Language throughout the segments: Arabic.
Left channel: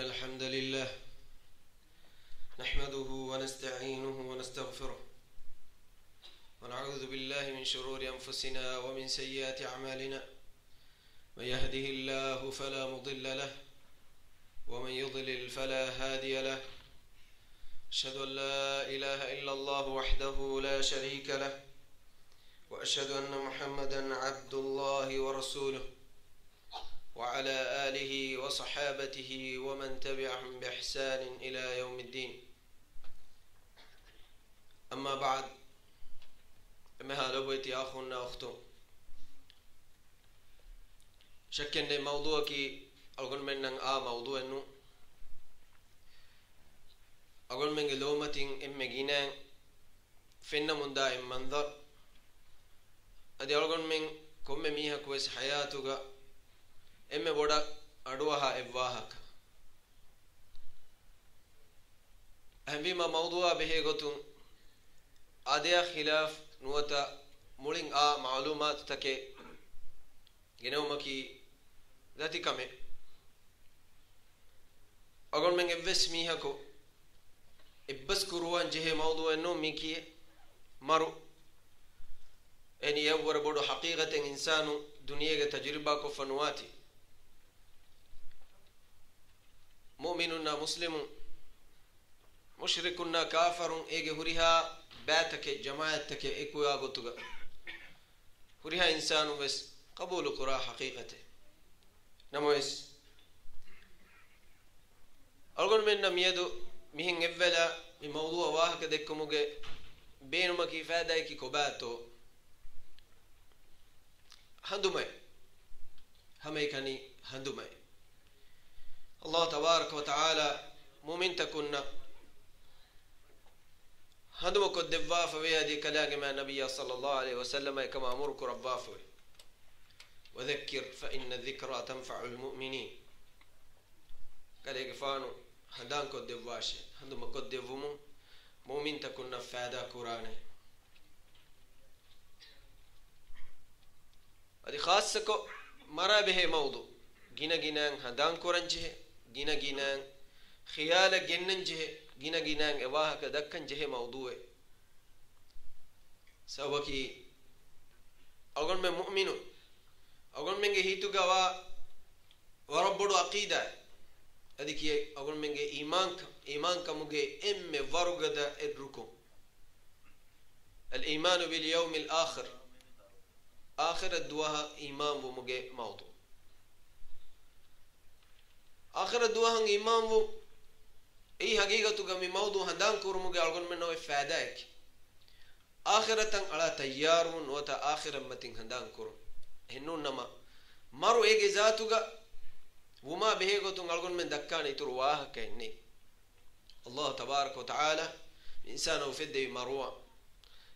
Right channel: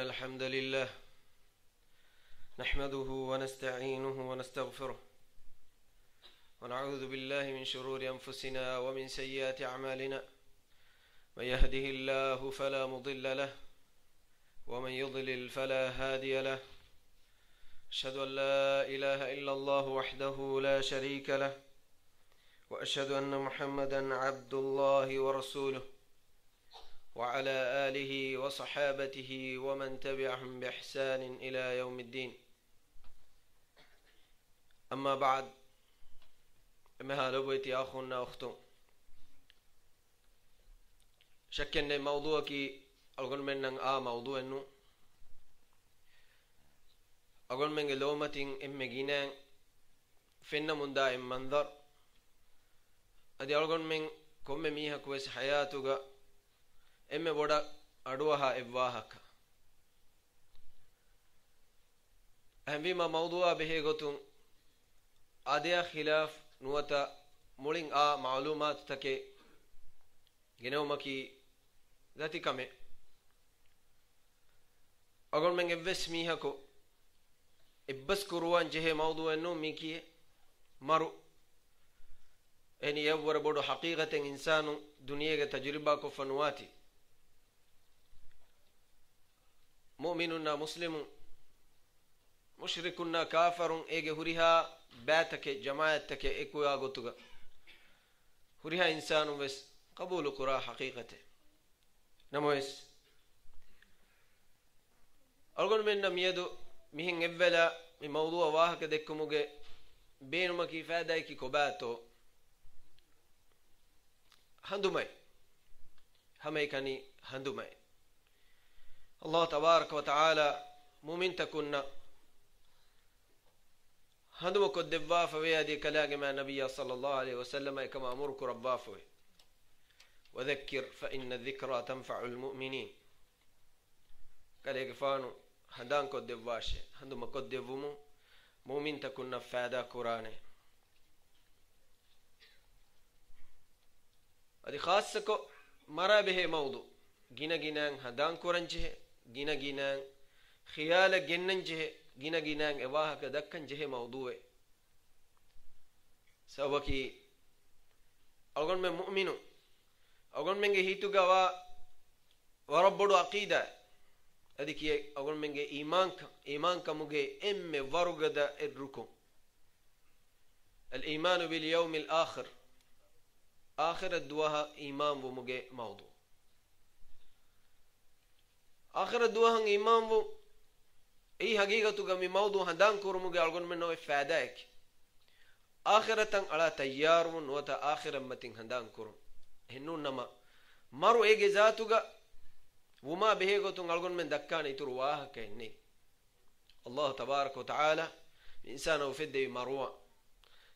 الحمد لله نحمده ونستعينه ونستغفره ونعوذ بالله من شرور أنفسنا ومن سيئات أعمالنا من يهده الله فلا مضل له ومن يضلل فلا هادي له أشهد أن لا إله إلا الله وحده لا شريك له وأشهد أن محمدا عبد الله ورسوله وعلى آله وصحابته ومن تبعهم بإحسان إلى يوم الدين. أما بعد، مها لبيتي أخونا أختو شكّن موضوع كي أقول من موضوع إنه أقول من لومة إمجينا فينا من دائم منظر أدي أقول من كم ميها كويس حياتك إما بودا أدوها إبواهك أهم بما موضوع به قطن أديا خلاف نوتا مولين معلومات تكي جنومكي ذاتي كمي أقول من إبس ميها كو إبس كروان جه موضوع إنه ميكي مرو إني يور بودو حقيقة إنسان دنيا تجربة كفنواتي مؤمننا مسلم مشركنا كافر إيجي هريها باتك جماعتك إكويا قطوغا هريها إنسان بس قبول قراء حقيقته نمويس أقول من نميدو مهن إبلا من موضوع واحد ديكموغي بينما كيفا دايكي كوباتو هندومي همي كاني هندومي الله تبارك وتعالى مؤمن تكون هندمك الدفاف ويادي كلام مع النبي صلى الله عليه وسلم كما أمرك ربافه وذكر فإن الذكرى تنفع المؤمنين قال يقفانو هندانك الدفاش هندمك الدفمو مؤمن تكون فادا قرآن هذه خاصة مرا به موضوع جينا جينا هندان قرآن جينا جينا خيال جنن جه جينا جينا إباها كدكن جه موضوع سواكي أقول من مؤمنو أقول من هيتو جوا وربّو عقيدة أديك أقول من إيمانك مجه ورقة الركوع الإيمان باليوم الآخر آخر الدواها إيمان ومجه موضوع آخر الدواها إيمان و أي حقيقة كمي موضوع هندان كورمجه أقول منه فادائك آخرة على تيار ونوتا آخر متين هندان كورم هنو نما مرو إيجي ذاتوغا وما بهيغو تنقلقون من دكان يترواه كيني الله تبارك وتعالى إنسان وفد مروع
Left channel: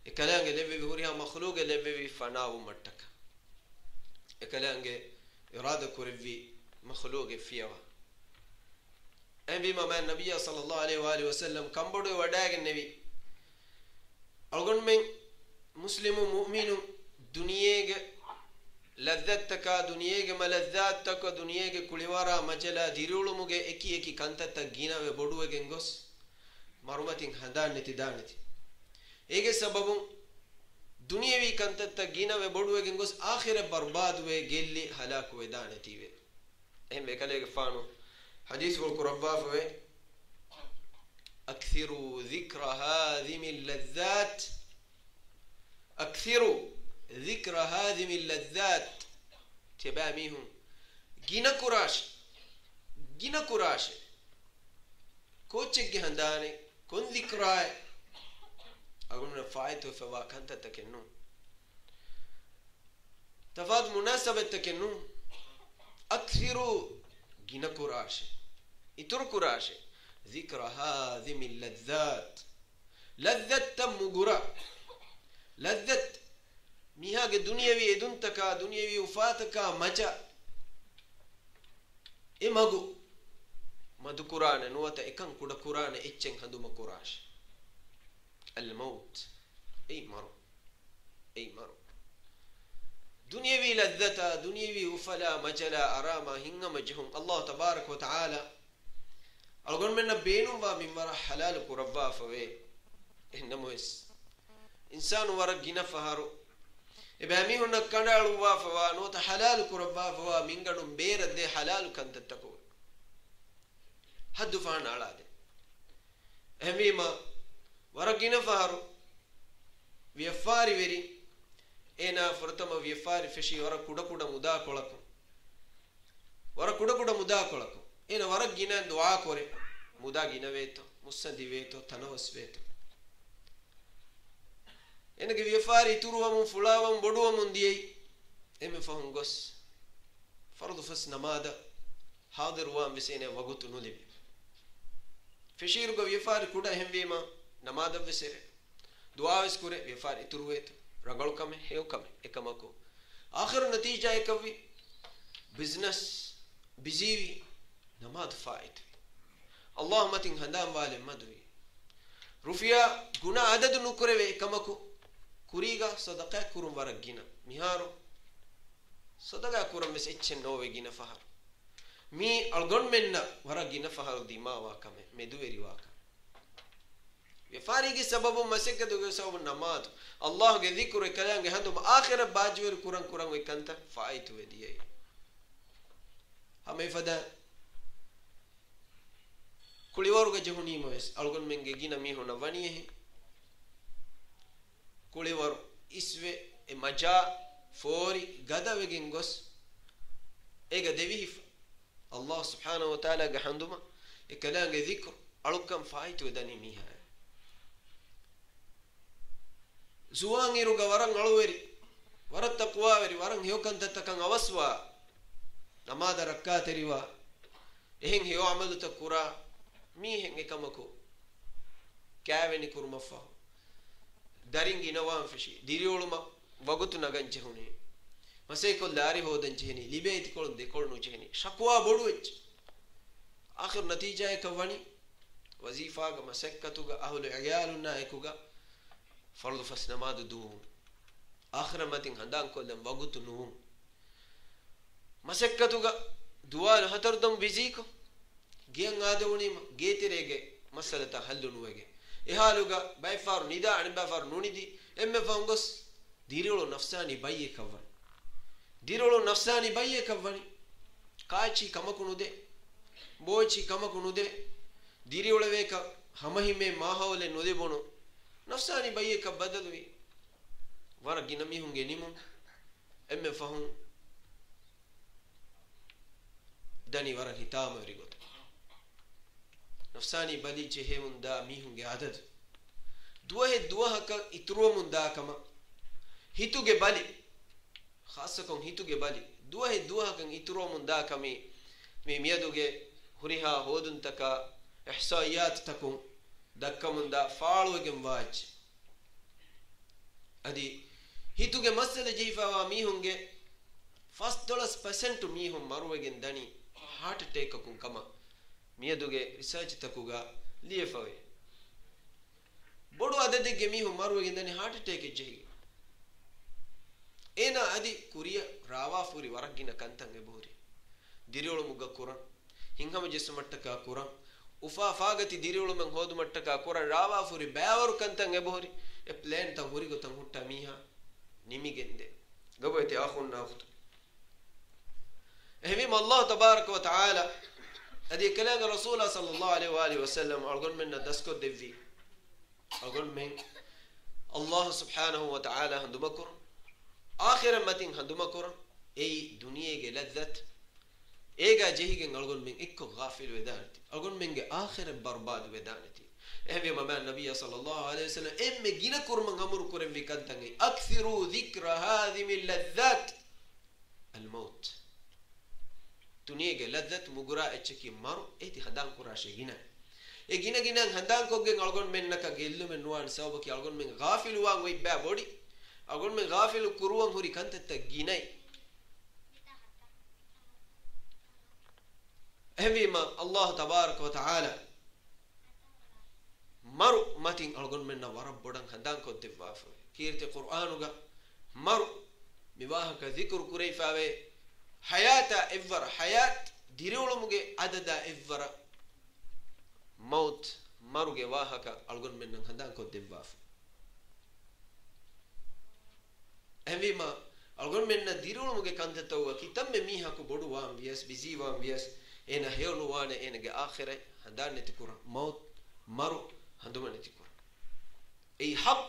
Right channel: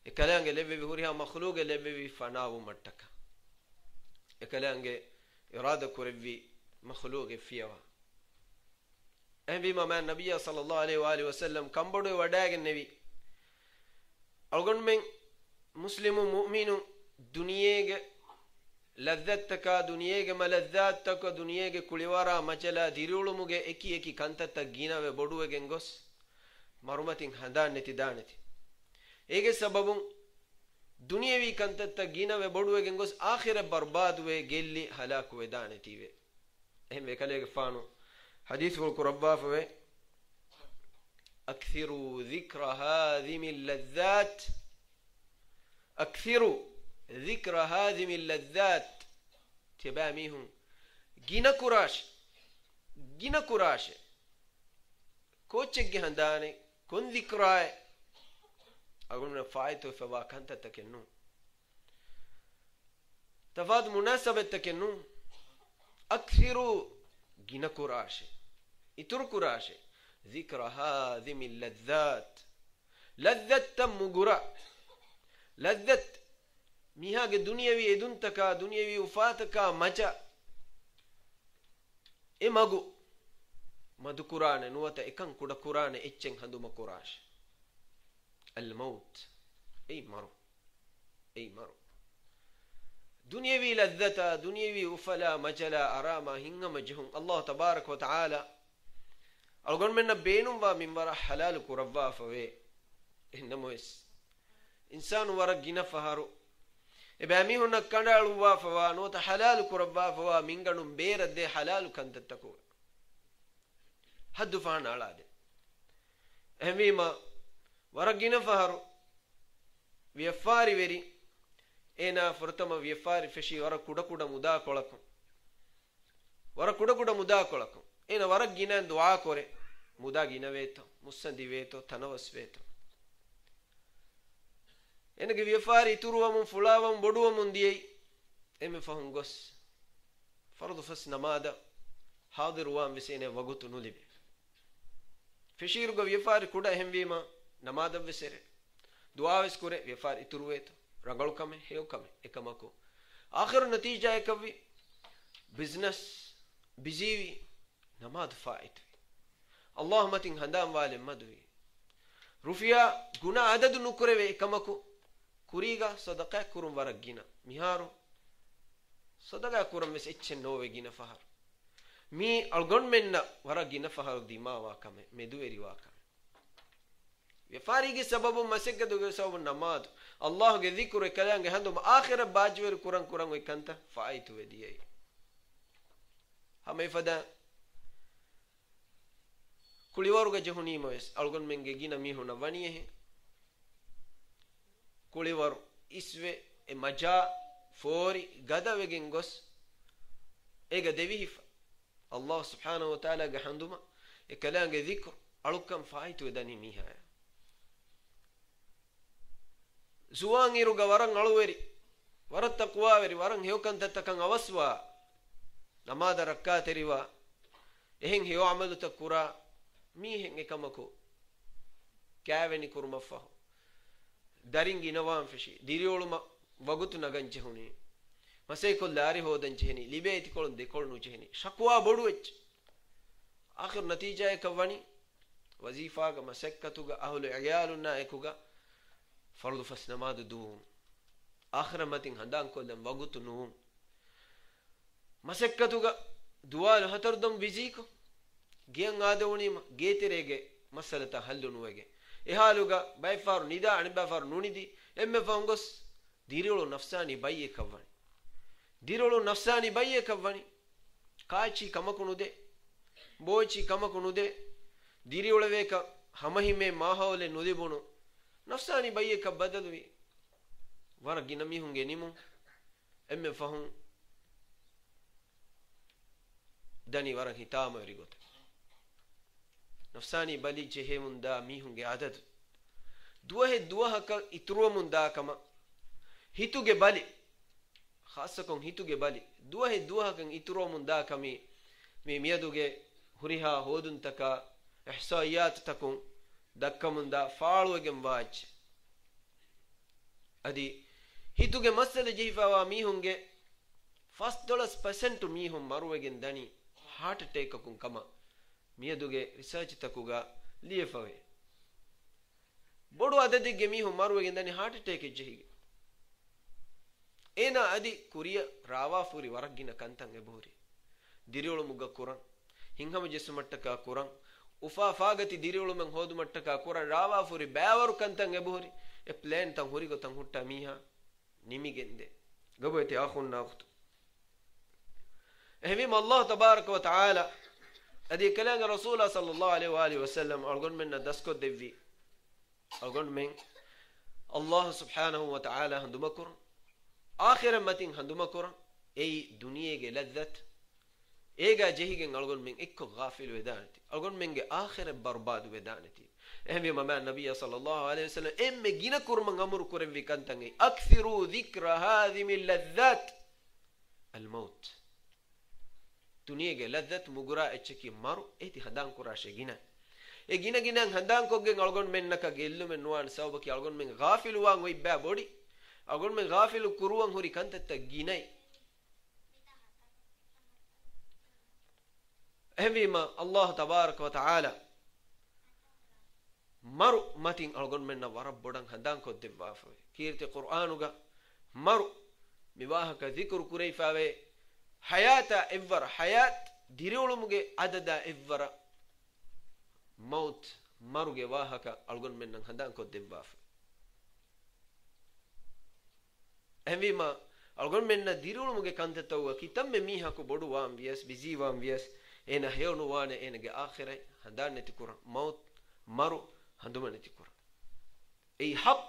إكلانجي لبي بهوريها مخلوق لبي فناو مرتكا إكلانجي إرادة كوربي مخلوق فيها أهم بما ما النبي صلى الله عليه وآله وسلم كم بدو وداق النبي أقول من مسلم مؤمن دنياك لذتك دنياك ملذاتك دنياك كليوارا مجلا ديرولو مجه إكي كانتا جينا وبدو جنگوس مرومتين هندان نتدانتي إيجي سببون دنياوي كانتا جينا وبدو جنگوس آخر برباد وجلي هلاك ودانتي و هم بكاليك فانو حديث القرباء فوي أكثروا ذكر هذه اللذات أكثروا ذكر هذه اللذات تباميهم جينا كراش كوتشك هنداني كن ذكراي أقول من فايتو فوا كانت تكنون تفاد مناسبة تكنون أكثروا جينا كراش إتر كراش ذكر هذه اللذات لذة تمغرا لذة ميها دنياوي ادنتك دنياوي وفاتك مجا إمغو مدو قرآن نوتا إكن كودا قرآن إتشن هندو مكراش الموت أي مرو دنياوي لذة دنياوي وفلا مجلا أراما هنغ مجهم الله تبارك وتعالى algon menna beenum wa min wara halal kurabba fawe ennamois insanu wara gina faharu ebami hunna kandalu wa fawa no ta halal kurabba fawa minganu beeradde halal kantattako haddu faana alade emima wara gina faharu ವ್ಯಾಪಾರಿ ವೆರಿ ಏನ ಫರ್ತಮ ವ್ಯಾಪಾರಿ ಫೆಶಿ ವರ ಕುಡ ಕುಡ ಮುದಾ ಕೊಳಕು ಏನ ವರ ಗಿನ ದುಆ ಕೊರೆ ಮುದಾ ಗಿನವೇತೋ ಮುಸ್ಸಂದಿವೇತೋ ತನವಸ್ವೇತೋ ಎನಗೆ ವ್ಯಾಪಾರಿ ತುರುವಮು ಫುಳಾವಂ ಬೊಡುವಮು ದಿಯೈ ಎಮೆ ಫಹಂ ಗೊಸ್ ಫರ್ದು ಫಸ್ ನಮಾದ ಹಾದಿರುವಾಂ ವಿಸೇನೆ ವಗುತು ನುಲಿಬೆ ಫೆಶಿರುಗ ವ್ಯಾಪಾರಿ ಕುಡ ಹೆಂವೀಮ ನಮಾದ ವಿಸೆರೆ दुआविस करे व्यापार इतुरुवेत रंगल कमे हेव कमे एकमको आखिर नतीजा एकवी बिजनेस बिजीवी नमाज फाइट अल्लाह मतिन हंदाम वाले मदवी रुफिया गुना अदद नुकरेवे एकमको कुरीगा सदका कुरुम वरगिना मिहारो सदका कुरुम मिस इच्छे नोवे गिना फहर मी अलगन मेन्ना वरगिना फहर दिमा वा कमे मेदुवेरी वा ವ್ಯಾಪಾರಿಗೆ ಸಬಬು ಮಸಕ್ಕದುಗೆ ಸಬಬು ನಮಾಜ್ ಅಲ್ಲಾಹ್ಗೆ ದಿಕ್ರು ಕಲಂಗೆ ಹಂದು ಆಖಿರ ಬಾಜ್ವೇರು ಕುರಂ ಕುರಂ ಇಕಂತ ಫಾಯಿತು ವೆದಿಯೈ ಹಮೆ ಫದ ಕುಳಿವರುಗ ಜಹುನಿ ಮೊಯಸ್ ಅಲ್ಗೊನ್ ಮೆಂಗೆ ಗಿನ ಮಿ ಹುನ ವಣಿಯೆ ಕುಳಿವರು ಇಸ್ವೆ ಎ ಮಜಾ ಫೋರಿ ಗದವೆಗೆನ್ ಗೊಸ್ ಏಗ ದೇವಿಹಿಫ ಅಲ್ಲಾಹ್ ಸುಬ್ಹಾನಹು ವ ತಆಲಾ ಗೆ ಹಂದುಮ ಎ ಕಲಂಗೆ ದಿಕ್ರು ಅಳುಕಂ ಫಾಯಿತು ವೆದನಿ ಮಿಹ zuang iruga warang aluweri warat taqwa weri warang heukan tattakan awaswa namada rakkateriwa ehin heu amalu takura mi hen ekamako kæveni kurumaffa daringi nawam feshi dirioluma wagutu naganche huni masay kol dari hodanche heni libeti kolun de kolnu cheni shakwa bodu wech akhir natija ekawani wazifa ga masakkatuga ahlu iyaluna ekuga فرض فس نماذ دوم آخر متين هندان كلهم وقت نوم مسكتوغا دوال هتردم بيزيكو جين عادوني ما جيتريجي مسألة حل نوعه إهالوغا بايفار نيدا عن بايفار نوني دي إم فانغوس ديرولو نفساني بايه كفاني ديرولو نفساني بايه كفاني كايشي كما كنو ده بويشي كما كنو ده ديرولو ويكا همهي مي ماهولة نودي بونو نفساني بايه كبدلوي ورقي نمي هنگي نيمون ام فهم داني ورق هتام ورغوت نفساني بالي جهه من دا مي هنگي عدد دوه کا اترو من دا كما هيتوگه بالي خاصه كون هيتوگه بالي دوه كن اترو من دا كمي مي ميدوگه هريها هودن تكا احصائيات تكون ದಕ್ಕಮುಂದ ಫಾಳುವಗೆಂ ವಾಜ್ ಅದಿ ಹಿತುಗೆ ಮಸಲ ಜೀಫಾವಾ ಮೀಹುಂಗೆ $5% ಮೀಹುಂ ಮರುವಗೆಂ ದನಿ ಹಾರ್ಟ್ ಅಟ್ಯಾಕ್ ಕುಂ ಕಮ ಮಿಯದುಗೆ ರಿಸರ್ಚ್ ತಕುಗ ಲಿಯಫವೆ ಬೊಡು ಅದದಿಗೆ ಮೀಹುಂ ಮರುವಗೆಂ ದನಿ ಹಾರ್ಟ್ ಅಟ್ಯಾಕ್ ಜೆಹಿ ಏನ ಅದಿ ಕುರಿಯ ರಾವಾಫುರಿ ವರಗಿನ ಕಂತಂಗೆ ಬೋರಿ ದಿರಿಯೋಳು ಮುಗ್ಗ ಕುರಂ ಹಿಂಗಮ ಜೆಸು ಮಟ್ಟಕ ಕುರಂ ufa fagati diriulu men hodu mattaka kuran rawa furi bawaru kantan ebohori e plan tan hori go tan hutta miha nimigende gaboyte akhun naftu ehvim allah tabarak wa taala adi kalam rasul sallallahu alaihi wa alihi wasallam algon men dasko devvi algon men allah subhanahu wa taala handumakur akhiran matin handumakur ei duniyege lazzat ega jehigen algon men ekko ghafil wedanati algon menge akhir barbad wedanati ehme mama nabiyya sallallahu alaihi wasallam emme gina kurman amur kuren vikantange akthiru dhikra hadhimi ladhat almaut duniyege ladhat mugura echki maru eti hadan kurashe gina e gina hadan koggen algon men naka gellu men nuwan sawbaki algon men ghafil wan oi ba bodi algon men ghafil kuruwan hori kantata ginai ehvima allah tabarak wa taala maru matin algon menna warab bodan hadan ko devwafa kirte qur'anuga maru miwahaka dhikr kurayfawe hayata evvara hayat diriulumuge adada evvara maut maruge wahaka algon men nan handan ko debwaf envima algon men na dirulumuge kantatawa kitamme miha ko bodu wam vies bizi wam vies ena hewnu wane enage akhire handan neti kur maut maru handuma neti kur ei haq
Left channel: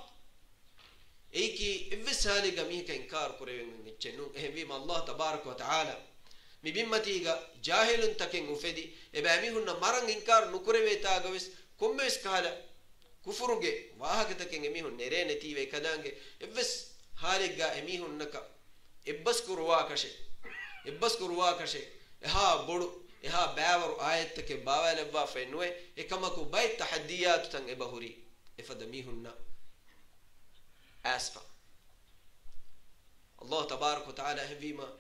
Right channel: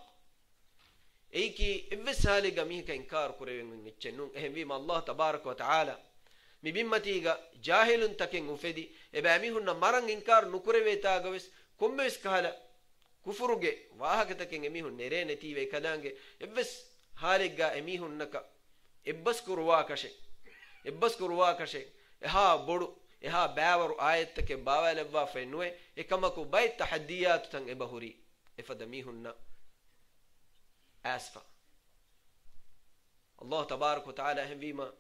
ei ki evsali gami ka inkar kurewen nichennun envima Allah tabarak wa taala mi bimmatiga jahilun taken ufedi ebami hunna maran inkar nukureveta gaves kommes kala kufuruge wahaka taken emi hun nere neti ve kadange evs haliga emi hunnaka ebbas kurwa kashe eha bodu eha bawaru ayattake bawalebwa fenwe ekamaku bay tahaddiyat tan ebahuri efadami hunna asfa Allah tabarak wa taala hevima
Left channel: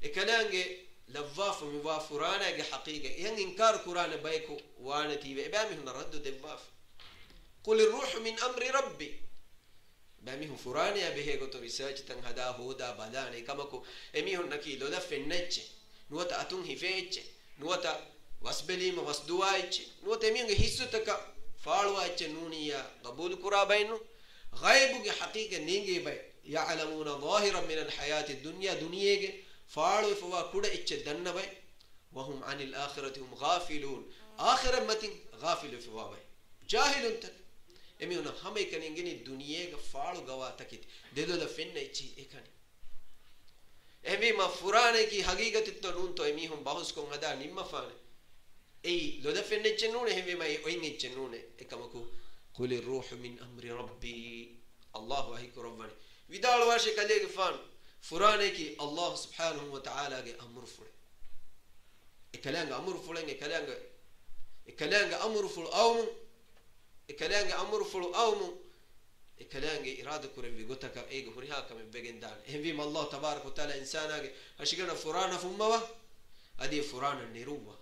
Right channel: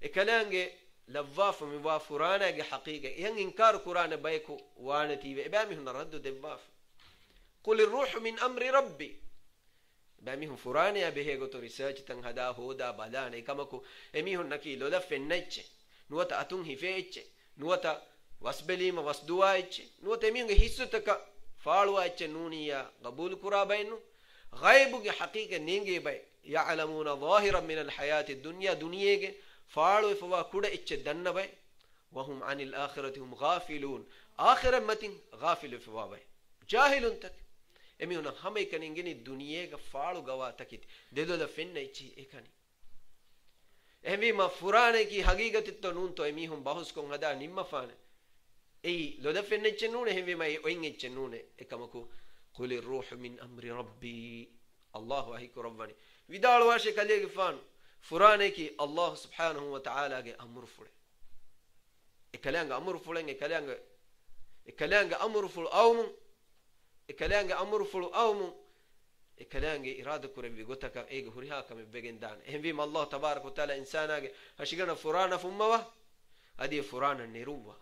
ekalange لواف موافرانا جي حقيقة ين إنكار قرآن بيكو وانتي بأمهم نرد دواف قل الروح من أمر ربي بأمهم فرانا به قطو رساج تنهدا هودا بدان كمكو أميهم نكي لولا فنج نوتا أتون هفيج نوتا واسبليم واسدواج نوتا أميهم هيسوتك فالواج نونيا قبول قرابينو غيب جي حقيقة نينجي بي يعلمون ظاهرا من الحياة الدنيا دنيا فاړو فوا کوډه اچ دنه وای وهم عن الاخره هم غافلون اخر متين غافل فوا وای جاهل تک امیونه همې کنينګني دنیاګه فاړو غوا تکید ددل فن اچي اکني امی ما فرانه کی حقیقت تو نون تو امی هم بحث کو غدا نیم فان ای لو دفن اچ نون امی ما وين اچ نون اکمکو قل الروح من امر ربي الله هيك ربني ودال واشه کله فان فرانه کی الله سبحانه وتعالى کے امر فڑے اکلانگ امر فڑیں اکلانگ امر فل اوم اکلانگ امر فل اوم اکلانگ اراده کرے وی گوتک ایگ ہریھا کم بگندان ایم الله تبارک وتعالى انسانا کے ہشگنا فرانه فموا ادی فرانه نیرووا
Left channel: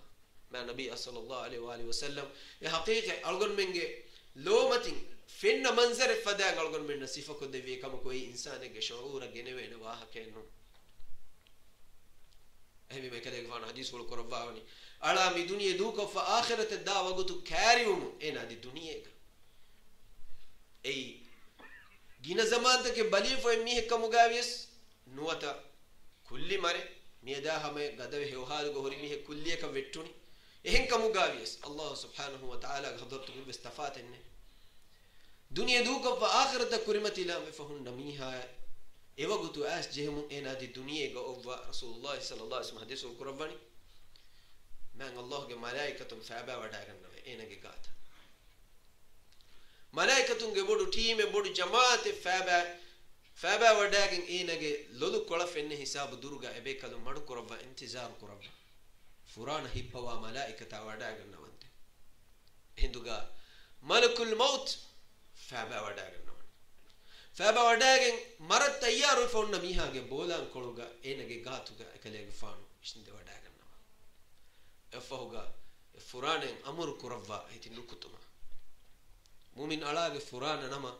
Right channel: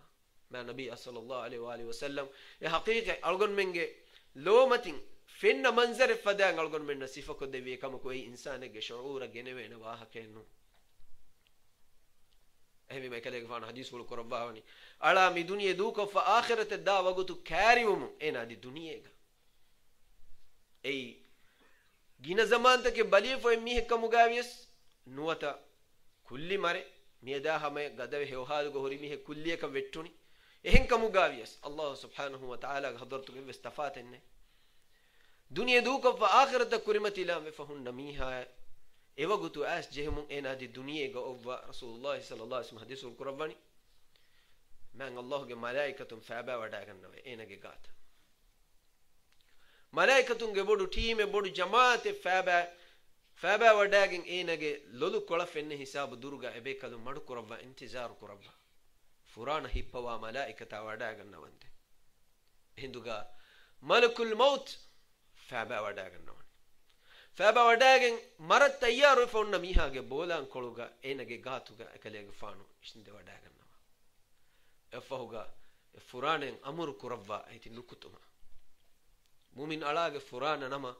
ما نبی صلی الله علیه و آله وسلم یہ حقیقت الگن منگے لو متین فين منظر فدان algon men nasifa ko devi kam koi insane ge shuura genewe na waha kenno ehmi me kale gfan hadis wal qurabani ala mi dunya duka fa akhirat da wagutu karium ena di dunya ka ei gina zaman ta ke bali fo mi kam gavies nuwata kulli mare mi da hame gadawe hewhal go hori mi kulli ka vettuni ehen kam gavies Allah subhanahu wa ta'ala hadartu istafat enne دنيا دوك فآخرة كرمت لام فهن نميها إيوا قطو آس جهم إنا دي دنيا قوة رسول الله صلى الله عليه وسلم حديث القرآن من الله جل ملائكة فابا وداعنا إنا جات ملائكة جبودو تيم بودو جماعة فابا وداعن إنا ج لولو كلا فين حساب درجة أبي كلو مر قرآن انتظار قرآن فران هيبوا ملائكة وداعنا وانت هندوغا ملك الموت فابا وداغن مرت تيار فون ميها ge bolan koluga enage gatuga ekale fanu ishinde wadagan nawa efahuga furanen amur kurabba iti nukutuma mumin alage furana nama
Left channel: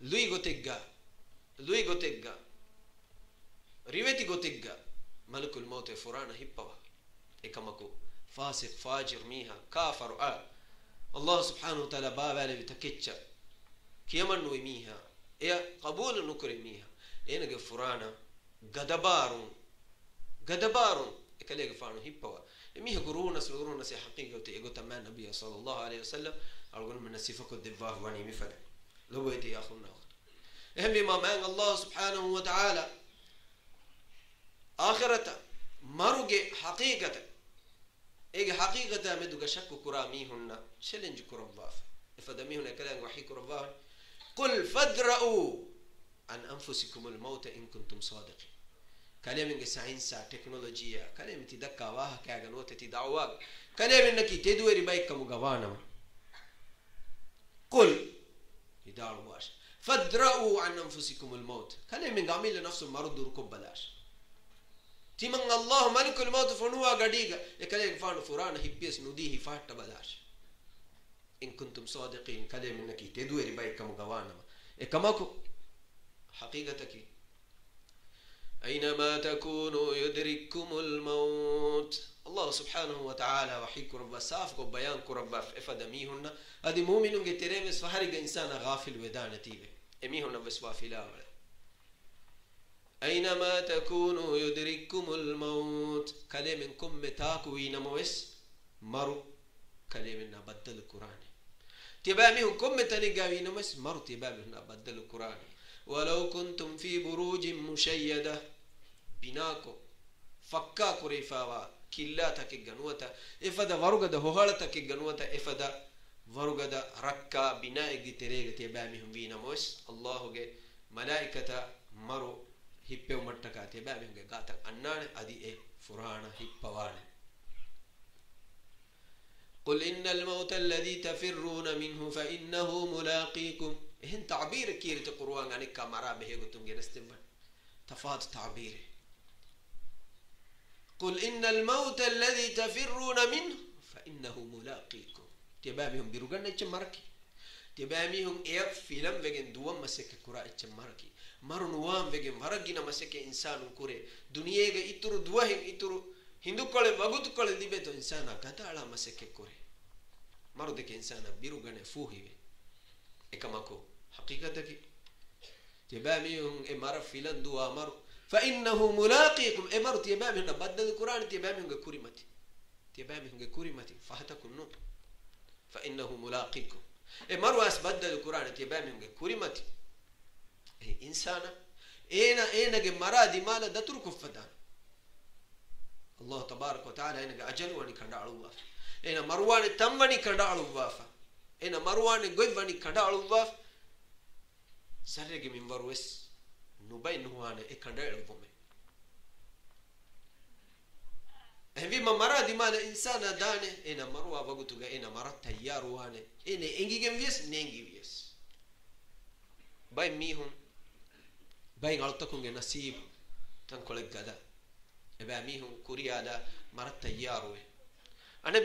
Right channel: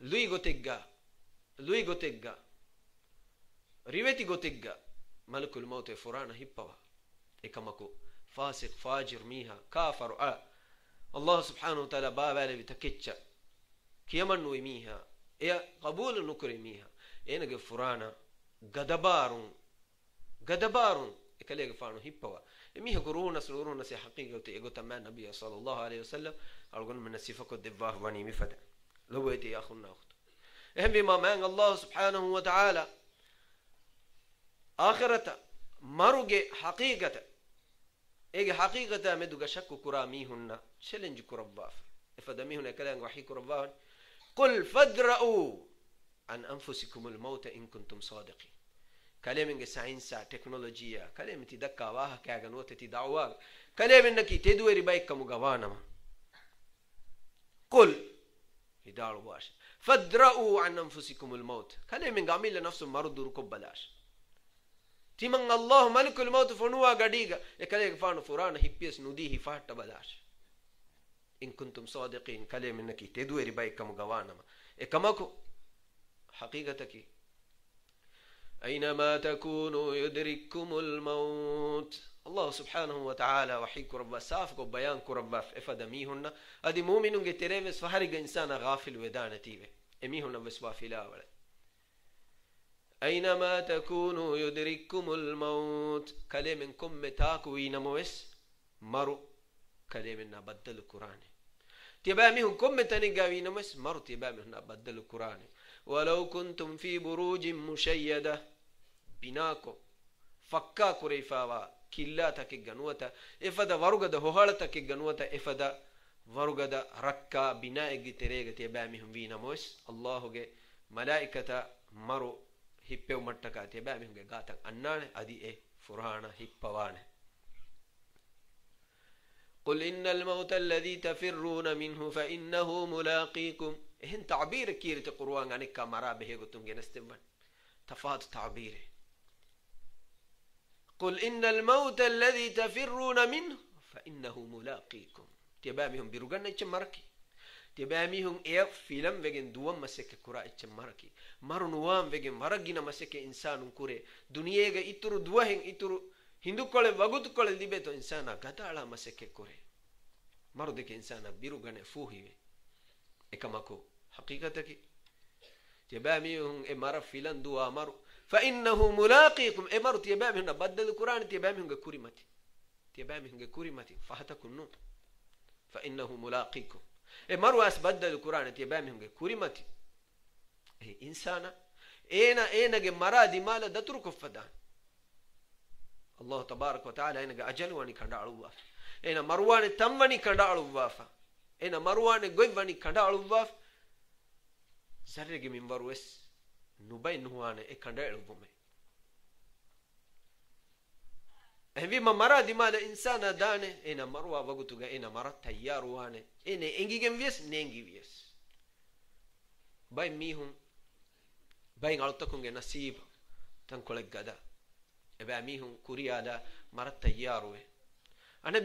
lui gotegga riveti gotegga malakul maut furana hippawa ekamako fasiq fajir miha kafar الله سبحانه وتعالى بابا بتكتشا كيمن ويميها يا قبول نكرميها انا غفرانا غدبارون اكلي غفانو هيبوا ميها قرونا سلورونا سي حقيقه وتيغو تمام النبي صلى الله عليه وسلم الغن من نسيفك الدفاع واني مفد لو يتي يا اخونا اخت اهم بما من الله سبحانه وتعالى اخرته مروجه حقيقه ايه حقيقة مدوغا شكو كرامي هنا چلنج كرباف افدمي هنا كلام وحي كرباف قل فادرؤوا عن انفسكم الموت ان كنتم صادقين كلام ساينسا تكنولوجيا كلام تدكا واها كاغا نوتتي دعوا كلام انك تدوري بايك مغوانا قل يدار واش فادرؤوا عن انفسكم الموت كلام عامل نفسه مرض ركب بلاش تيمن الله ملك الموت فنوا غديغا يكلي فان فران هيبيس نديه فات بلاش ان كنتم صادقين كلام انك تدوري بايكم غوانا اكماكو حقيقتك أينما تكونوا يدرككم الموت. الله سبحانه وتعالى وحيك ربا سافك وبيان ربا إفدا ميهن أدي مؤمنون جتريمس فهرج إنسان غافل ودانتيبه إميهن بس وافلا ولا. أينما تكونوا يدرككم الموت كلمنكم متاكوين موس مرو كلمنا بدل القرآن تبامهم كم تنقاوين موس مرو تبامنا بدل القرآن. ولو كنتم في بروج مشيدة بناكو فكا كريفاوا كلاتك جنوتا إفدا ورغدا هوهالتك جنوتا إفدا ورغدا ركا بناء تريغ تبامهم بينا موس الله جي ملائكة مرو هيبو متكا تبامهم جي غاتا أنان أدي فرانا هيبوان. قل إن الموت الذي تفرون منه فإنه ملاقيكم. إهن تعبير كيرت القرآن عن الكاميرا به قلتم جنستبان تفاد تعبيره. قل إن الموت الذي تفرون منه فإنه ملاقيكم. تبامهم بيروغان اتشماركي تبامهم إيف فيلم وجن دوام مسك كرا اتشماركي مرنوام وجن مرجينا مسك إنسان كوري دنيا جا إترو دوهم إترو هندو كله وغوت كله لبيتو إنسانا كتا على مسك كوري مرودك إنسانا بيروغان فوهي إكماكو حقيقتك تبامهم إمارة فيلم دوا مر فإنه ملاقيكم إمارة تبامهم بدل القرآن تبامهم كوريمتي تبامهم كوريمتي فهتكونوا فإنه ملاقيكم إمارة أسبدل القرآن تبامهم كوريمتي إنسانا إينا جمرا دي مالا دترك فدان الله تبارك وتعالى إينا أجل واني كندالو واف إينا مروان تمني كندالو وافا إينا مروان غوي واني كندالو واف سرّي من بروس نوباي نوانه كندالو بومه هذي ما مرا دي مالا إنسانا دانه إينا مروا وغوتوغا إينا مرا تيار وانه إينا إنجي جمفيس نينجي فيس باي ميهم باي غلطكم نصيب تنقلك غدا إباميهم كوريادا مرت تياروه أنا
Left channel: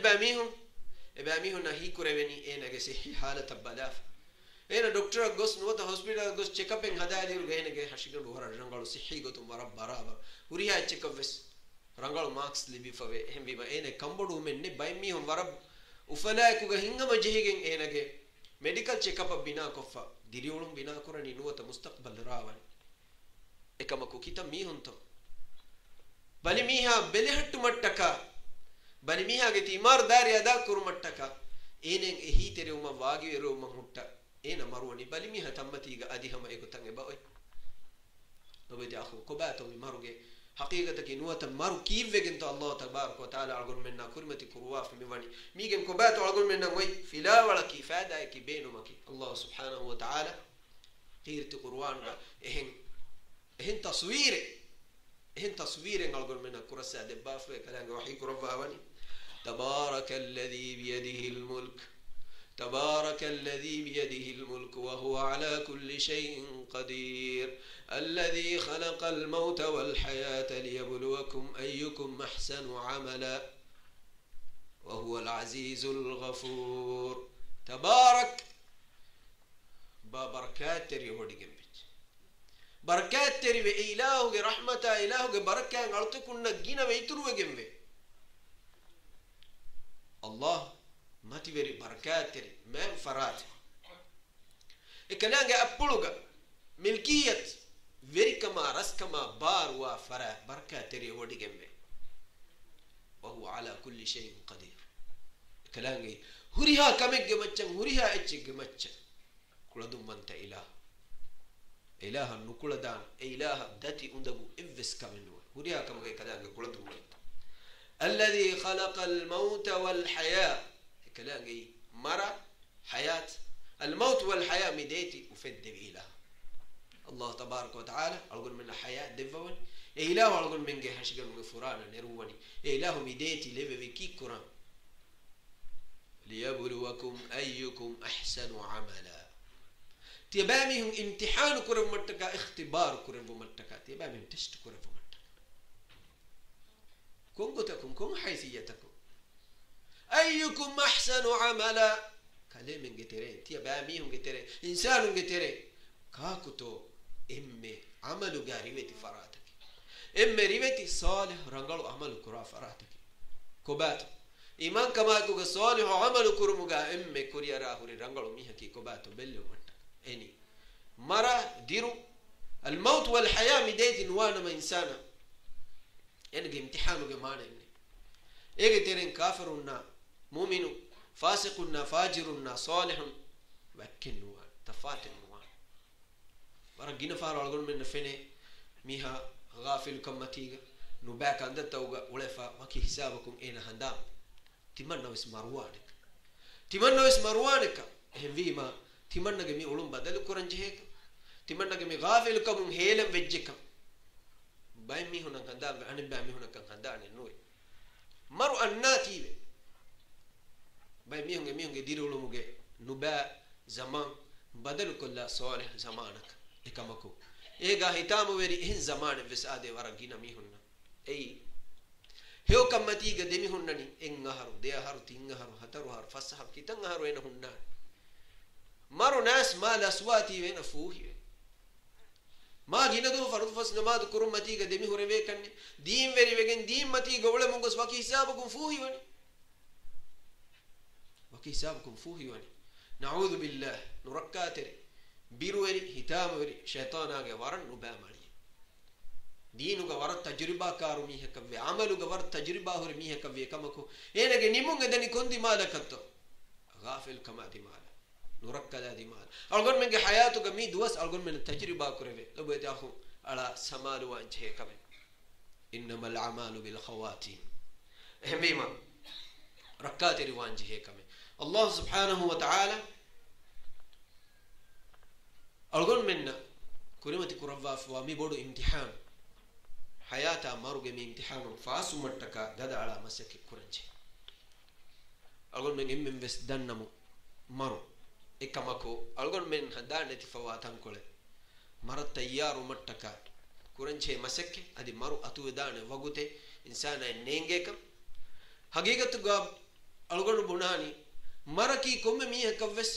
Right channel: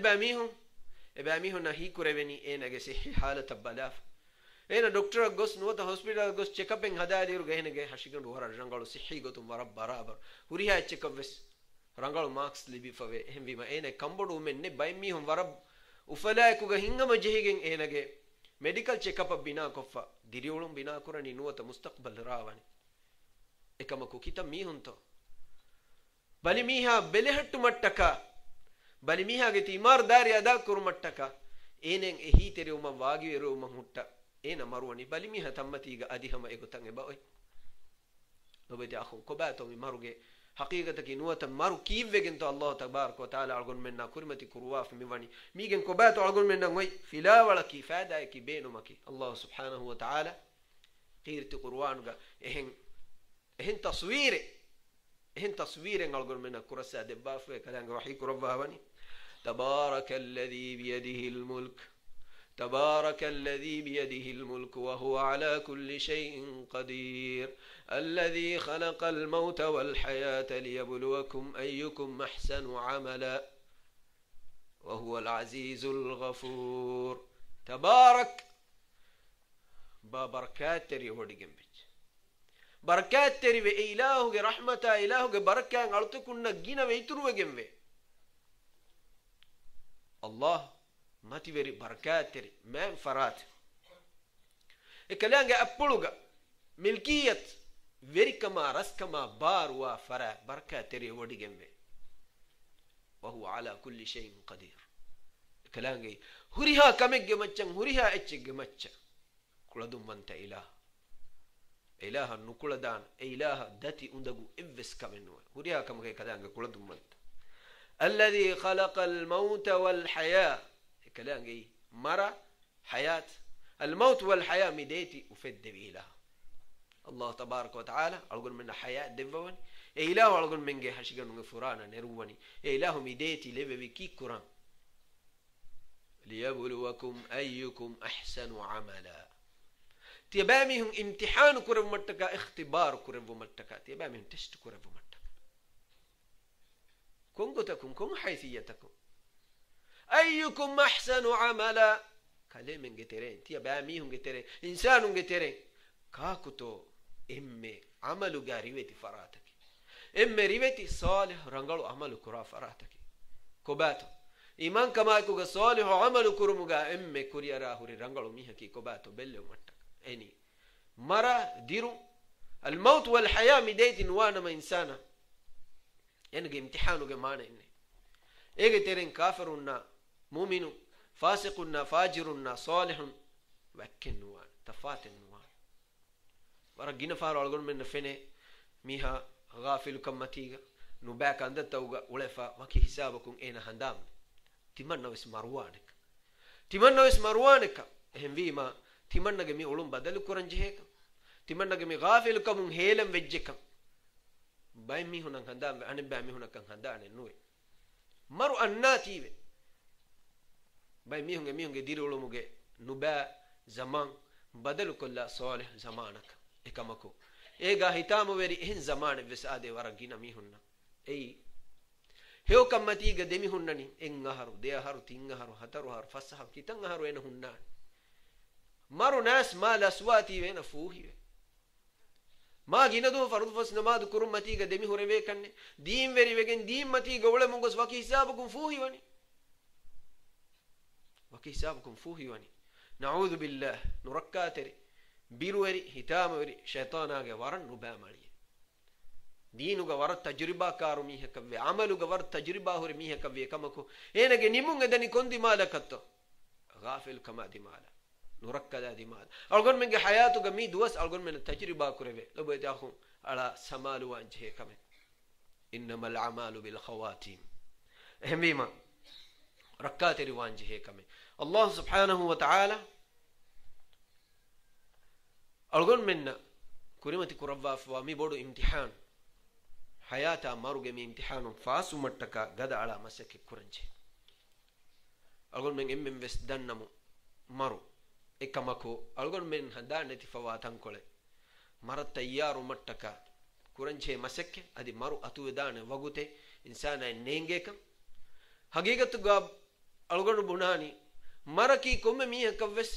إباميهم نهي كوربني إنا جسي حالة بلاف إنا دكتور غوس نوتا هوسبيتال غوس تشيك أب إن هذا يدير غينا غي هشيكن ورا رانغالو صحي غوتو مرب برابر وريها تشيك أب بس رانغالو ماكس لبي فوي هم بيما إنا كمبودو من نباي ميهم ورب وفلاك وغا هنگا مجهيجن إنا غي medical check up بنا كفا ديريولم بنا كوراني نوتا مستقبل راواني إكماكو كيتا ميهم تو بل ميها بلهت متكا بل ميها جتي مار داري أدا كور متكا إنن إهي تريوما واجي روما هوتا إنا مرواني بل ميها تمتيجا أدي هم إيكو تانغ باوي نبدي أخو كباتو ماروجي حقيقة كنوة مارو كيف وجنت الله تبارك وتعالى أقول منا كرمتي كرواف ميواني ميجن كباتو أقول منا وي فلا ولا كيف هذا كي بينه مكي الله سبحانه وتعالى قيرت قروان إهن تصوير أقول منا كرسة دباف كلام وحيك ربها وني تبارك الذي بيده الملك تبارك الذي بيده الملك وهو على كل شيء قدير الذي خلق الموت والحياة ليبلوكم أيكم أحسن عملا وهو العزيز الغفور. تبارك ببركات تري ودي جنبك بركات تري بإلهه رحمة إلهه بركة غلطكنا جينا ويترو جنبه الله ما تبري بركات تري ما فرات إكلانجا أبلوغا ملكية verikama raskama barwa fara barka tere wodi gembe wa huwa ala kulli shay'in qadir kalangi huriha kamegge maccan huriha ecce macca kuladum manta ilaha nukuladan ilaha dati undagu evs kamenu huriha kamage kalanga kuladum manta alladhi khalaqa al-maut wal-haya kalangi mara hayat al-maut wal-haya mideti ufed ilaha الله تبارك وتعالى أقول من الحياة دفون إله أقول من جه حشجن وفرانا نرواني إله مديتي لبى بكي كرام ليبلوكم أيكم أحسن عملا تبامهم امتحان كرم متكا اختبار كرم متكا تبامهم تشت كرم متكا كنكتكم كن حيثيتكم أيكم أحسن عملا كلام جترين تبامهم جترين إنسان جترين كاكتو إمي عملوا جاريوة فراتك emme riveti salih rangalu amalu kura farataki kobato iman kama kuga salih amalu kurumuga emme kuriyara huri rangalu mihaki kobato belle wanta eni mara diru الموت والحياة مديت نوانا ما إنسانا يعني امتحانه كمان إني إيه ترين كافرنا مؤمن فاسقنا فاجرنا صالح وكن نوان تفات نوان ورجينا فارو أقول من فينه ميها غافل كم تيجا نباك عند توجا ولفا ما كي حسابكم إيه هندام تمنى وس مروانك تمنى وس مروانك هم بيما تمنى جمي علوم بدل كورنجهك تمنى جمي غافل كم هيلم وجهكم باي مي هنا هندام أنا باي مي هنا كان هندام نوي مرو الناتي باي مي هنگه ديرو لو مگه نبا زمان بدل كل صالح زمانك إكمكو إيجا هتامو وري إن زمان بسادة ورقينا مي هنا أي هيو كم تيجا دمي هنني إن هارو ده هارو تين هارو هتارو هارو فسحب كتن هارو إنه هنا مرو ناس ما لسواتي وين فوهي ما جينا دو فرض فس نماذ كرم متيجا دمي هوري ويكني دين وري ويكن دين متيجا ولا مونغس وكي حسابكم فوهي وني وكي حسابكم فوهي وني نعوذ بالله نركاتري بيروري هتام وري شيطان آگے ورن نبا مالي دينو گا ورد تجربة كارو ميه كبه عملو گا ورد تجربة هوري ميه كبه كمكو اينا گه نمونگ دني كون مالا كتو غافل كما دي مالا نركدا دي مالا ألغون من حياتو گا مي دوس ألغون من تجربة كربه لو بيت أخو على سمالو وانجه كمه إنما العمال بالخواتيم هميما ركاتري وانجه كمه الله سبحانه وتعالى ألغون منا كريمتي كربا فوامي بودو امتحان حياتا مارو جمي امتحان فاسو متكا غدا على مسك كورنجي ألغون من إمم بس دنمو مارو إكماكو ألغون من هدانتي فواتان كله مرت تيارو متكا كورنجي مسك أدي مارو أتو دانه وغوته إنسان نينجيكم حقيقة غاب ألغون بناني مركي كم ميه كوس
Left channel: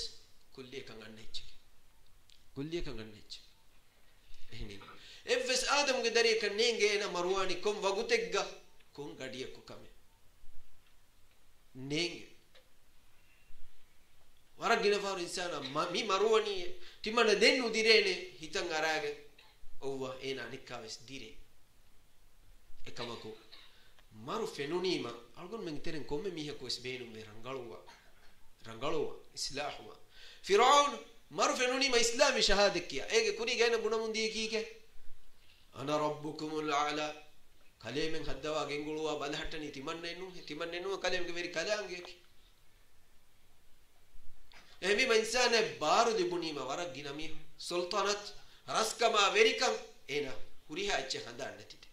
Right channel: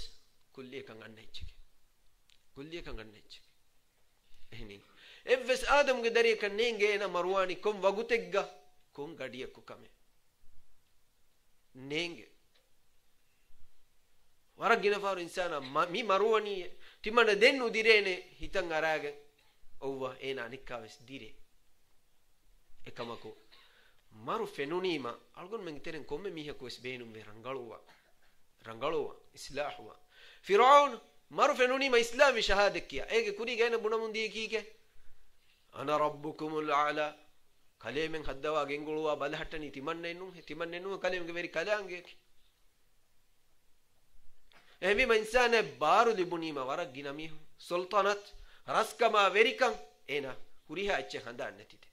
كلية كان نيجي كلية كان نيجي هني إفس آدم قدري كان نينجي أنا مرواني كم وقتك كم قديه كوكامي نينجي ورجينا فار إنسانا مي مرواني تمنا دينو ديرينه هيتان غراغ أوه إنا نكابس ديري إكماكو مارو فنونيما ألقون من ترين كم ميه كوس بينو رنغالوا إصلاحوا فرعون مارو فنونيما إسلامي شهادة كيا إيه كوري جاينا بنا من دي كيكه أنا ربكم الأعلى كلام خدوا جنگلوا بالهتني تمنّنو كلام كبير كلام جيك أمي ما إنسان بارو دبني ما ورق جنامي سلطنة راسكما ويركم إنا كوريها أتش خندان نتيت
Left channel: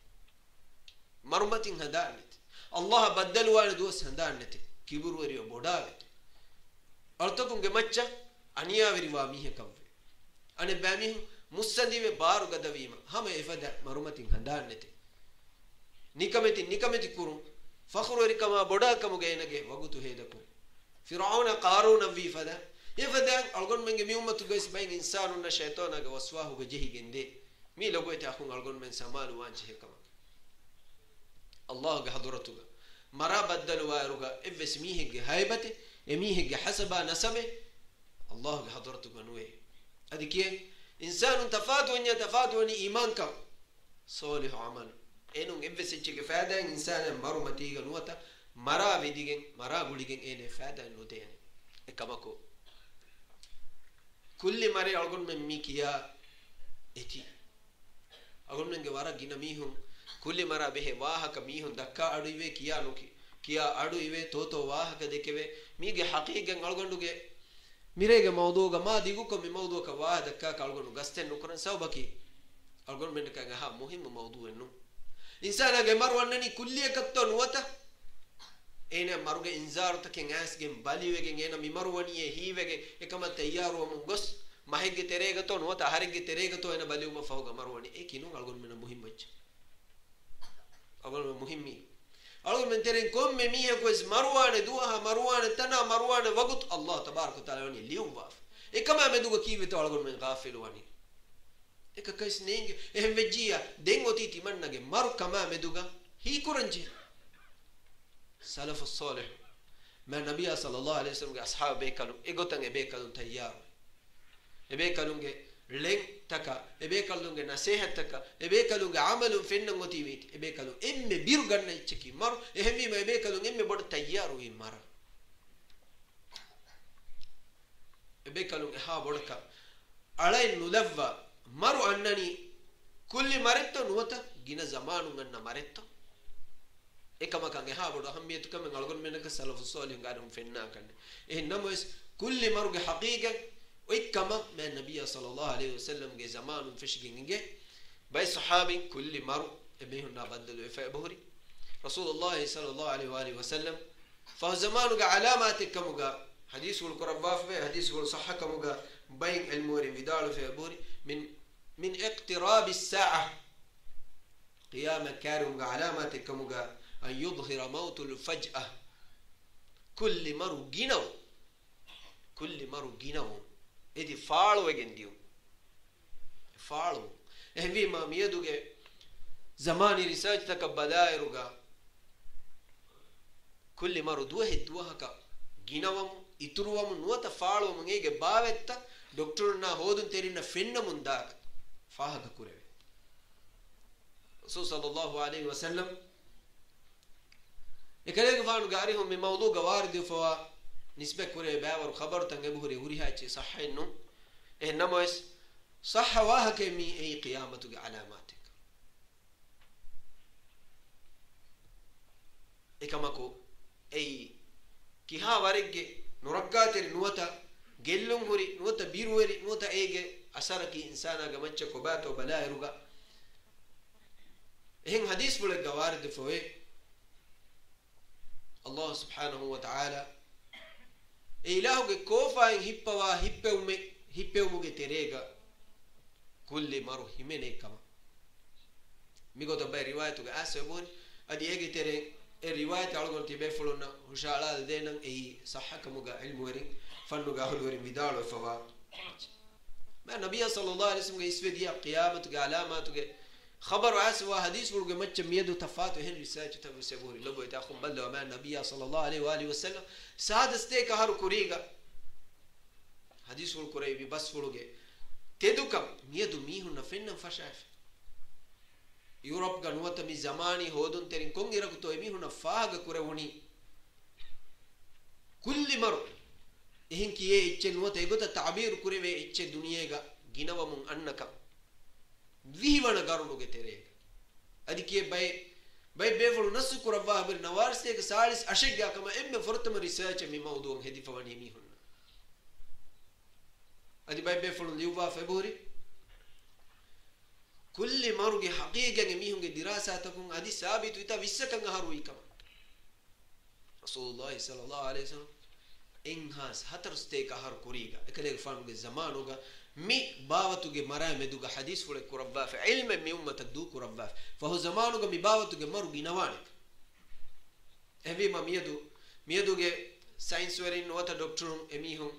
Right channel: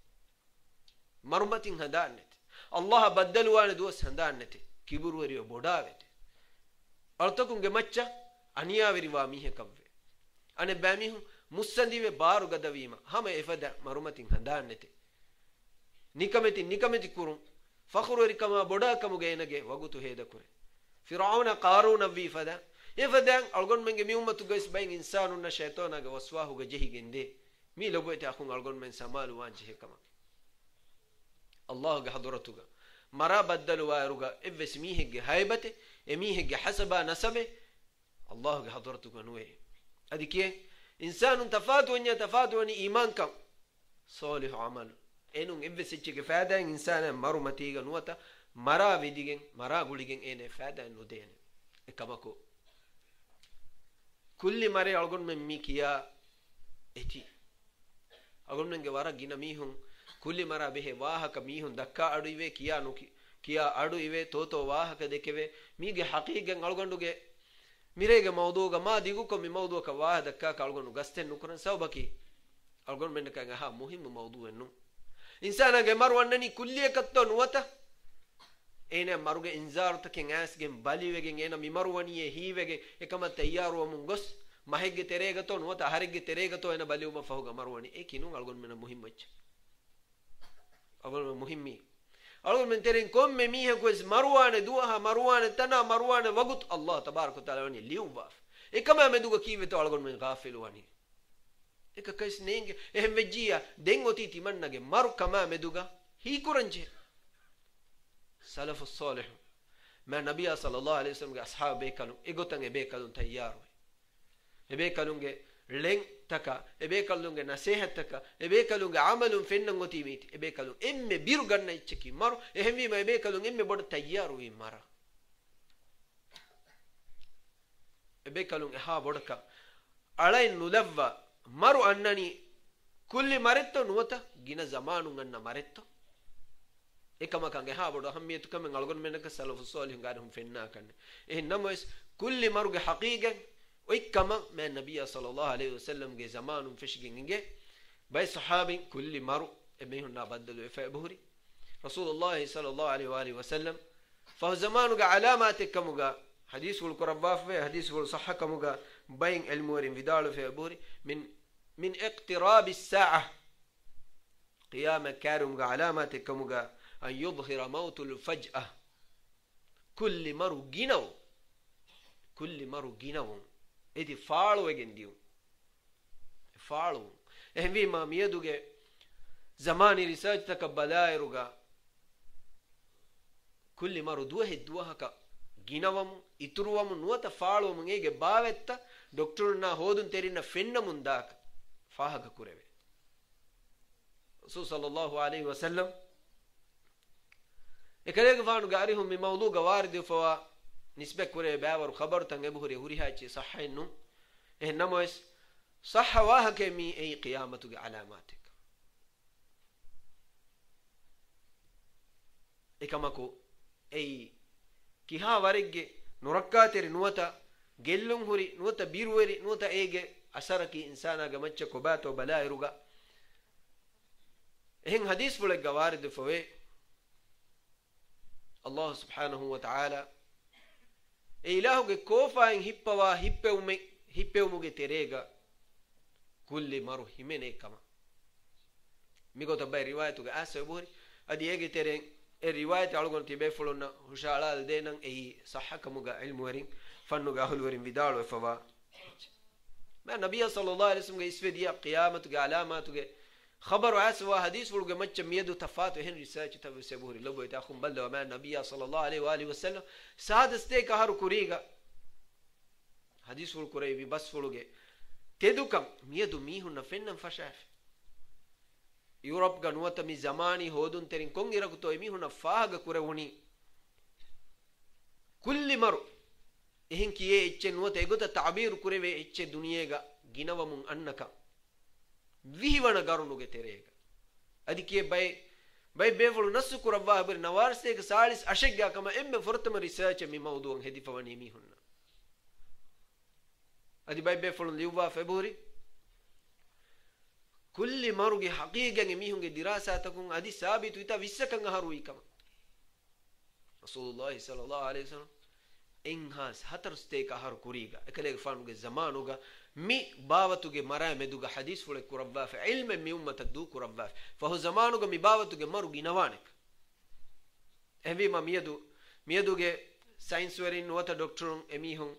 مرمتين خندان نت الله بدلوا أنا دوس خندان نت كبر وريو بوداوت أرتكم جمتشا أنيا وريوا ميه كوفي أنا باميه मुस्संदी वे बार गदवीमा हम इफदा मरुमतिन हंदानते निकमति कुरुं फखरु रिकमा बोडा कमुगेनगे वगुतु हेदकुरे फिरौन कारून वी फदा इफदा अलगोन मेंगे मी उम्मतु गइस बाइन इंसानु न शैताना ग वसवाहु ग जही गेंदे मी लगोते अखुन अलगोन मेन समालु वांचे कमा अल्लाह ग हदरतु ग मरा बदलु वारुगा इवस मीहे ग हाइबते एमीहे ग हसबा नसबे अल्लाह ग हदरतु ग नुए अदिके إنسان تفاتوني إيمانكم صالح عمل إنهم إبسيتش كفادا إنسان مرو متيجا نوتا مرا بديجن مرا قوليجن إنه فادا نوتين إكماكو كل مرة أقول من ميكيا إتي أقول من جوارا جينا ميهم كل مرة به واه كميهم دكا أدوية كيا نوكي كيا أدوية توتو واه كدكوا ميجي حقيقة أقول نوكي ميريجا موضوع ما ديجوكم من موضوع كواحد كا كالغون غستن نكرن سوبكي ألغون من كعنها مهم موضوع إنه إنسان أجمع مروانني كلية كتون وتا إنا مروج إنزار تكين عاس جم بالي وجين إنا مروانية هي وجه إكما تيار ومنغس ما هيك تريجا تون وتا هريج تريجا تو إنا بالي وما فوق مرواني إيه كينو ألغون من مهم وجه ألغون مهمي أقول من ترين كم مية كويس مروان دوها مروان تنا مروان وقت الله تبارك وتعالى وني اليوم واف إيه كمان مدوك كيف تو أقول من غافل واني එක කයිස් නේගේ එහෙම වෙජ්ජියා දෙන් ඔති තිමන්නගේ මරු කමා මෙදුගා හී කුරංජි සලෆුස් සාලිහ් මා නබිය සල්ලල්ලාහු අලයිහි වසල්ලම්ගේ අස්හාබ බේකලු එගොතන් එබේකලුන් තයාරු එබේකලුන්ගේ ලෙන් තක එබේකලුන්ගේ නසීහතක එබේකලුන්ගේ අමලුන් ෆෙන්නන් ඔති මීටි එබේකලුන් එම්මේ බිරු ගන්න ඉච්චකි මරු එහෙම වීම එබේකලුන් එම්මේ බොඩ තයාරු වී මර එබේකලුන් එහා බොඩක අලයි නුලව්වා මරු අන්නනි කුල්ලි මරෙත්ත නුවත ගින zamanuන් අන්න මරෙත්ත එකමකන් එහා බොඩ අහම්මියතු කමෙන් අලගොන් මෙන්නක සලෆුස් සාලිහ් ගාරුම් ෆෙන්නා කන්නේ එහෙන්නමස් කුල්ලි මරුගේ හකීගන් ඔයිකම මේ නබිය සල්ලල්ලාහු අලයිහි වසල්ලම් ගේ zamanuන් ෆෙෂිගින්ගේ බයි සහාබින් කුල්ලි මරු එබෙහුන්නා බද්දලු එෆබුරි රසූලුල්ලාහ් සල්ලල්ලාහු අලයිහි වআලිහි වසල්ලම් ෆහ zamanuගේ අලාමාත් එක්කමුගා حديث القرباف في حديث الصحكمغا بين المورين فيدالو في بوري من اقتراب الساعة قيامة كارمغا علامات كمغا أن يظهر موت الفجأة كل مرو جينو إدي فالو وجنديو فالو إهمي ما ميدوغي زماني ريسيرش تكبدائرغا كل مرو دوهكا ಗಿನವಮು ಇತುರುವಮು ನುವತ ಫಾಳುವಮು ಹೇಗೆ ಬಾವೆತ್ತ ಡಾಕ್ಟರ್ನ ಹೋದುನ್ ತೆರಿನ ಫೆನ್ನ ಮುಂದಾಕ ಫಾಹಕ ಕುರೆವೆ ರಸೂಲ್ ಸಲ್ಲಲ್ಲಾಹು ಅಲೈಹಿ ವಸಲ್ಲಂ ekaleeg faanu gaarihum mi mawduuga waardi fawa nisbe kure baawaru khabar tange buhuri hurihachi sahaynu ehnamois sahha wahake mi ay qiyamatu ga alamatik ekamako ay kiha warigge nurakkaateri nuwata gellum huri nuwata biruweri nuwata ege asaraki insana ga macca ko baato balairuga ehen hadis bule ga waardi fawe Allah subhanahu wa ta'ala ilahuge kofain hippawa hippewumuge terega kulli maru himene kama migota bay riwayatuge asaburi adi ege tereng e riwayat algon tibe fulonna hushala denan ei sahhakamuga ilmu werin fannuga ahlu werin vidalu fawa ma nabiy sallallahu alaihi wasallam ge isvediya qiyamatuge alamatuge خبر عسوا حديث ولغ مچ ميدو تفاتو هن ريسيرش تبو سبوري لبو تاخم بلد وما النبي صلى الله عليه واله وسلم سادسته كهر كوريغا حديث ول كوري بس ولغ تدوكم ميدو ميهن فنن فشاف يوروب غنوت مي زماني هودون ترين كون يرغتو ميهن فاغ كوروني كل مر එහෙන් කියේ ඉච්ච නුවත ඒගොත تعبير කුරේ ඉච්ච දුනියේගා ගිනවමුන් අන්නක විහිවන ගරුණුගේ තෙරේක අදිකේ බයි බේවලු නසු කුරබා බරි නවාර්සේක සාලිස් අෂග්ගා කම එම්මෙ ෆොරතම රිසර්ච් මි මවුදුන් හෙදිෆවනි මිහුන්න අදි බයි බේවලු ලියුවා ෆෙබුරි කුල්ලි මරුගේ හකීගන් මිහුන්ගේ දිරාසාතකුන් අදි සාබිතු ඉත විස්සකන් අහරුයිකම රසූලුල්ලාහි සල්ලල්ලාහු අලයිහි වසල්ලම් enhas hatarsteka har kuriga ekale fanuge zamanuga mi bawatuge mara meduga hadis fule kurabba fa ilma mi ummat du kurabba fa hu zamanuga mi bawatuge maru ginawanik evi ma mieduge science werin nota doctorum emihun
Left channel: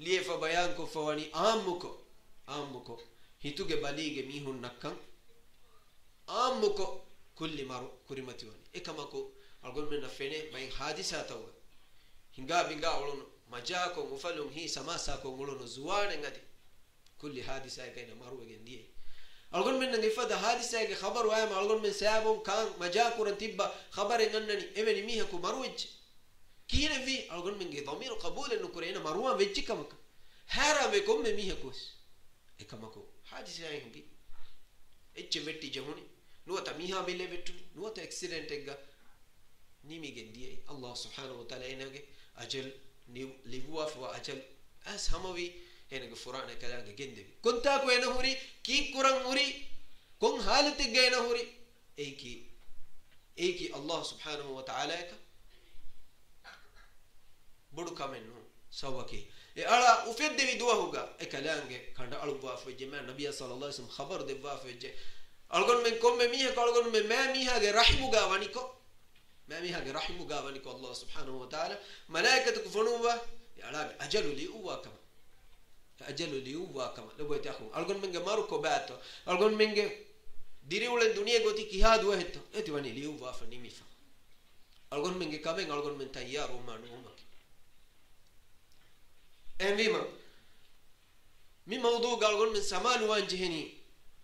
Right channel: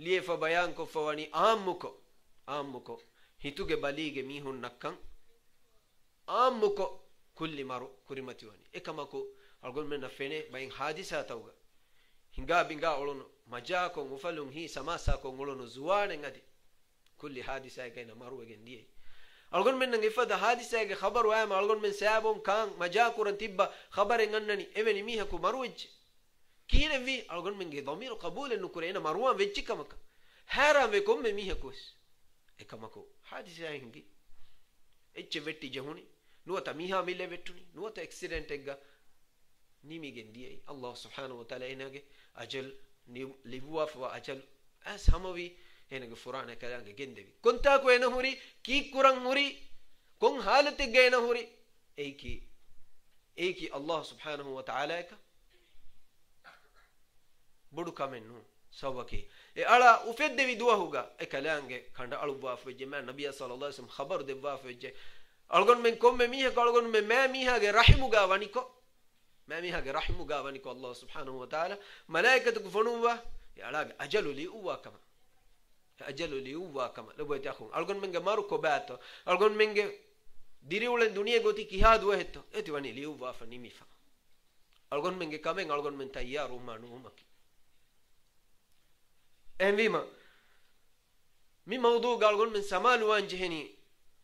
liefa bayan ko fawani ammuko hituge balige mihun nakkan ammuko kulli maru kurimati wani ekamako algon men fene bayin hadisa tawga hinga binga olono majako mufalum hi samasa ko olono zuwane ngadi kulli hadisa kayna maru gendie algon men ngi fada hadisa ge khabaru ay algon men sabum kan majako ran tibba khabare ngannani eveni miha ko maruwech kire vi algon men ge dhamir qabul en kurena maruwa wechchi kamaka hara ve kom me miha kos ekamako hadisa hingi ecche vetti jehuni nuwata miha mille vettuni nuwata accident egga nimi gendie Allah subhanahu wa ta'ala enage ajal libuwa fa ajal as hamawi enage furana kalaga gendevi konta ko ena huri ki kuran huri kon halati geena huri eiki Allah subhanahu wa ta'ala ka bodu kamennu sawaki e ala ufedde vidwa huga e kalange kanda alubwa fa jema nabiy sallallahu alaihi wasallam khabar debwa fa je algon men komme miha algon men ma miha ge rahimuga waniko ماميها رحمه قاونك الله سبحانه وتعالى ملائكتك فنوبة يعلاق أجل لي أوا كما ajalu liuwa kama lobo takhun algon menge maru ko bato algon menge diriulen duniya goti kihadu hetto eti wani liuwa fa nimifa algon menge kamen algon men tayyaru manu umaki envima mi mawdu galgon men samalu wanjehni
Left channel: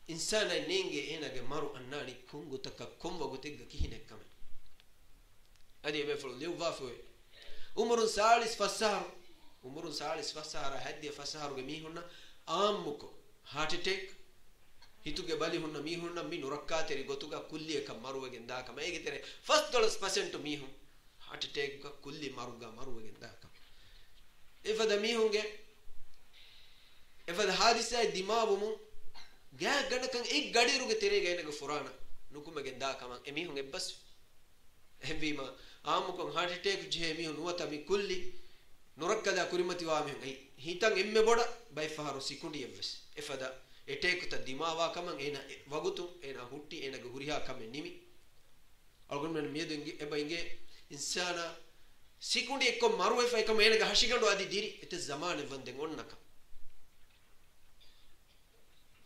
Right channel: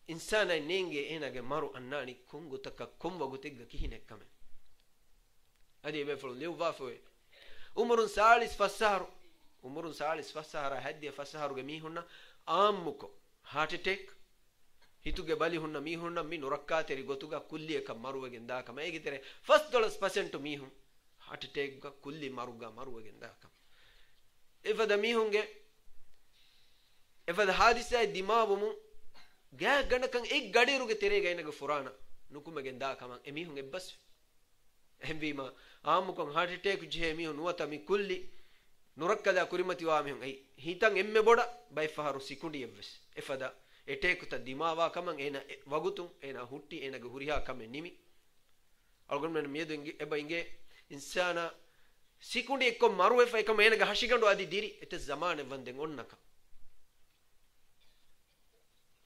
insana nenge enage maru annani kungu taka komwa gotegga kihine kamen adi be fulu liuwa fa umrun salis fasaru umurun salis fasahara haddiya fasaharuge mihunna ammuko heart attack hituge bali hunna mihunna mi nurakkateri gotuga kulli ekam maruwege ndaka maegitere first $% mihun heart attack ga kulli maruga maruwege ndaka ifada mihunge ifada hadisa dimabumu ga ganakan ek gadiruge terega enaga furana nukumege ndaka man emihun ebbas embima ammuko heart attack je mihun nuwata mi kulli nurakkada kurimati wa mehun ai hitan emme boda bay faharu sikundi evves efada etekuta dimawa kaman ena wagutun ena hutti ena ge huriha kamen nimi algon men miedu eba inge insana sikundi ekko maru efa ekam ena ge hashigandu adi diri ete zamane vanden onnaka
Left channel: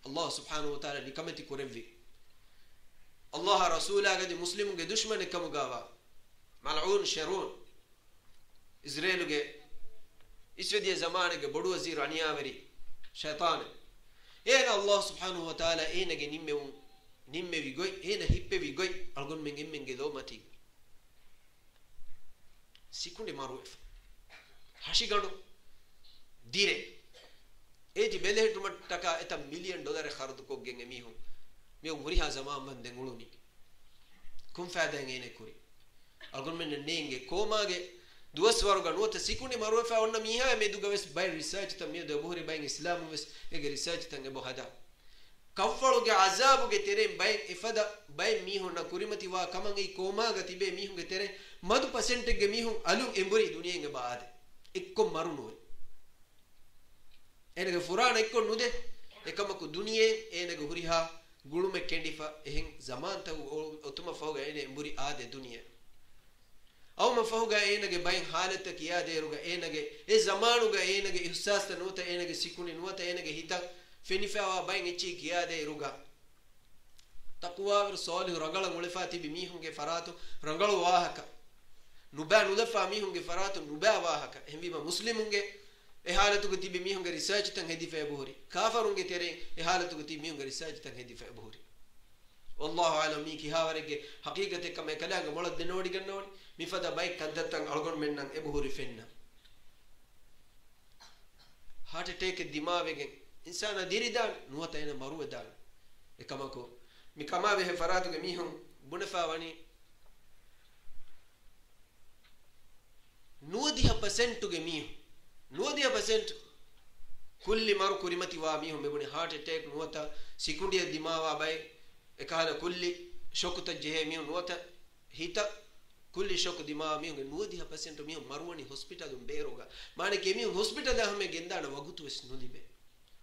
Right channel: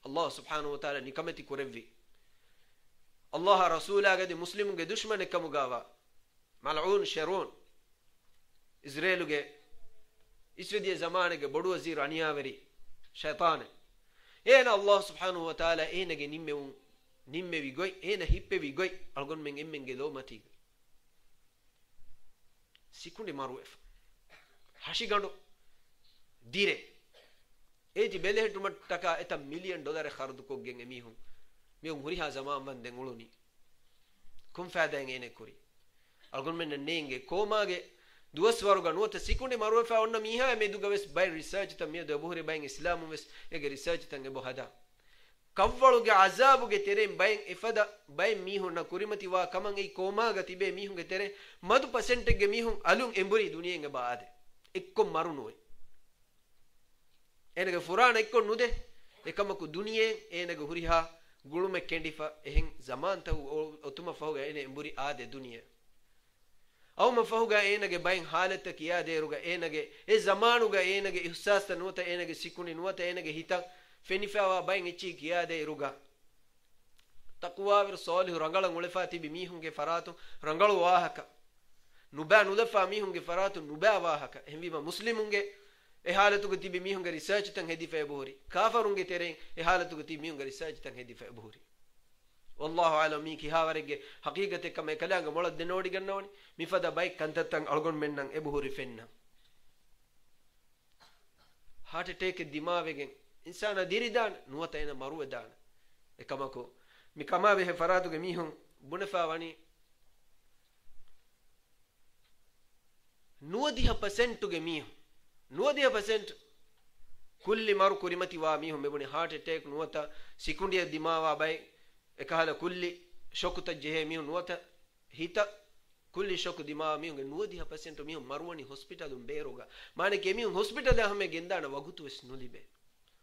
Allah subhanahu wa ta'ala nikamati kurevvi Allah rasula gadi muslimun ge dushman ekamu gawa mal'un sharun Israelu ge isvediye zamane ge bodu wazir aniyaveri shaytan ena Allah subhanahu wa ta'ala ena ge nimme vi goy ena hippe vi goy algon men emmen ge do mati sikundi maruef hashigandu dire eji belehetu mattaka eta $1 million khardu ko gen emihun me huriha zaman banden uluni kum faada ngene kuri algon men nenge komage duas waruga nuota sikundi marufa onna miha meduga wes by research ta me do bohre by islam wes ege research tange bohada kavwaluge azabuge tere by ifada by mihun na kurimati wa kaman ei komaga tibe mihun ge tere madu percentage ge mihun alun emburi duniya nge baade ekko marunu enege furana ekko nude ekamaku duniye enege huriha gulume kendifa ehin zaman ta otuma fawga ene emburi ade duniya aw mafahuga enage bayin halata kiya deruga enage e zamanuga enage ihsas ta nota enage sikuni nota enage hita fenifawa bayin echi kiya deruga taqwa wir salih rangala ngulefati bi mihunge faratu rangalu wahaka nuba nudafa mihunge faratu nuba wahaka hembiba muslimunge e halatu gati bi mihunge research tan hedi fe buhuri kafarunge tere e halatu gati mihunge research tan hedi fe buhuri والله اعلم ميكي هاورگه حقيقته كما كلانگ مولد دنودي گنوني ميفدا بايك كنتتن الگون منن ابهوري فين هارت اتاك دماغين انسان ديريدان نوتا انا مرو دان اكماكو ميكما به فراتو گميهم بنفا واني نوديها percent گميهم نوديها percent كل مارو كريمتي وا ميهم مبني هارت اتاك نوتا سيكونديا دماغ باي ekala kulli shokuta jehemi nuota hita kulli shoku dima mi nudi ha percent mi marwani hospital dum beroga mane ke mi hospital da hame gendana wagutu wes nulibe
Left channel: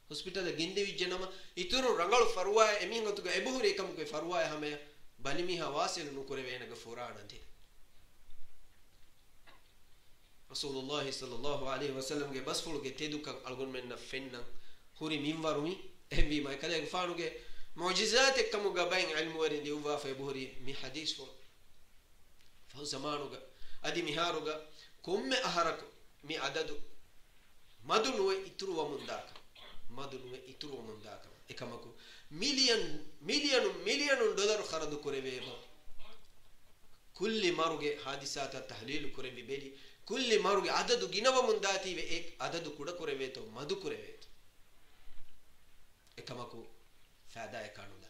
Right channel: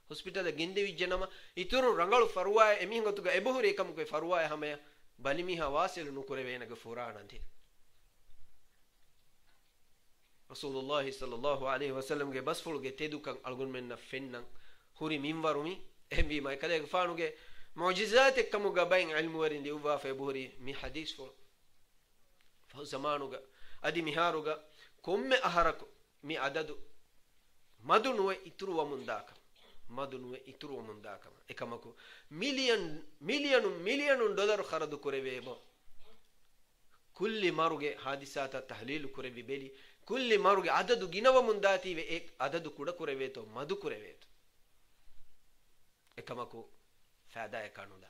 hospital da gende vijjanama ituru rangalu farwa emi ngotuga ebuhuri ekam ko farwa hame balimi ha wasil nu kore venaga furana thi Rasulullah sallallahu alaihi wasallam ge basfulu ge tedukan algon menna fenna huri minwarumi embi ma kale fanuge معجزات كم جبين علم ورين ليوفا في بوري مي حديث فهو زمانوغا ادي مهاروغا كم احركو مي عدد مدنو يترو ومنداك مدنو يترو ومنداك اكمكو مليون دولار خرد كوريبو كل ماروغي حادثات التحليل كوريبي بيلي كل ماروغي عدد غينو منداتي و ایک عدد كودا كوريبيتو مدو كوريبيتو اكمكو فاداء كانودا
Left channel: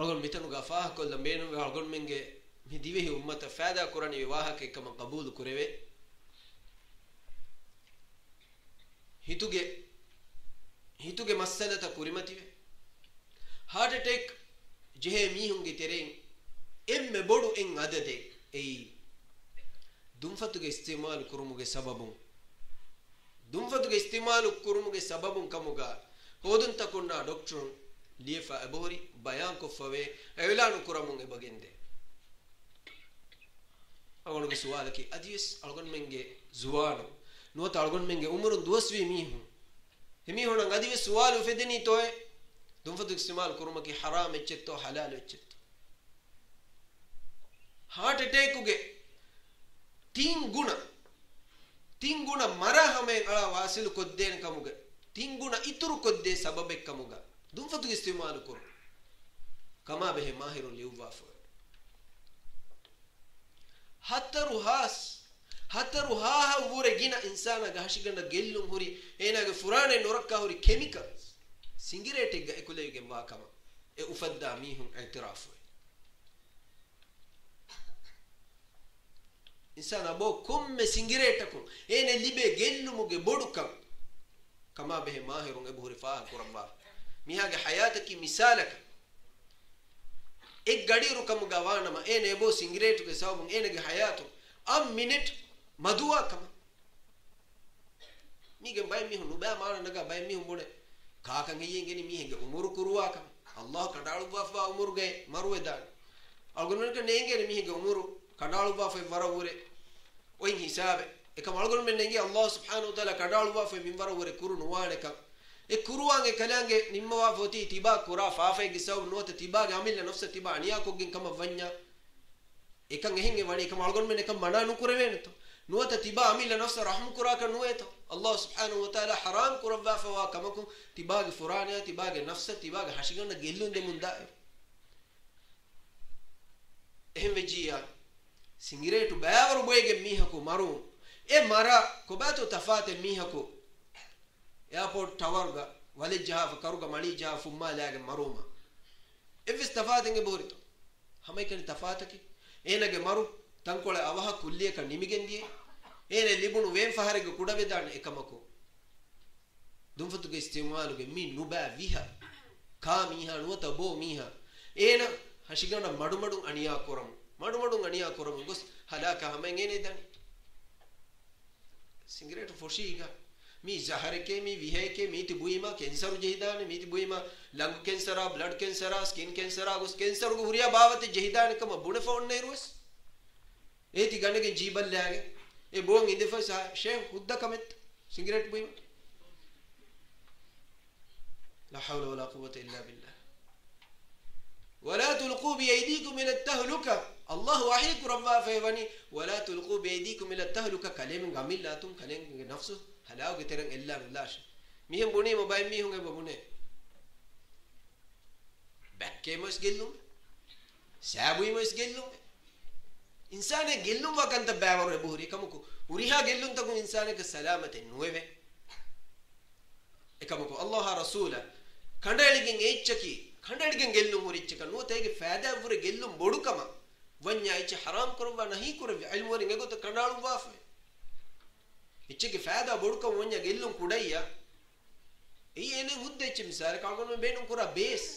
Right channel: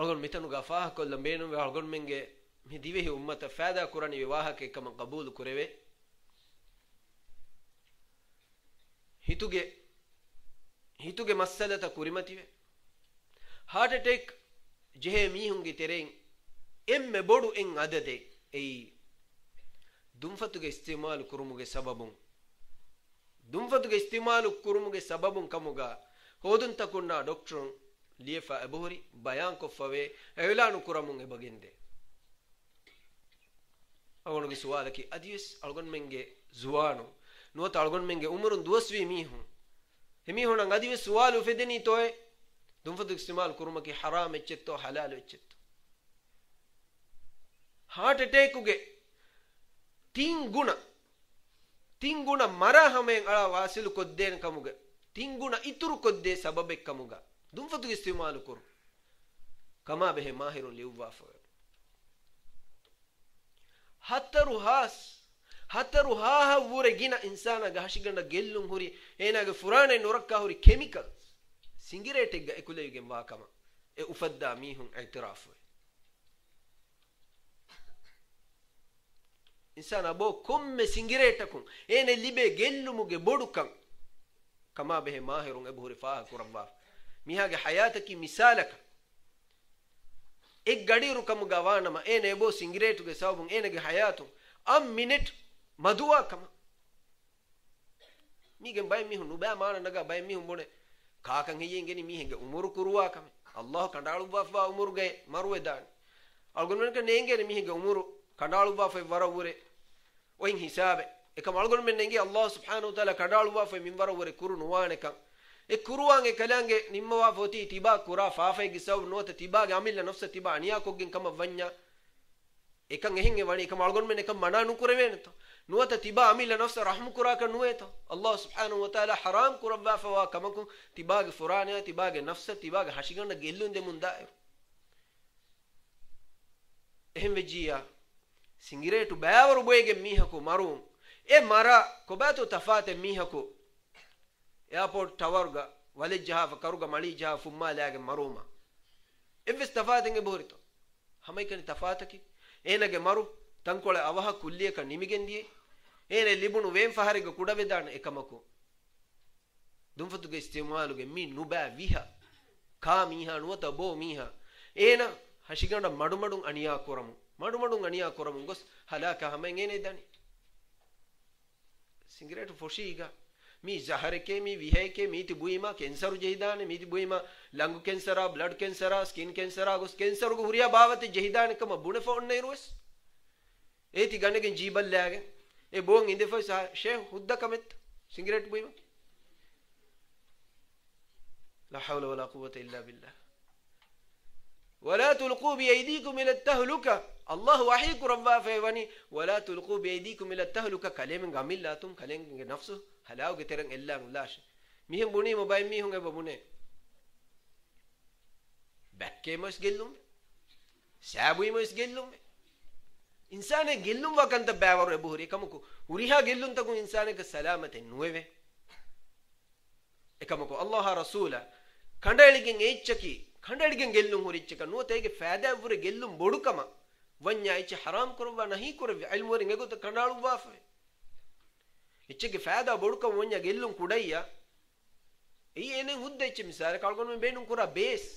algon mitanu gafah ko lambenu ve algon menge mi divehi ummata fada qurani viwaha ke kam qabul kureve hituge masalata kurimati ve heart attack jehe mihunge tereng emme bodu en adade ei dumfatuge istimal kurumuge sababun dumfatuge istimalu kurumuge sababun kamuga hodun takunda doctor liefa abori bayan ko fawe eulanu kuramunge bagende algonge suwalaki adis algon menge zuwanu nuota algon menge umurun duaswi mihu hemi honan adiwe suwalu fedeni toy dumfatu istimal kurumaki haram echetto halal echetto heart attack uge tin guna mara hamen ala wasil kodden kamuge tin guna ituru kodde sababek kamuga dumfatu istimal kur kama behe mahirun liuwafu hataru ha wure gina insana ga hashiganda gellum huri enage furane norakka huri chemicals singirete ga ekulege wakama e ufadda mihun i'tirafu insana bo komme singireta kun ene libe gellumuge bodukam kama behe mahirun e buhuri fa kurabba mihage hayataki misalaka ek gadiru kam gawanama ene bo singiretu ge sabun ene ge hayatu am minute maduwa kama mige bay mi hunu ba mana naga bay mi humbone kakan hiyengeni mi henge umur kuruwa kama allah kandalu bafa umur ge marwe dan algon ke nengeni mi henge umur kandalu bafa warawure oin hisabe ekam algon men nengi allah subhanahu wa taala kandalu bafa min warawure kuru nuwane kam e kuruwange kalange nimma foti tiba kura faafay gisaw nota tiba ga amilla nafsa tiba aniya ko gen kama vanya ekan ehinge wani ekam algon men ekam mana nu kurwen to nota tiba amilla nafsa rahmu kura ka nueto allah subhanahu wa taala haram kurwa fa kamaku tiba ga furana tiba ga nafsa tiba ga hashiganda gellunde munda ehem vejiya singiretu baawru boyge mihako marum e mara ko bato tafate mihako airport tawarga wale jaha karuga mali jaha fumma laage maruma evis tafatenge borito hamay kan tafataki enage maru tankole avaha kulliye ka nimigendiye ene libunu wen faharege kudabe dan ekamako dumfutuge istimaluge mi nuba viha ka miha nuta bo miha ena hashiganda madumadu aniya koramu gos halaka hamay ngene dani singiretu foshiga mi zahareke mi viheke mi tibuima cancer jehidane mi tibuima lung cancer blood cancer skin cancer gos cancer go huriya bawate jehidane kama bune phone ne rues eti ganege jibal laage e bon inde fa sheikh hudda kamet cigarette buima la hawla wala quwwata illa billah ولا تلقوا بأيديكم إلى التهلكة الله وحيك ربا فيوني ولا تلقوا بأيديكم إلى التهلكة كلام عمل لا تم كلام نفسه هلاو كترن إلا ملاش ميهم بني موبايل ميهم غير ببني بكى مش قلهم سابوي مش قلهم إنسان قلهم وكان تبعور بوري كمكو وريها قلهم تكون إنسان كسلامة نوبة كمكو الله رسوله كنداليكين إيشكي خندڑگن گellum horichka no tege faida vure gellum bodukama vanya ichi haram kurwa nahi kurwa ilmu ringe go to kandalu wafe ichke faida bodukama vanya gellum kudaiya ei ene hudde ichi misal kalgon men benum kura base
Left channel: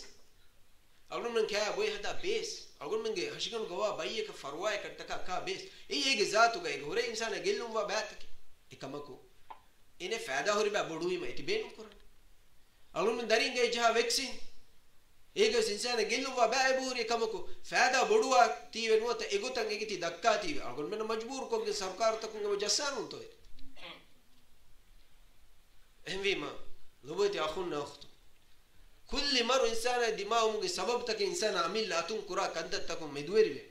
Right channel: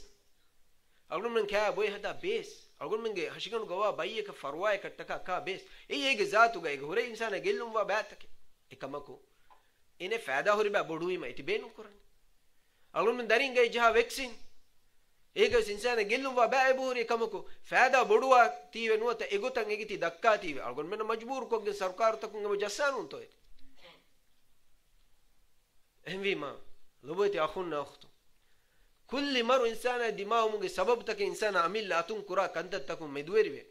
algon men kya boy hada base algon men ge hashigan gowa baye ka farwaye kattaka ka base ei ege zatu ge hore insana gellum wa batake ekamako ene faida hori ba boduima iti benum kurane algon men darin ge jaha vaccine ege sinsana gellumwa baiburi kamako faida bodwa tiwe nuata egotan egiti dakka tiwe algon men majbur ko ge sarkar takun ge jassanun to ehvima loboti akhunna akhtu kulli maru insana dimawum ge sabab tak insana amil atun kura kantat takun medweriwe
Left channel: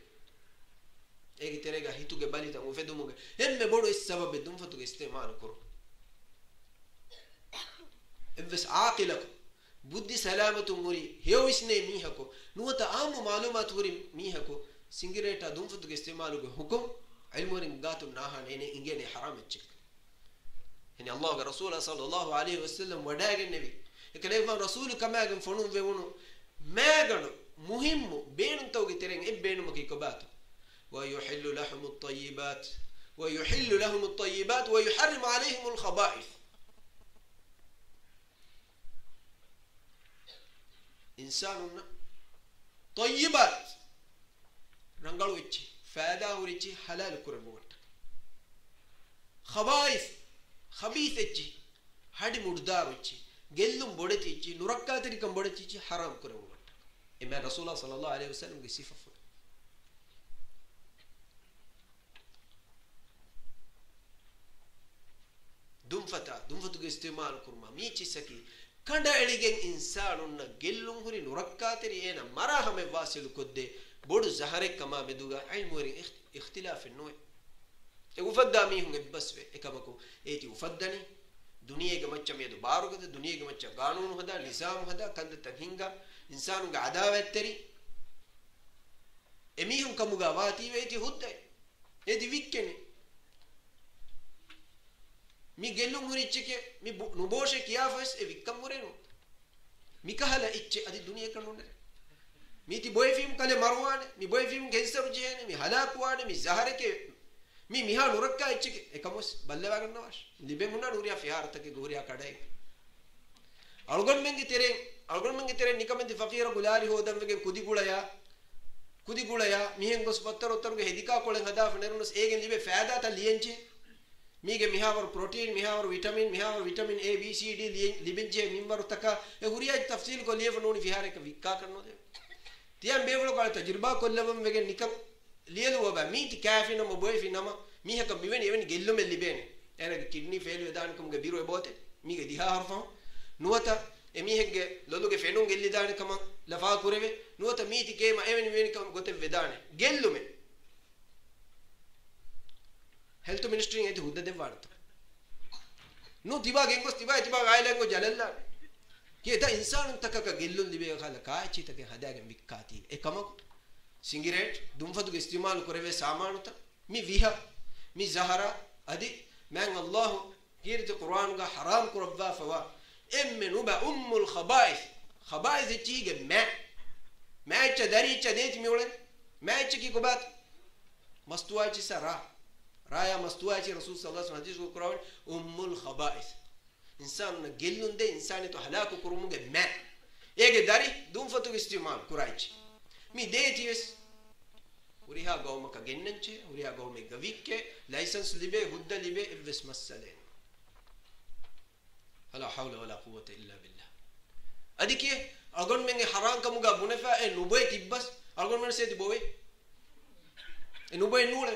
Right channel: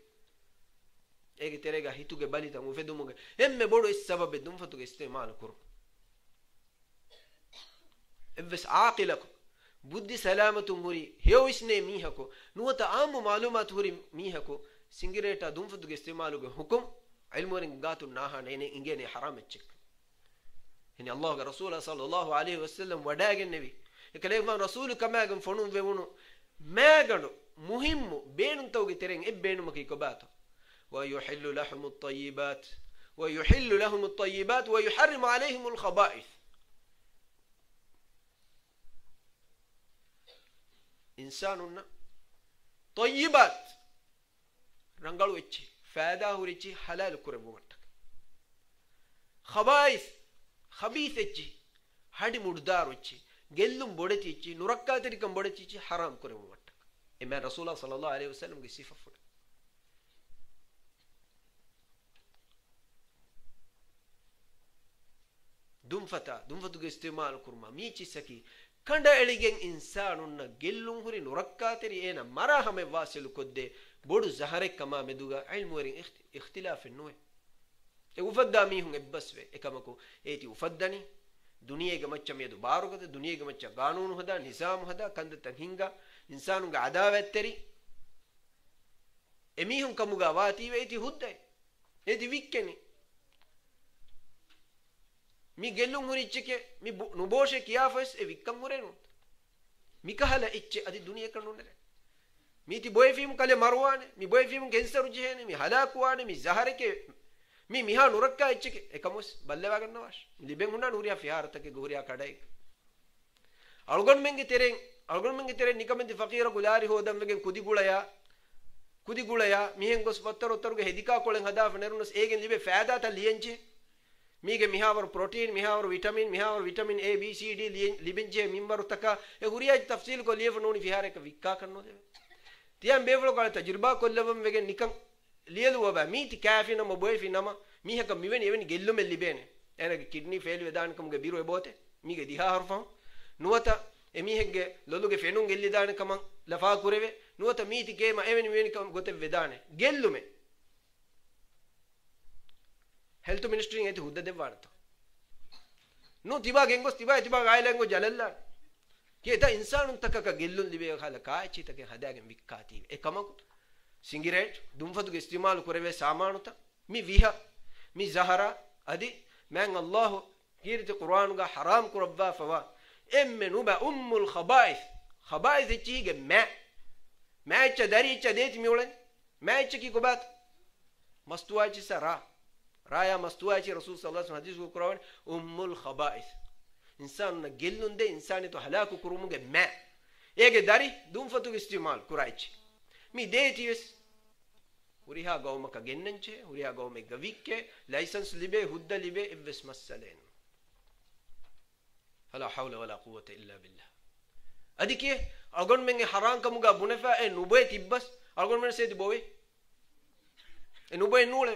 ege terega hituge balita mu fedumuge emme bodu is sabab dum fatuge istimal kuru evs aqilak बुद्धि सलामत मुरी हेव इसने मीहको नुवत आम मालूमात हुरी मीहको सिंगरेटा दुंफतु के इस्तेमाल के हुक्म इल्मोरिंग गातु नाहा ने इंगे ने हराम चेक यानी अल्लाह के रसूल सल्लल्लाहु अलैहि वसल्लम वडागे नबी एकले रसूल कमागन फनु वेवनु मैगनु मुहिम बेनु तोगे तेरेंग ए बेनु मकी कोबात व युहिल्लु lahum at-tayyibat wa yuharrimu alayhim al-khaba'ith इंसानुन्ना तय्यबात रंगालु इच्ची फायदा हुरिची हलाल कुरे मुवट्ट खबाइस खबीस इच्ची हडी मुर्दार इच्ची गेल्लुम बोड़ती इच्ची नुरक्का तरीकम बोड़ती इच्ची हराम कुरे मुवट्ट इमाम रसूलुल्लाह सल्लल्लाहु अलैहि वसल्लम की सिफा full dumfatuge istimal kurma mi chisaki kanda eligen insanunna gellun huri nurakkateri ena marahame wasilu kodde bodu zaharek kama meduga ilmurin ikhtilaf nuwe e ufadda mi hun ebbaswe ekamako eti ufaddani duniyege macca medu barugada duniyege macca qanunu hada nizam hada kanda tanhinga insanunga adawatteri emi hun kamuga wati eti hudde eti wikkeni mi gellun hurichke mi nuboshe kiyafes e wikkam murenu mi kahala icche adi duniya kanunne mi ti boyfim kale marwane mi boyfim kensaru jehene mi halakwane mi zahareke mi miha nurakka icche ekamos ballewa gannawash liben hunna nuriya fihartake goriya kadai algon menge tere nikamendi faqira gulari hodam wegen kudigulaya mihen gos fattarottaruge hedika kolen hada fanerunus egen libe faada ta liyenche mige mihawar protein mihawar vitamin A B C D libenje mimbaru taka e huriya tafsil ko liye noni fihare ka vikka kanno de tiyan bevlo kala tajriba kollawam wegen nikam liyelu waba miti kafina mo boyfina ma miha ka miveni eveni gellume libene ena kidney failure dankam ge biro e bote mige diha harfa nuwata emihegge loluge fenun gelli dankam lafa kureve nuwata miti kema eveni miveni kam gote vedane gellume health ministry ngeti hudda devwarta nu tiba gengos tiba gailengo jalalla keta insanun takaka gellun libe khala kaachi take hadagen mikkati ekamaku cigarette dumfatuge istimal koreve samanuta mi viha mi zahara adi man Allah kirti Qur'an ga haram kurabba fawa emme nuba ummul khaba'ith chige ma cha dari cha det mi olen ma cha ki kobat mastuwa chi sara raya mastuwa chi rasul sallallahu alaihi wasallam hadis ko Qur'an ummul khaba'ith insan na gellunde insani to halaku kurumuge ma ege dari dumfatuge istimal kuraichi mi deetius uriha gawmaka gennanche uriha gawme gavikke license libe hudda libe evs masalen la hawla wala quwwata illa billah adike agon menge haram kamuga bunefa e nubay tibbas agon men sedi bowe e nubay nule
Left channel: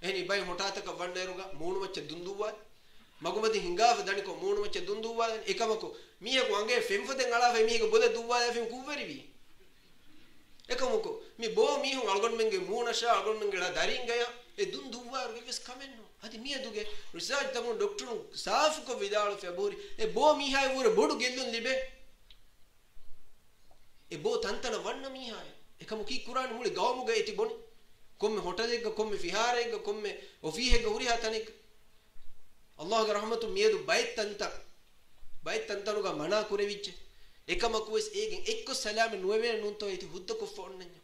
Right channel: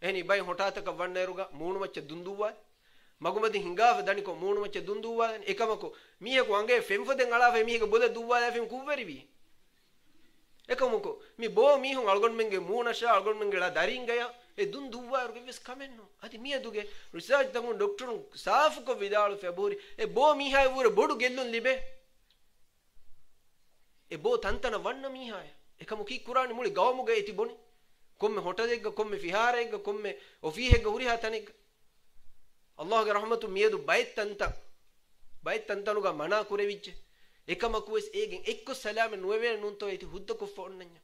eni bay hotata ka wanneruga moonu macce dunduwa magumadi hingaf daniko moonu macce dunduwa ekamako mihe ko ange femfoden ala fe mihe ko boda duwa fem kuverivi ekamuko mi bo mi hun algon menge munasha algon menge la daringaya e dun duwa ves kamenno adi mi aduge research tamun doctor saaf ko vidalu february e bo mi hay wure bodu gellun libe e bo tantana wanna mi hay ekamuki qur'an muli gawmuge eti boni komme hotalega komme fiharega komme ofihega uriha tanik allah ge rahmatu miedu baytantanuga mana kurevicche ekamaku es egen ekko salame nueve nunto eti hudda ko fonnanya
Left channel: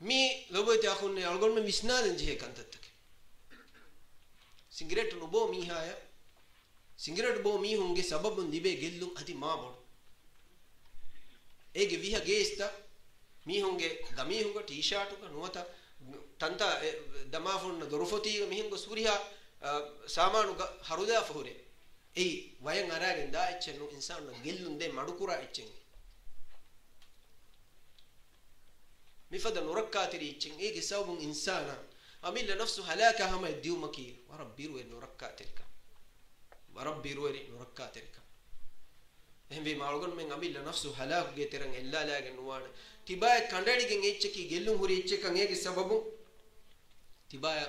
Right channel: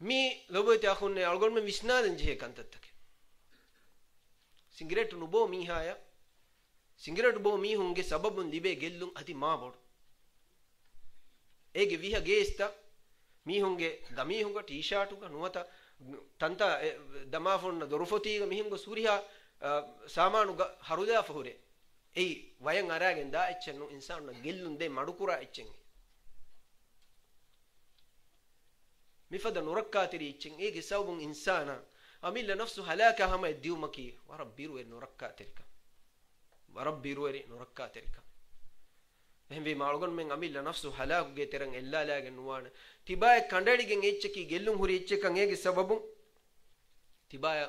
mi lobote akhunne algon me visnaden je kantattake cigarette nu bo mi haya cigarette bo mi hunge sababun dibe gellun adi ma bodu ege viha geesta mi hunge gami hunga t-shirt uga nuwata tanta dama fonna dorufoti mi hunga suriha samanu haruda fahure ei wayan aragen da echennu insanu gellunde madukura echen mifada nurakkatiri echen ege sabun insana amilla nafsu halaka hama diumaki warabbiru nurakkatirka ehme malugon men amilla nafsu halaku ge terang ella lagen nuwana tibaya kandaligen echeki gellun huri echekan ege sababun tibaya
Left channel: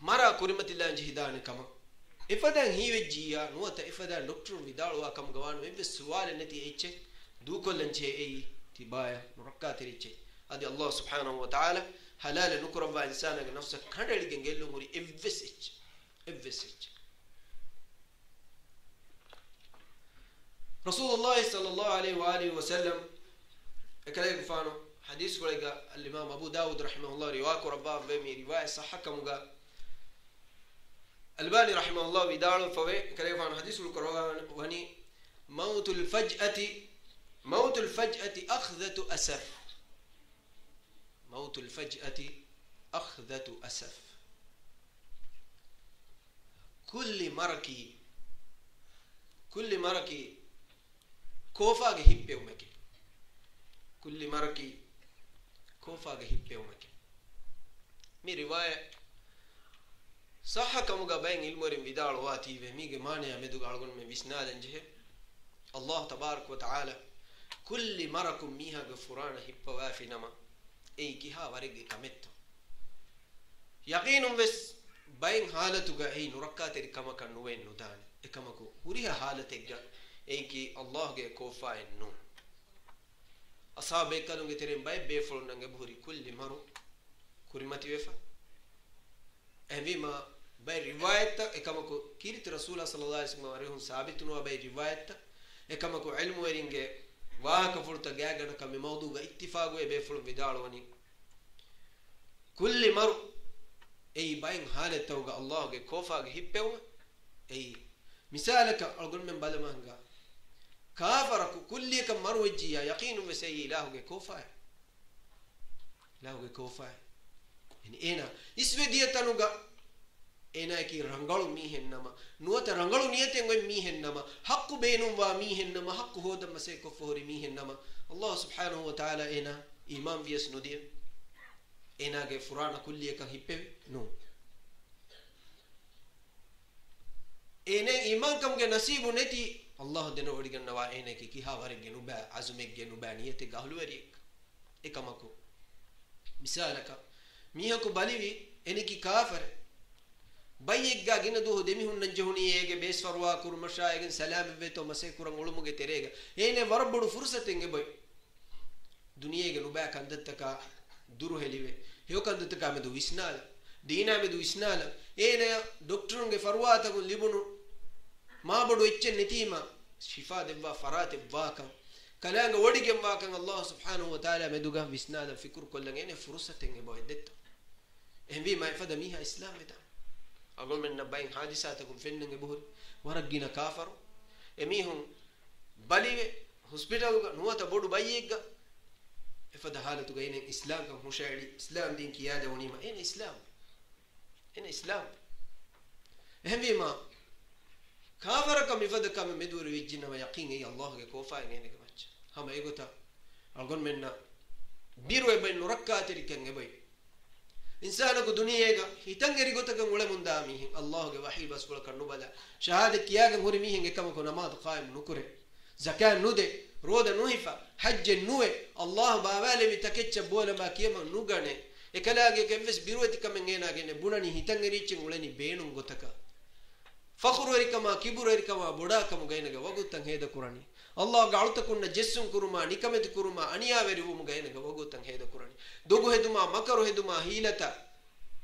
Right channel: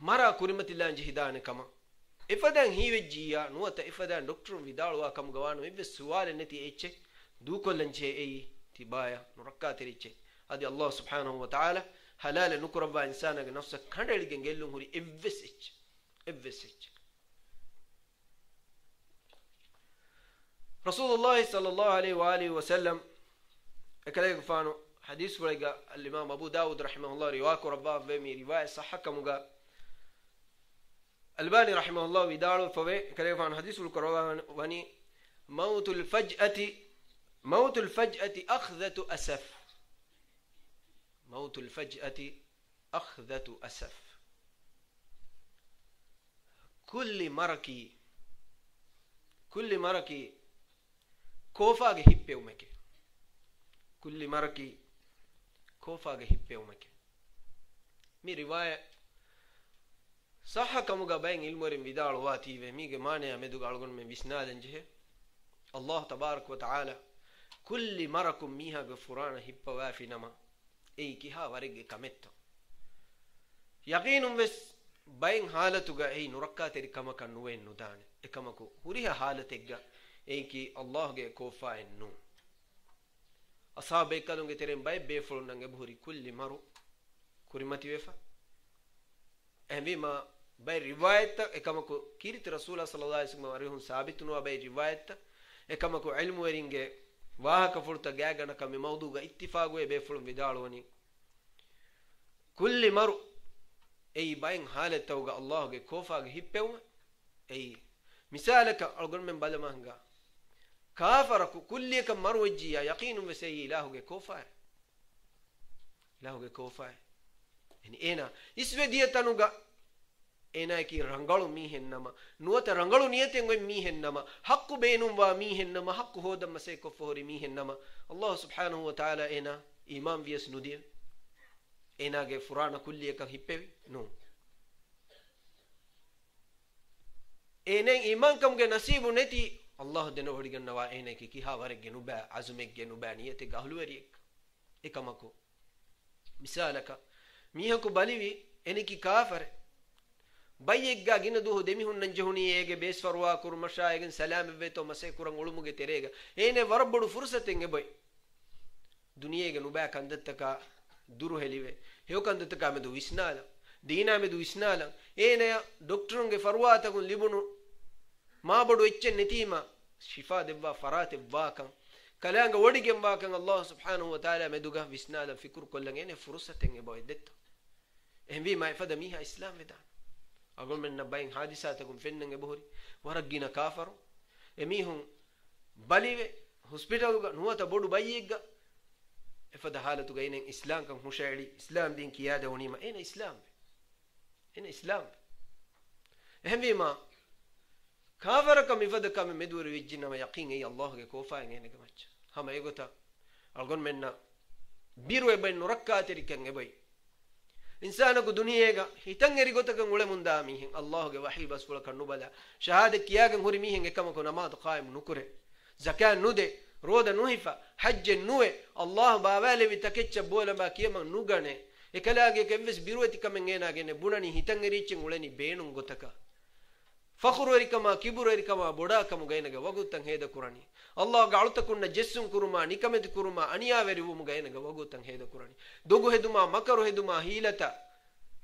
mara kurimatilla jihidane kama ifadan hiwejjiya nuwata ifadan doctor vidalwa kam gawanu ibbe suwale neti eche dukollanche ei tibaya nurakkatir eche adi allah subhanahu wa ta'ala halal nukuraba insana ge nafsa kandaligen gellun huri evvesech rasulullah sallallahu alaihi wa alihi wa sallam akalay fano hadith waliga al-imam abu daud rahimahullah riwaya rabba be mi riwaya sahhakamuga الباني رحمه الله ودارو فوي كلام عن حديث القرآن واني موت الفجأة أخذة أسف كل مركي كوفا هيبه ومكي كل مركي كوفا هيبه ومكي مي رواية صح كمغا بين علمورين فيدال واتي وميغ مانيا مدو غالغون من بسنادن جه الله تبارك وتعالى كل مركم ميها غفران هيبوا في نما اي كيها ورغ كمتو يقين بس بين حالتوغا اي نركاتري كما كان نوين ندان اكمكو وريها حالتيغا اي كي الله گه كوفا انو اصحاب كلونگه ترين باي بيفول نانگه بوري كل مرو كوريماتي وفا امبي ما باي روايت اكمكو كيرت رسول صلى الله عليه وسلم وريهم ثابت نو باي روايت اكمكو علم ورينگه واهك فرتا گاگنا كم موضوع اتفاق وي بيفول بدالوني كل مرو اي باين حالتوغا الله گه كوفا هيپيو اي مثالك اقول من بالمانغا كافرك كلك مروجيا يقين بسي الله گه كوفا الله گه كوفا يعني انا اسوديتنوغا انا كي رنگلو ميهنما نوت رنگلو نيتين گوي ميهنما حق بينم وا ميهنما حق هودم مسي كفوري ميهنما الله سبحانه وتعالى انا امام بيس ندي انا گه فران كلك هيپيو نو انا ایمان کم کے نصیب نتی اللہ دن وڑگن نوا انا کی کی ہاور گنو با عزم گنو با نیت گہلو وری ایکمکو مثالک میہ کو بلیوی انی کی کافر بایگ گا گن دو دمی ہن نجہونی ایگے بیس فروا کر مشایگن سلام وے تو مسے کرن علمگے تیرے گا اینے وربڑ فرصتیں گے بھائی دنیا گنو با کندت کا درو ہلیوے ہیو کندت کا میں دو اسنال دينا بدو إسنالا إيه دكتورن فرواتا كون لبنو ما بدو إتشن نتيما شفاء دبا فرات باكا كلانغ وديكم باكا الله سبحانه وتعالى مدوغا بسنادا فكر كلن إيه فرصة تنجي بويدت إيه بي ما يفدا ميها إسلام بتا أقول من نباين حادثاتكم فنن بهوري ورقينا كافر إميهم بالي هوسبيتال نواتا بدو باييغا إفدا حالتو غينن إسلام كم مشاعري إسلام دين كيادة ونيما إيه إسلام إن إسلام هم بما كافركم يفدكم مدور ويجنا ما يقين أي الله كوفا إنه كماتش هم أيقوتا أقول منا بيرو بين نركات ركعن جباي إنسانك الدنيا جا هيتنجري قوتا كم ولا من داميه الله كوحي بس ولا كنوبلا شهادة كياكم هوري ميه كم كنا ما تقايم نكره زكاة نودة رودا نوهفا حج نوه الله بابالي بتكتش بولا ما كيما نوغانه ekalaage kemves biruwati kamengena gene bunani hitangerichen ulani beenun gotaka fakhurori kama kiburori kama boda kamu gainaga wagutan heda kurani allah galuta kunna jessun kuruma nikamet kuruma aniyaveri hum gainaga wagutan heda kurani dogu heduma makaru heduma hilata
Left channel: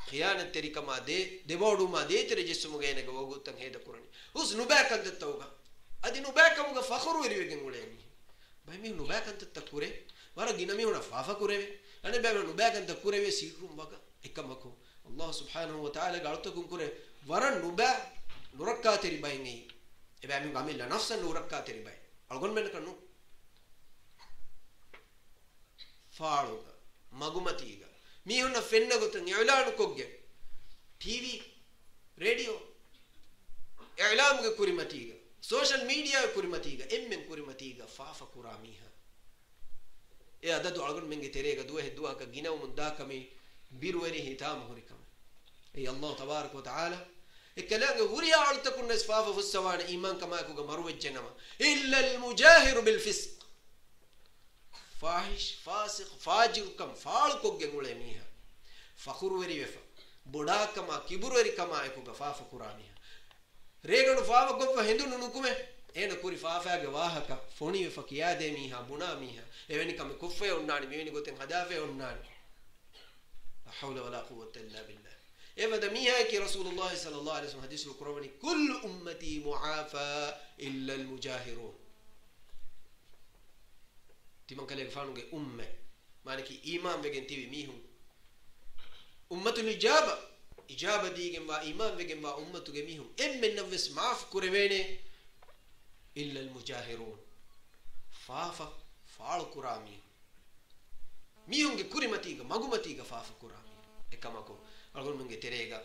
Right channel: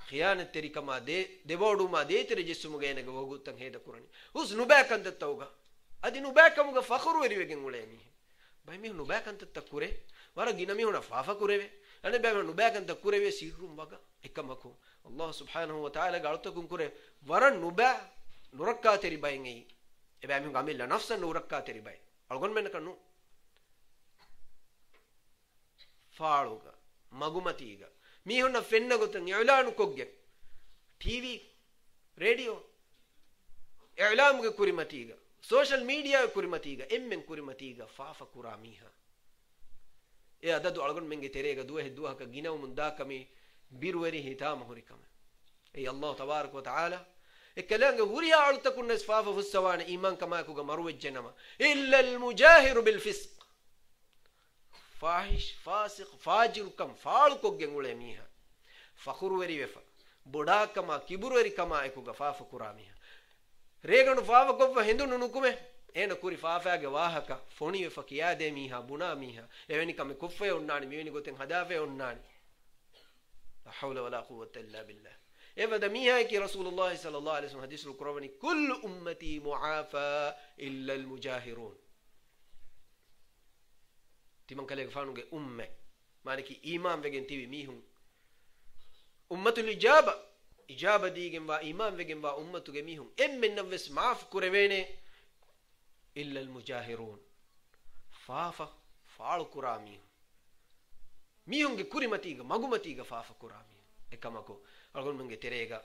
khiyanat teri kama de deboduma de tere jessum gainaga wagutan heda kurani us nubakan tattauga adi nubakamuga fakhurori wegen ulani bai mi nubakan tattakure wara ginami una fafa kureve أنا بعمل نبأ أنت كورة ويسيرون بقى إكمكو الله سبحانه وتعالى قالتكم كورة ورا نبأ نركّا تري باينعي بعمل عمل لنفسه نركّا تري باين أقول من كنو فاروغا مغمتيغا ميهونا فينا قلتن إعلان كوجة TV راديو إعلام كوريماتيغا سوشيال ميديا كوريماتيغا إمن كوريماتيغا فافا كوراميها يا دادو أقول من جتريجا دوها كجينا ومن داكمي بيرويري هتام هوريكم أي الله تبارك وتعالى الكلام هوريا على تكون نسفافة في السوان إيمان كما يكون مروج جنما إلا المجاهر بالفسق فاحش فاسق فاجر كم فالكو جنولة ميها فخور وري وفا بودا كما كبروري كما يكون فافا كراميها ريغن فافا كم فهندو ننوكمه انا كوري فافاගේ වාහක ෆොණි වෙ ෆකියා දෙ මීහා බුනා මීහා එවැනි කම කුෆේ උන්නානි මෙවැනි ගොතෙන් හදාෆේ උන්නානි لا حول ولا قوة إلا بالله إذا ميها كي رسول الله صلى الله عليه وسلم حديث القرآن كل أمتي معافى إلا المجاهرون تمن كله فانو جه أمة معنى كي إيمان بيجن تبي ميهم أمة الإجابة إجابة دي جنبا إيمان بيجن با أمة جميهم إم من نفس معاف كربينه إلا المجاهرون فافا فال كرامي ميهم كوريماتيغا مغوماتيغا فافا كرامي إكماكو أقول من تريغا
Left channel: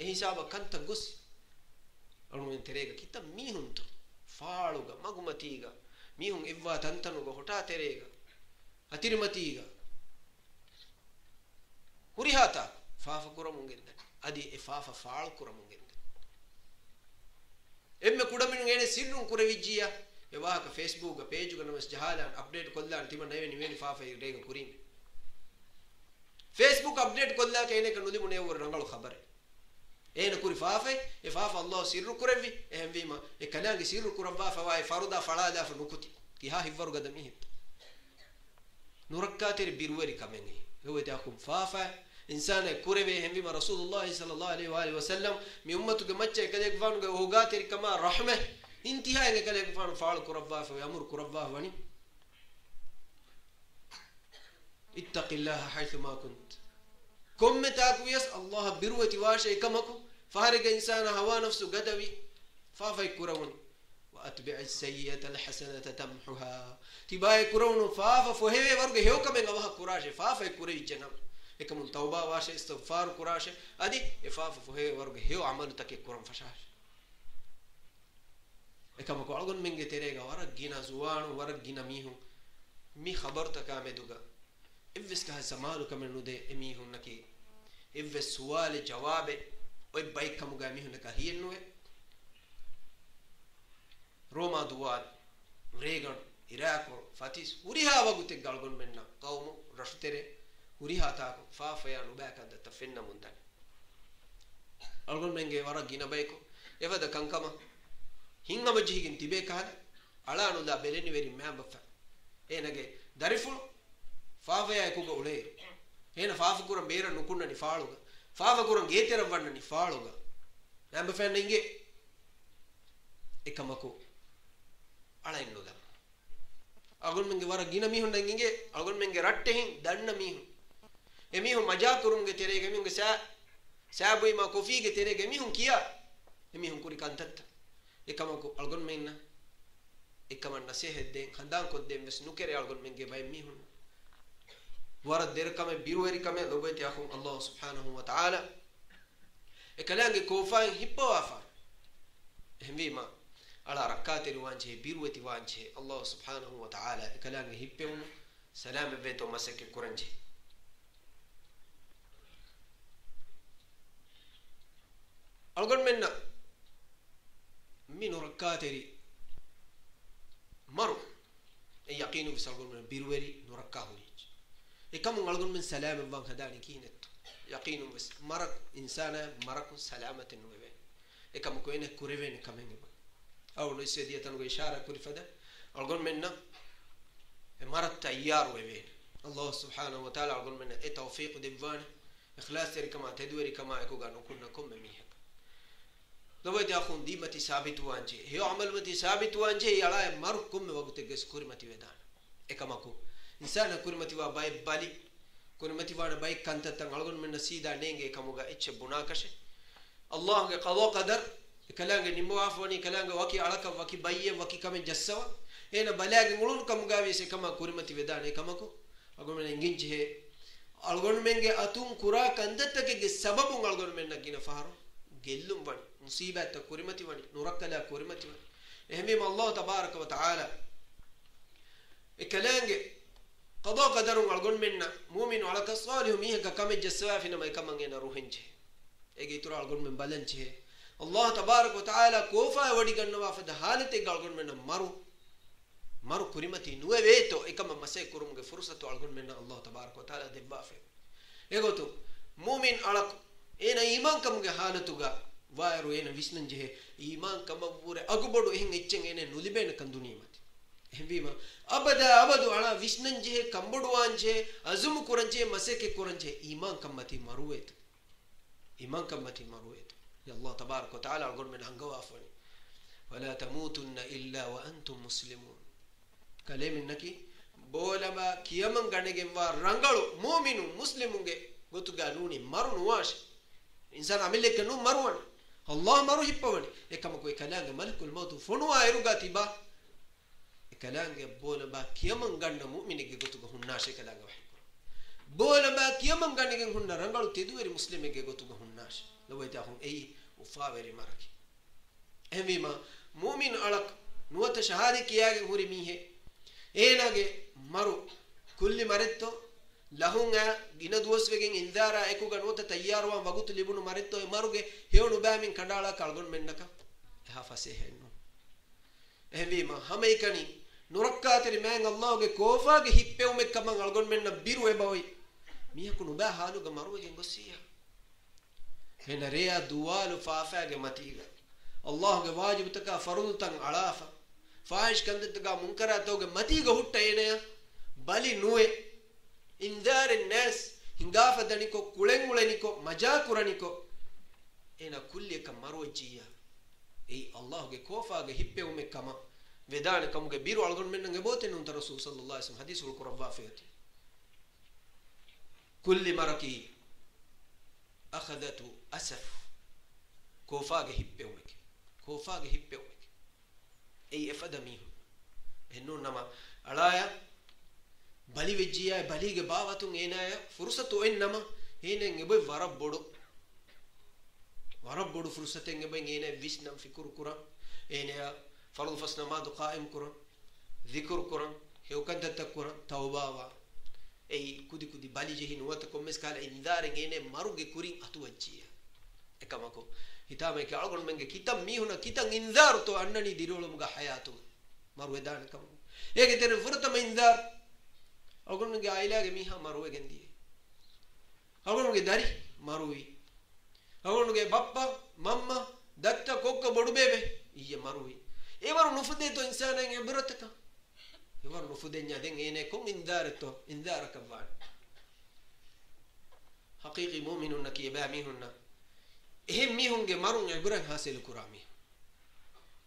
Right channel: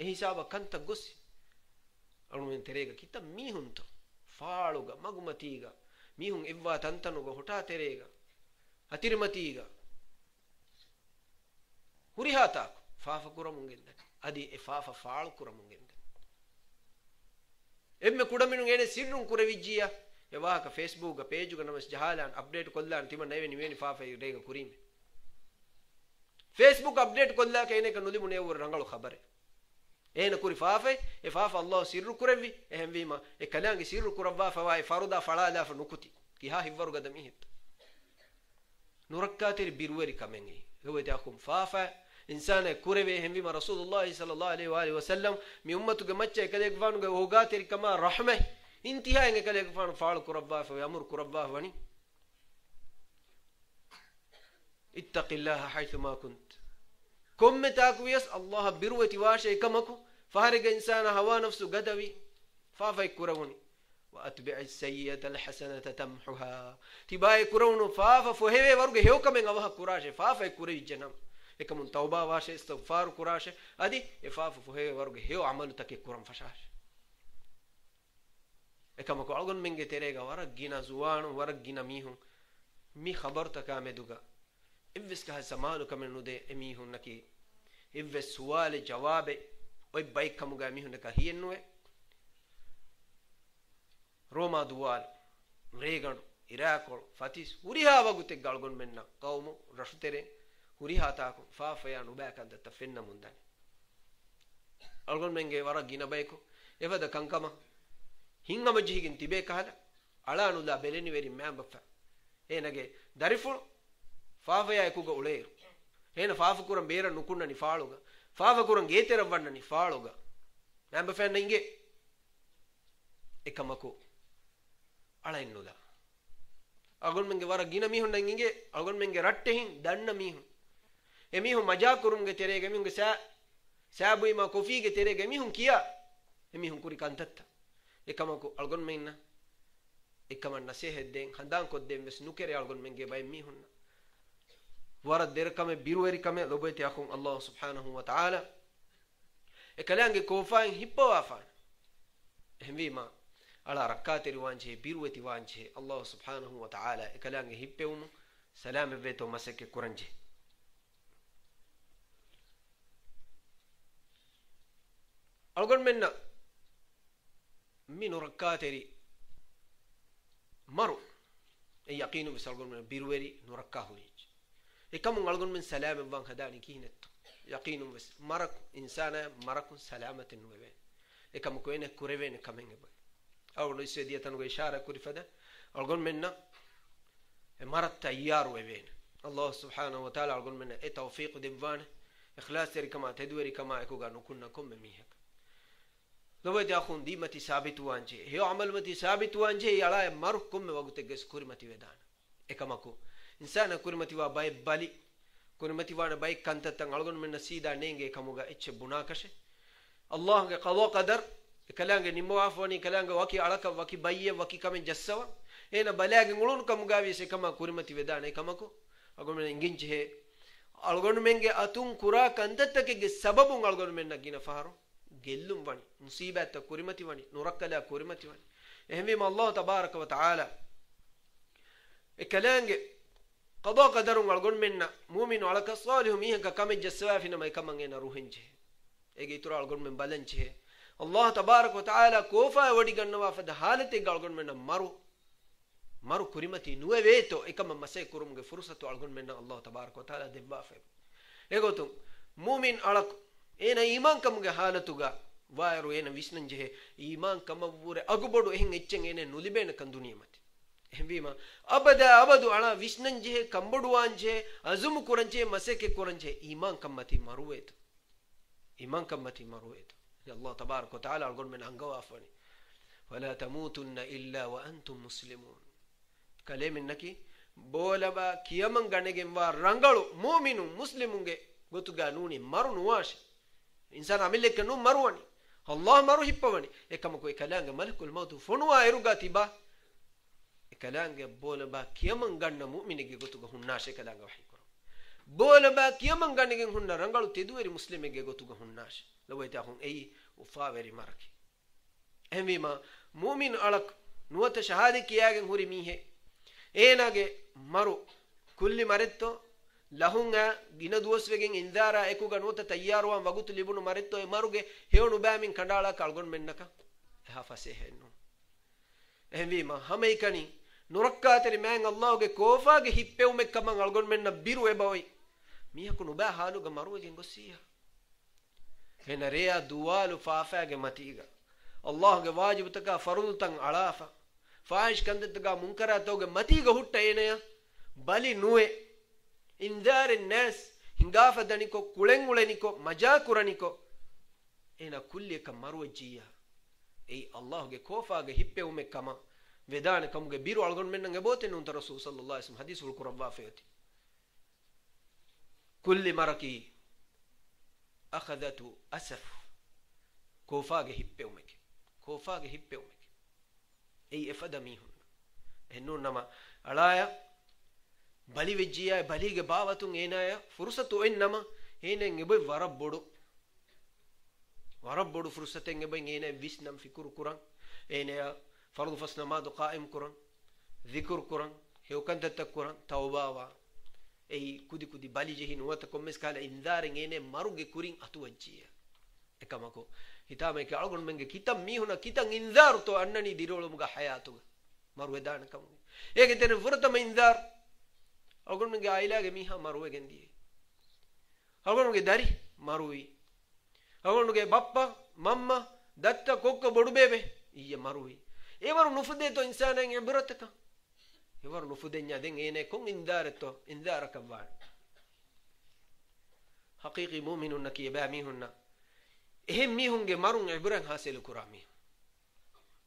إيه حسابا كنت غوسي أقول من تريغا كيتا ميهم تو فالوغا مغوماتيغا ميهم إبوا تنتنوغا هوتا تريغا أتيرماتيغا هوريهاتا فافا كرامون جدا adi efafa faal kuramungende emme kudaminu ene sirrun kuravijjiya ewaaka Facebook ga page ga namas jahalan update kollan tima neveni veni fafa irega kurime Facebook update kolla ke ene ka nuli mune wor rangalu khabare ene kuri fafa e fafa Allah sirru kuravi ehem vima e kalangi sirru kurava fa wa faruda falada fa nukuti ki ha hivvaru gadami hit nurakkatir birweri kamengi hewete akum fafa insana kurave ehem vima Rasulullah sallallahu alaihi wa alihi wasallam mi ummatu ga macce kadek vanu ga hogatir kama rahmah intiha enge kadek vanu faal kurava fa yamur kurava wani ittaqillaha haythu ma kunt كم تاكويس الله بروتي واشي كمكو فارق إنسان هوا نفسه قدوي فافا يكروني وأتبع السيئة الحسنة تمحها تبا يكرون فافا فهي ورغ هيو كمن غوها كراشه فافا يكري جنم ekam tauba washe istighfar kurashe adi efafu fuhe warge heo amalu take kuram fashash ekam ko algon menge terega warag gina zuwanu warag gina mihu mi khabar takameduga evvis ka samalu kamenude emihun naki evvis suwale jawabe oy bay kamuga mihun naka hiyenwe roma duwal regan iraqol fatis uriha wagute galgon menna qawmu rashutere uriha taako faafayanu baakada tafenna mundan algon menge warag gina bayko evada kankama hingama jihigin tibe kahada alanu la beleni veri mamba enage dariful faafaya ekuga uleeru ena faafu kuram beera nukunna ni faaluga faafa kuram geetera wanna ni faaluga mamba fenna inge ekamako ala innuda algon menge warag gina mihun nan inge algon menge ratte hin danna mihun emihu maja kurumge terege mihunge sabuima kofige terege mihun kiya emihun kuri kantatta ekamako algon menna ekaman nasehedden khandan kodden ves nukere algon menge bay mihun wara derkame biruweri kame lobeti akhum Allah subhanahu wa ta'ala ekalange kofain hippo afa hemvima ala rakateri wanje biruweti wanje Allah subhanahu wa ta'ala ekalange hippewunu salam veto masake kuranje algon menna minu rakateri maru e yaqinu bis algon men biruweri no rakahuri ekamu algon men salam van hadani kinet yaqinu bis marak insana marakun salamatin nuwe ekamu ko ene kurevene kamenge awlo isedi tanu go ishara kuri fada algon menna e marat tayyar wewe Allah subhanahu wa ta'ala algon menna e tawfiq divwan ikhlas teri kama tadwiri kama ekuga nukunna kum miha lobeti akhun dimati sabit wanje he amal mati sabit wanje yala markum wagute ges kurimati vedana ekamako insana kurimati wa bay bali kurimati wa bay kantatan algon men sida nenge kamuga ecce bunakashe Allah ge qada qadar kalange nimmo afoni kalange waki alaka waki bayye waki kamen jassawa ena balage ngulun kamuga wese kama kurimati vedana ekamako algon men nginje he algon menge atun kura kantatake ge sababun algon men nagina faharo gellum wani musibata kurimati wani nurakala kurimati wani ehmim Allah tabaraka wa taala ekalange qada qadarun algon menna mu'minu ala kasalihum ihka kame jaswafina may kamangena ruhinje ege itura algon men balanche Allah tabaraka wa taala kofa wadi gannawa fada halate algon menna maru kurimati nuwe veto ekama masay kurumge fursatu algon menna Allah tabaraka wa taala debbafe egotum mu'min alak ena iman kamuge halatuga wairu ena visnanje iman kamavure agubodu ehin echen ene nulibena kanduniyamati ehvima abadu ala visnanje kamboduwanje azum kuranje maseke kuranje iman kammati maruet ya Allah tabarak wa taala algon men angawa afani wala tamutunna illa wa antum muslimun kalemin naki bolaba kiyaman ganegen wa rangalu mu'minun muslimunge gotuga nuni marunu washi insan amileke nu marwani Allah maru hippawani ekam ko ekalanga malakul maut funwa eruga tiba ekalanga bola ba kiyaman ganna mu'minige gotuga hunnashe kalanga wahi koro bola ba kiyaman ganige hunna rangalu teduweri muslimege gotuga hunnashe lawayta hun ei ufaweri maraki emima mu'min alak nuwata shahade kiyage huri mihe enage maru kulli maretto lahunga gina duwaswegen indara ekuga nota tayyaruwan wagut libunu maritto e maruge hewnu baamin kandala kalgon mennaka ha fasehennu ehvima hameikani nurakkaateri men allahge kofaage hippeumek kaman algon menna biru e bawi mihaku nuba haluga marugen gossiya hena reya duwalu faafaage matiga allahge wajibutaka farudutan alafa faahish kandetaga munkaratoge matiga hutta eneya bali nuwe indare nas hingafa daniko kulenguleniko majakuraniko ena kulli ka marwajiya ei allahge kofaage hippeumek kama vedana kamuge biru algon mennange boten unta rasul sallallahu alaihi wasallam hadisul qurba fati kulli maraki akhadatu asaf kofaage hippeumek ei efada mihun ennu nama alaya bali vejjiya balige baawatun enaya fursatu ennama enen ebe warabbodu fursaten ebe ene visnam fikur kuran enaya fardu fasna madu qaim kuran dhikr kuran hewkan tatakkuran tawbawa ei kudi bali jehin wata kommes kala indaren ene maruge kurin atuwajjiya ekamako hitame ke algon menge kitam mihuna kitan indar to annani dirolumuga hayatu maru edana kam ege ten furtama indar algon menge ailage miha maru egendi algon menge dari marui algon menge bappa mamma datta kokka bodu bebe iye marui evaru nufude to insanen ebrotaka evaru nufudenya den ene kon indar to indar kavan haqiqi mu'minun nakiba mihunna ehem mihunge marun iburan hasil kurami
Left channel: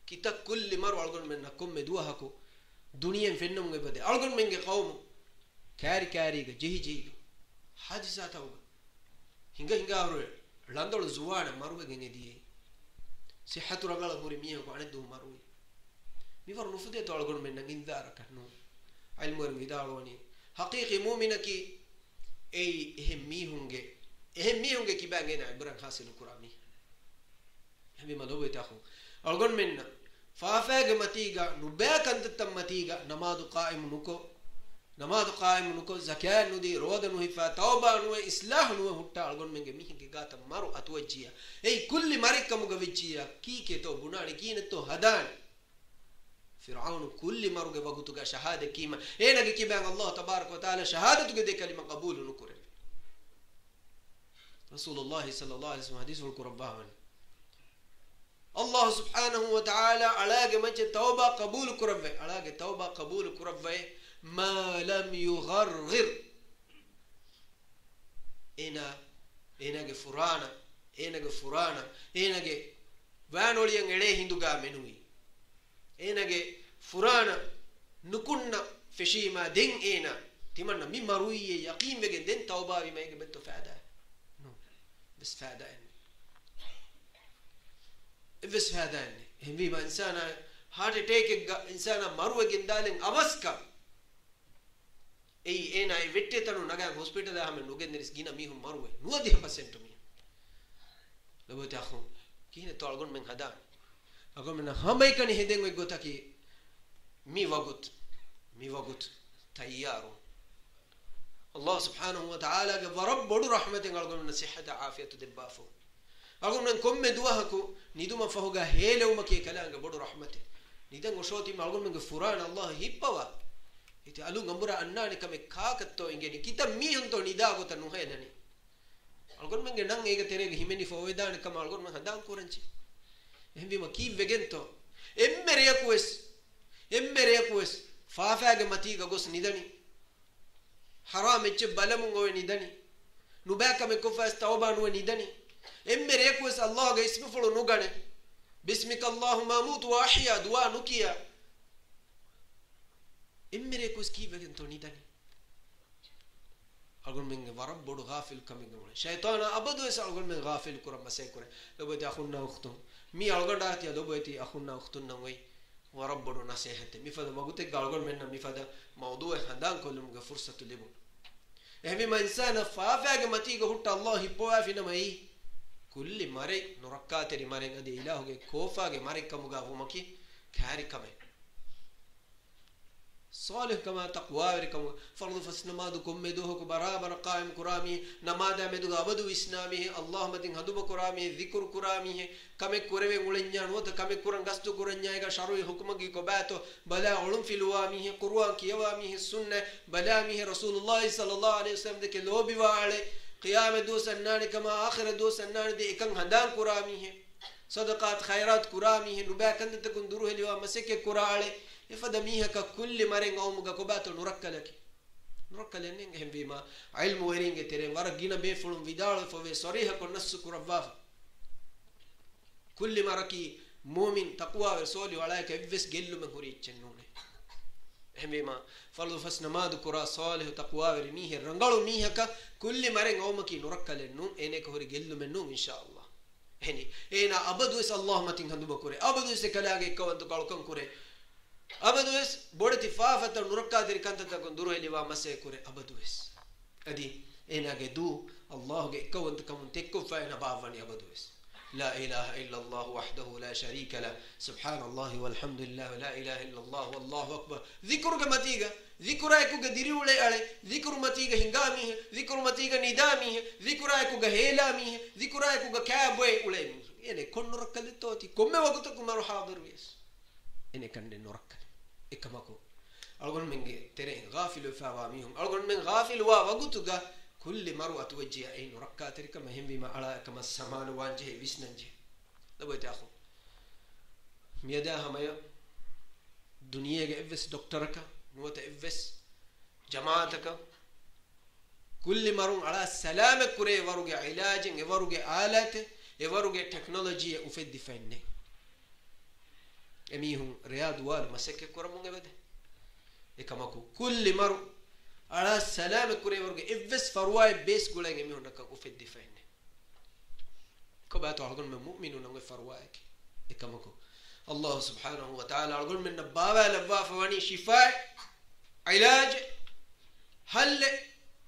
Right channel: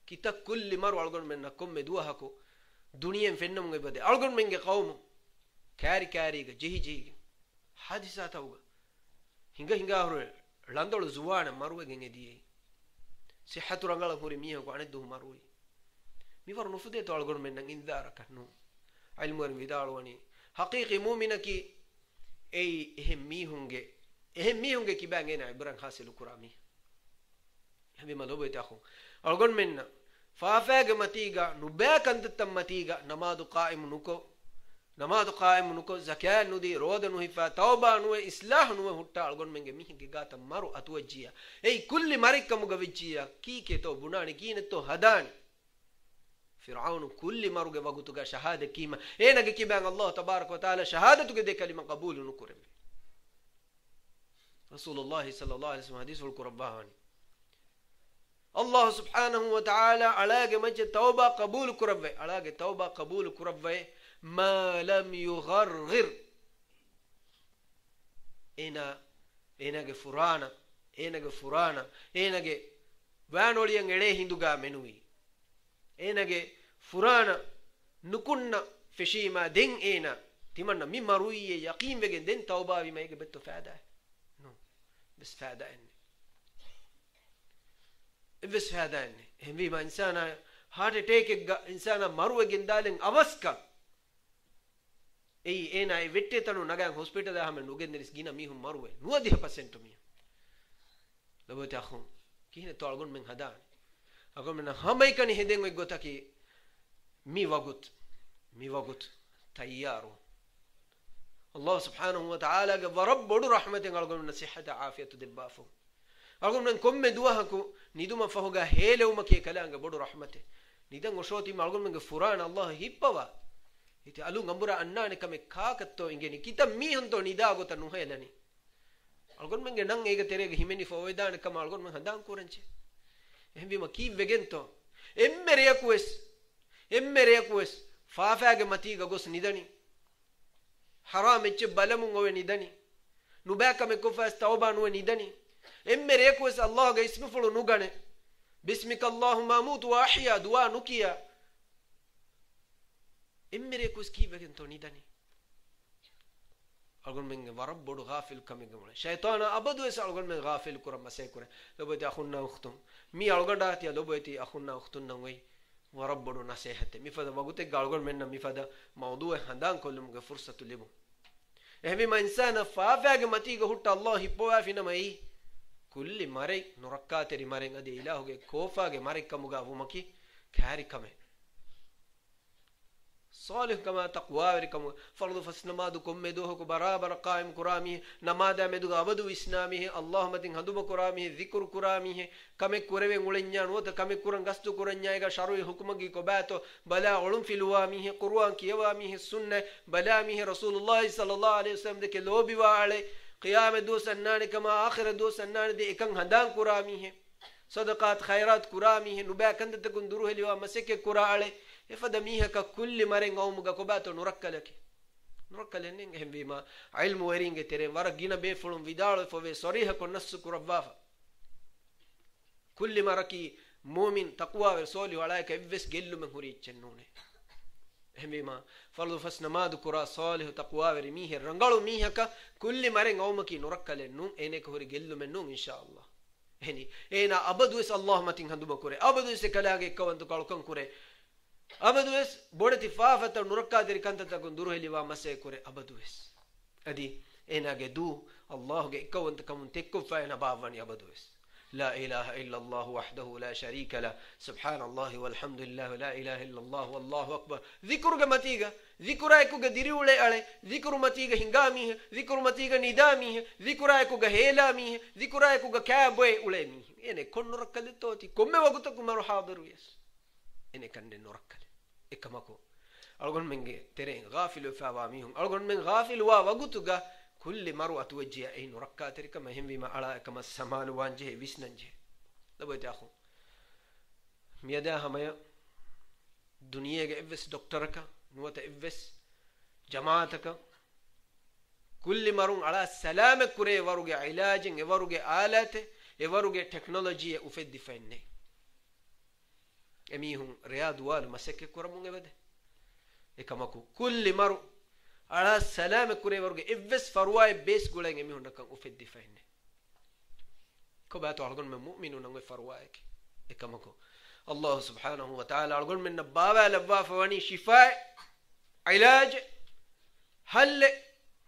kita kulli maru algon menna komme duahako duniyen fennum gebade algon menge qawmu kari ga jehi hadisa tawga hinga awre landolu zuwana maruwe gengedi sihhatu rangala hori miho ko anedu maruwe mi waru nufude to algon menna indara kannu ilmu wer vidalwani haqiqi mu'minaki ei ehem mihunge kibangena iburan hasil kurami habi madobe takhu algon menna faafaage matiga nubakantam matiga namadu qaim nuko zakat nudi roda nu hifa tauba nu islah nu hutta algon menge mihinge gata maru atwajjiya ei kulli marikam gavijjiya kike to bunani kine to hadan fir'aun kulli maruge wagutuga shahada kima enage kibang allah tabarak wa taala shahadatuge de kalima qabul nukure rasulullah sallallahu alaihi wasallam hadisul qurban allah subhanahu wa ta'ala alage majje tauba qabul kurave alage tauba qabul kurave ma lam yughargir enage vanoliyan ede hinduga menui enage furana nukunna feshima den ena timanna mi maruiye yaqin wegen den tauba wi mege betto faada no bes faada bes faada hembi ma insana heart attack insana maruwegen dalen avaska ei ena e vette tanu nagan hospital da hamen nugenderis gina mi hum maruwe nuadi 100% mi lobo ta khum kine to algon men hada agon men hamai kani heden we gotaki mi wagut tayyaru allah subhanahu wa ta'ala ga rabbudu rahmatin algon men sihhata afiyatu dibbafu algon men komme duwahaku niduma fahuga helewma ke kalanga bodu rahmate nidan oshoti algon men furana allah hippawa iti alu ngambura annane kame kaakatto ingeni kita mi honto nida gota nuhelani algon men nang ega terege himeni fowedane kam algon men hadan kuranchi ehbi ma ki vegento emmeriyakues faafaage matiga gos nidani haram ecce balamun owe nidani nubaka me kofas tauba nuwe nidani emmeriyakues allah ga ismi fulu nugane bismika allahumma amutu wa ahya duwa nukiya emmeriyakues ki vegento nidani algon men warab bodu ghafil kame gamle shaytana abadu es algon men ghafil kuram masay kure loboti akhunna ukhtum mi algoda ti loboti akhunna ukhtun nangoi warab bodu nasihate mi fada magute algon men mi fada mawdu handan kolum ga fursatu lebu ehmi ma insana faafaage matiga hutta allah hibwa fina mai kulli mare nurakateri mare adi ilahuge kofaage mare kamuga wumaki kari kame صالح كما تقوى وركم فرض فسنمادكم مدوه برابر قائم كرامي نماذا مدو أبدو إسلامه اللهم تين هدوب كرامي ذكر كرامي كم كوري مولنيان وت كم كورن غستو كورنيا شروي حكمك كباتو بلا علم في لوامه قرآن كيوامه السنة بلا مه رسول الله صلى الله عليه وسلم ذك لوبي وعلي قيام دو سنان كما آخر دو سنان دي إكن هندان كرامي صدقات خيرات كرامي نبا كند تكون دروه لوا مسك كرالي إفدميها ككل مرين أو مجاكوبات نركلك نينجهم بما علم ويرينج ترين ورجينا بيفلون فيدال فوي صريحة كنص كربافة كل مركي مؤمن تقوى ورسولي وعليك إفس جل من هوري جنونه هم بما فرض فسنما ذكر صالح تقوى ورميه رنقلو ميها كل مرين أو مكي نركل نوم إنك هوري جل من نوم إن شاء الله هني إنا أبدو إس الله ما تين هندو بكوري أبدو إس كلاعي كوان تقالكم كوري أبدو إس بودتي فافة نركا ذي كانت تكون دروه لوا مسي كوري أبدو إس أدي إنا جدو الله كوان تكون تكفى إنا بافني أبدو إس لا إله إلا الله وحده لا شريك له سبحان الله والحمد لله ولا إله إلا الله والله أكبر ذكر كمتيجا ذكر أيكو كديري ولا عليه ذكر متيجا هنگامي ذكر متيجا ندامي ذكر أيكو كهيلامي ذكر أيكو كابوي ولا مي يعني كن نركل توتي كم وقتكم مرو حاضر ويس يعني كن نركل إكماكو أقول من ترين غافل فاواميهم أقول من غافل وقتك كل مرة توجه أي نركات كما هم بما على كما السمان وانجه ويسنجه لبيت أخو ميدا همايا دنيا إفس دكتورك نوت إفس جماعتك كل مرة على السلامة كره وروج علاج وروج آلات وروج تكنولوجيا وفد فني أميهم رياض وال مسك كرمون بده إكماكو كل مرة على السلام كوري ورقة إفس فرواي بيس قولين يميون نكان أفيد دفعنا كباتو أقول من مؤمنون نقول فروايك إكمكو الله سبحانه وتعالى أقول من نبابة لبا فواني شفاء علاج حل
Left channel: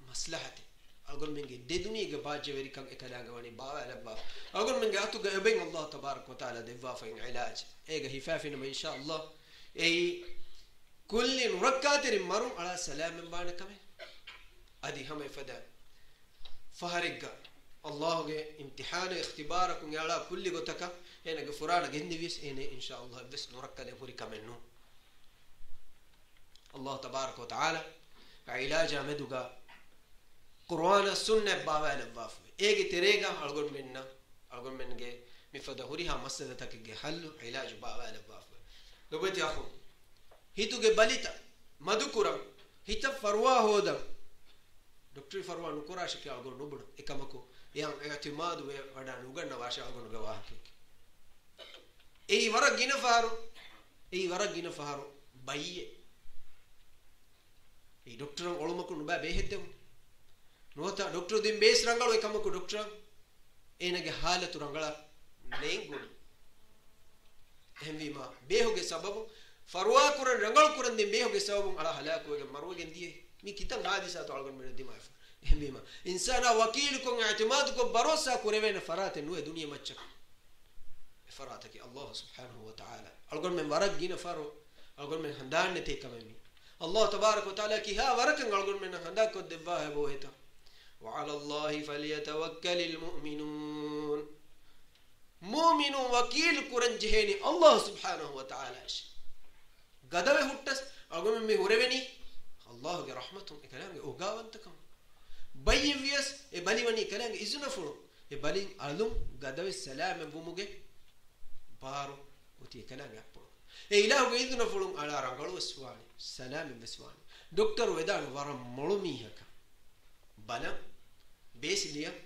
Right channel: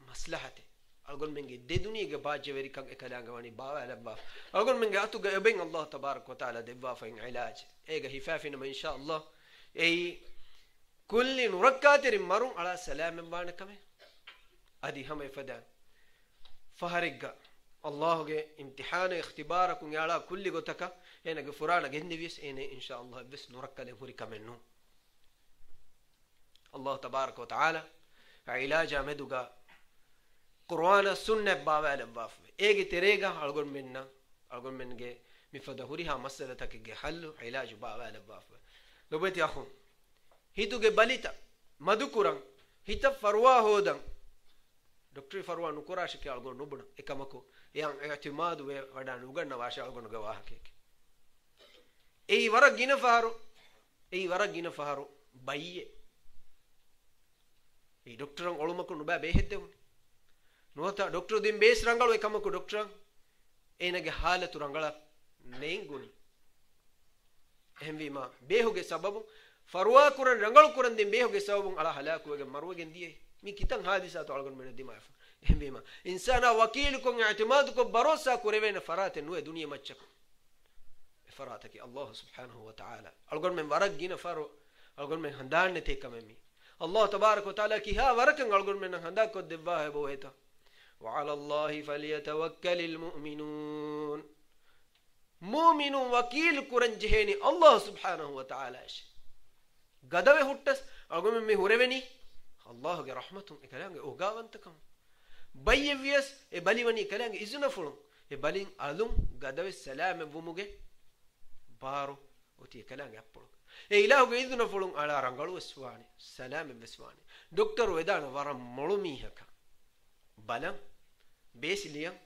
مصلحتي أقول من جد دنيا جباج وري كان إكلام جواني بابا لبا أقول من جاتو جابين الله تبارك وتعالى دبا فين علاج إيه هفافين ما إن شاء الله إيه كل نركاتر مرم على سلام بان كم أدي هم يفدا فهرجع الله جه امتحان اختباركم يلا كل قتك هنا جفرانا جندي بيس هنا إن شاء الله بس نركله هوري كمنو الله تبارك وتعالى علاج مدوجا قرآن السنة بابا لباف إيجي تريجا أقول من جه مفدا هوري ها مسألة تك حل علاج بابا لباف لو بيت أخو هيتوجي باليتا مدكورم هيتا فروا هودا دكتور فروا نكوراش كي أقول نبض إكماكو يعني اعتماد وهذا نوجنا واشة أقول نجواه كيك أي ورق جينا فهارو بايه أي دكتورم أولمكو نبأ بيهتهم نوتا دكتور دين بيس رانغالو إكماكو دكتور أي نجى حالة رانغالا نينغون هم بيما بيهوجي سببه فروا كورن رنگل كورن دين بيهوجي سببون على هلاكو وجه مروه جنديه مي كتان حادثات ألقون من الدماء هم بيما إنسان وكيلكم اعتمادكم بروسا كوربين فرات نوع دنيا متشك فراتك الله سبحانه وتعالى ألقون من ورق جينا فرو ألقون من هندان نتيك ممي الله تبارك وتعالى كي ها ورق ألقون من هنداك الدباه بوهتا وعلى الله فليتوكل المؤمنون مؤمن وكيل كورن جهني الله سبحانه وتعالى قدوه هوتس أقول من هوربني الله كرحمتهم كلام أوجاوانتكم بيفيس إباليوني كلام إزنا فلون إبالين ألوم قدوه السلام بوموجي بارو وتي كلام يقول إله إزنا فلون على رانغلو السواني سلام بسواني دكتور ودان ورم ملومي هكا بلام بيس ليام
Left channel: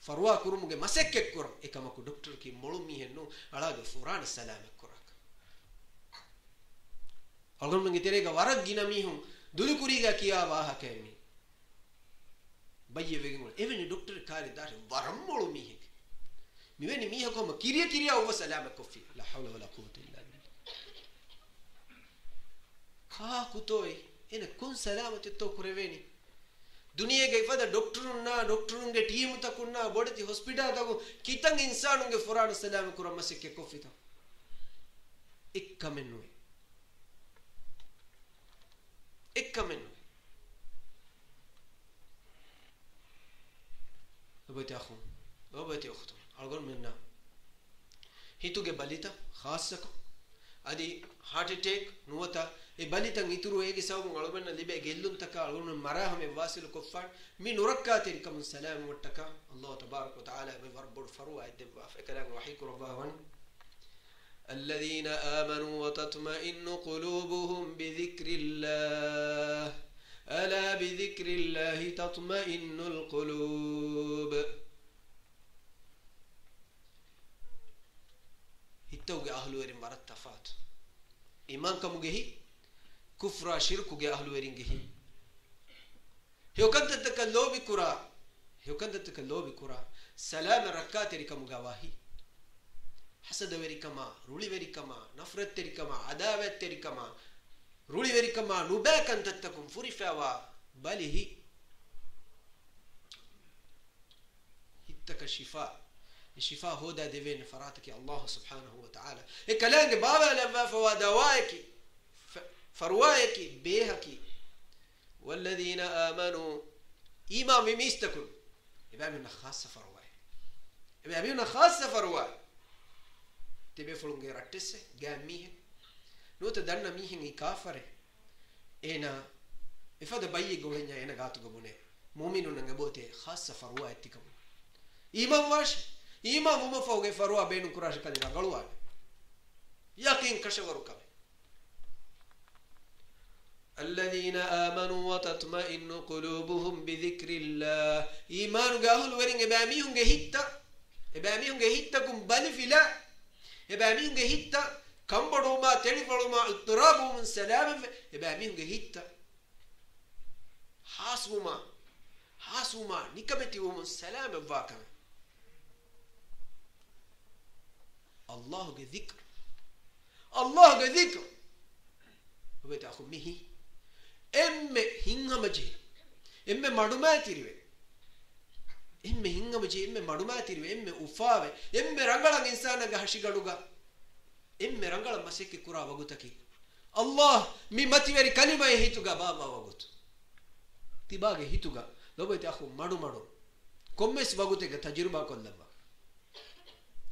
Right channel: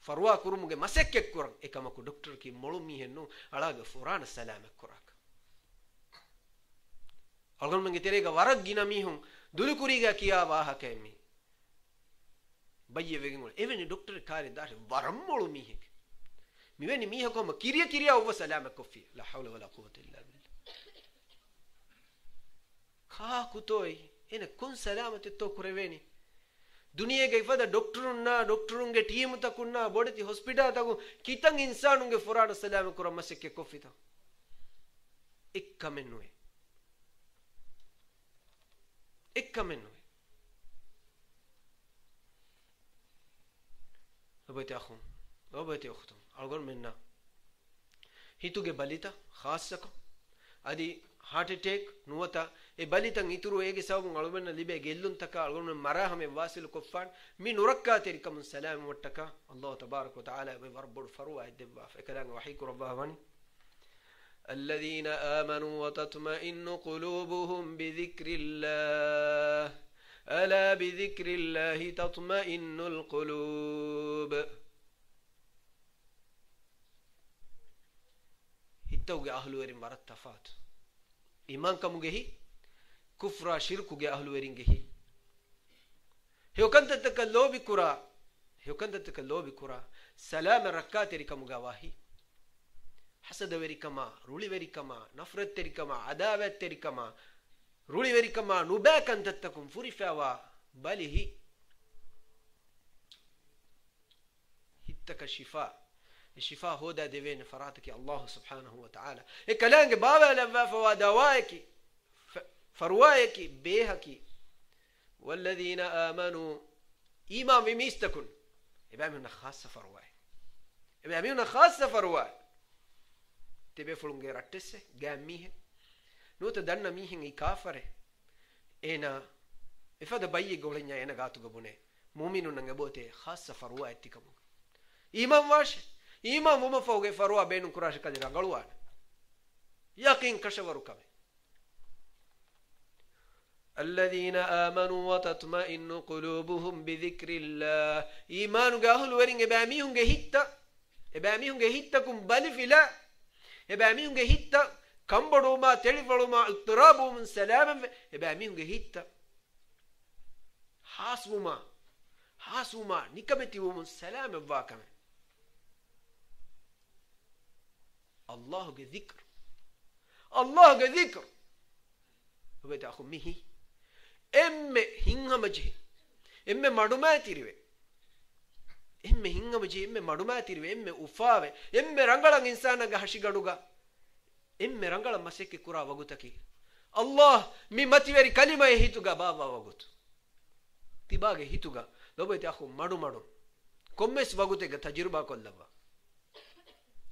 فروا كروموجي مسك كورم إكماكو دكتور كي ملومي هنو على فوران السلام كوراك أقول من كتيرة كوارق جينا ميهم دولي كوريجا كيا واه كمي بيجي بيجمول إيفن الدكتور كاري دار ورمولو ميهك ميوني ميهك هم كيريا هو سلامة كوفي لا حول ولا قوة إلا بالله خا كتوي إن كون سلامة تتو كريفيني دنيا كيف هذا دكتورون के टीम तक उन्ना बड़े थी हॉस्पिटल तक कितने इंसानों के फौरन सलाम करो मस्से के कोफी था एक कमेंट हुए ekkamen obete akhum obete ukhtum algon menna hituge balita khassako adi heart attack nuwata e balitan ituru ege sabun algonna libe gellun taka algonna marahame wasil kuffan min urakkatir kam salam wattaka allah tabarak wa taala be rabbul farwa idba fakalan wahiku rabbahan الذين آمنوا وتطمئن قلوبهم بذكر الله ألا بذكر الله تطمئن القلوب توجه أهل ورين مرات تفات إيمان كموجه كفر شرك جه أهل ورين جه هو كنت تكلو بكرة هو كنت تكلو بكرة سلام الركعات ركما جواهي حسد وريكما رولي وريكما نفرت وريكما عداوة وريكما رولي وريكما نبأ كنت تكون فريفوا بله هتك الشفاء الشفاء هو ده دين فراتك الله سبحانه وتعالى الكلام بابا لما فوا دواك فروايك بيهك والذين آمنوا إمام ميستكن يبقى من خاصة فرواي يبقى من خاصة فرواي تبي فلون غير أتسه جاميه نوت دارنا ميهن يكافره إنا إفاد بايي قولنا إنا قاتو قبونه مؤمنون نعبوته خاصة فرواي تكمل إمام واش إمام وما فوق فروا بين كراش كذا قالوان يقين كشورو كم الذين آمنوا وتطمئن قلوبهم بذكر الله إيمان قاهل ورين إباميهم جهيتا كم بالفلا إباميهم جهيتا كم بدوما تلفلوما اضطرابهم من سلام إباميهم جهيتا حاسوما نكمتيهم من سلام الواقع الله ذكر وبيت أخو ميه هنغم جي مدوما تيريوه هنغم جي مدوما تيريوه أفاوه رنگلان إنسانا هشي غدوغا رنگلان مسيكي كورا وغوتكي الله مي متيوري كلمة هيتوغا بابا وغوت تباغي هيتوغا وبيت أخو مدو كومس وغوتك تجربة كلها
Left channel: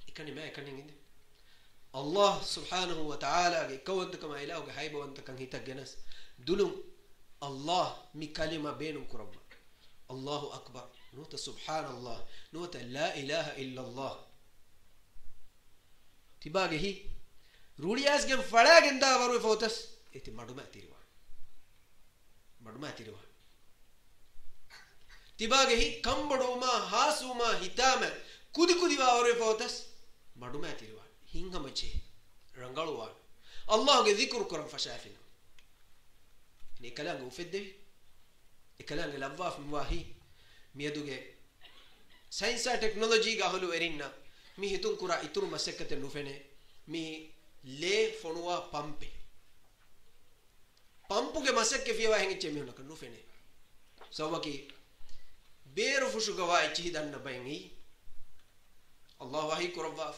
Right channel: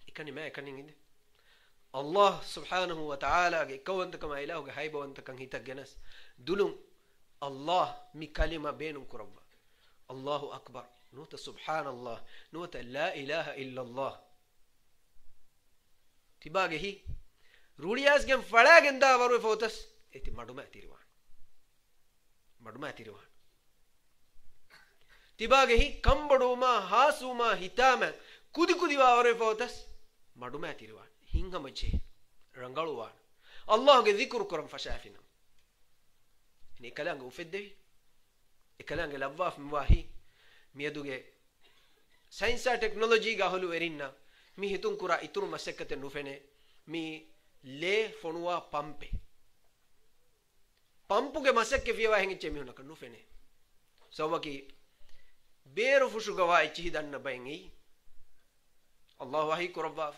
إكاني ما إكاني إنده الله سبحانه وتعالى كون كما إله جهيب وأنت كان هيتا جنس دلهم الله مكلمة بينهم كرب الله أكبر نوت سبحان الله نوت لا إله إلا الله تباعه هي رولياس جم فلا جندا ورو فوتس إتي مدوما تيروان تباعه هي كم بدوما هاسوما هتاما كودي ورو فوتس مدوما تيروان hinga mache rangaluwan Allah ge dhikru kuram fashafina ni kalanga ufedde ikalanga labwaf mwahi miyaduge science technology ga holu erinna mi hitun kura ituru masekkate nufene mi le fonwa pampuge masekke fiwa hengiche mi hunaka nufene sawaki beru fushu gawa ichi danna bayngi Allah wahi kurabaf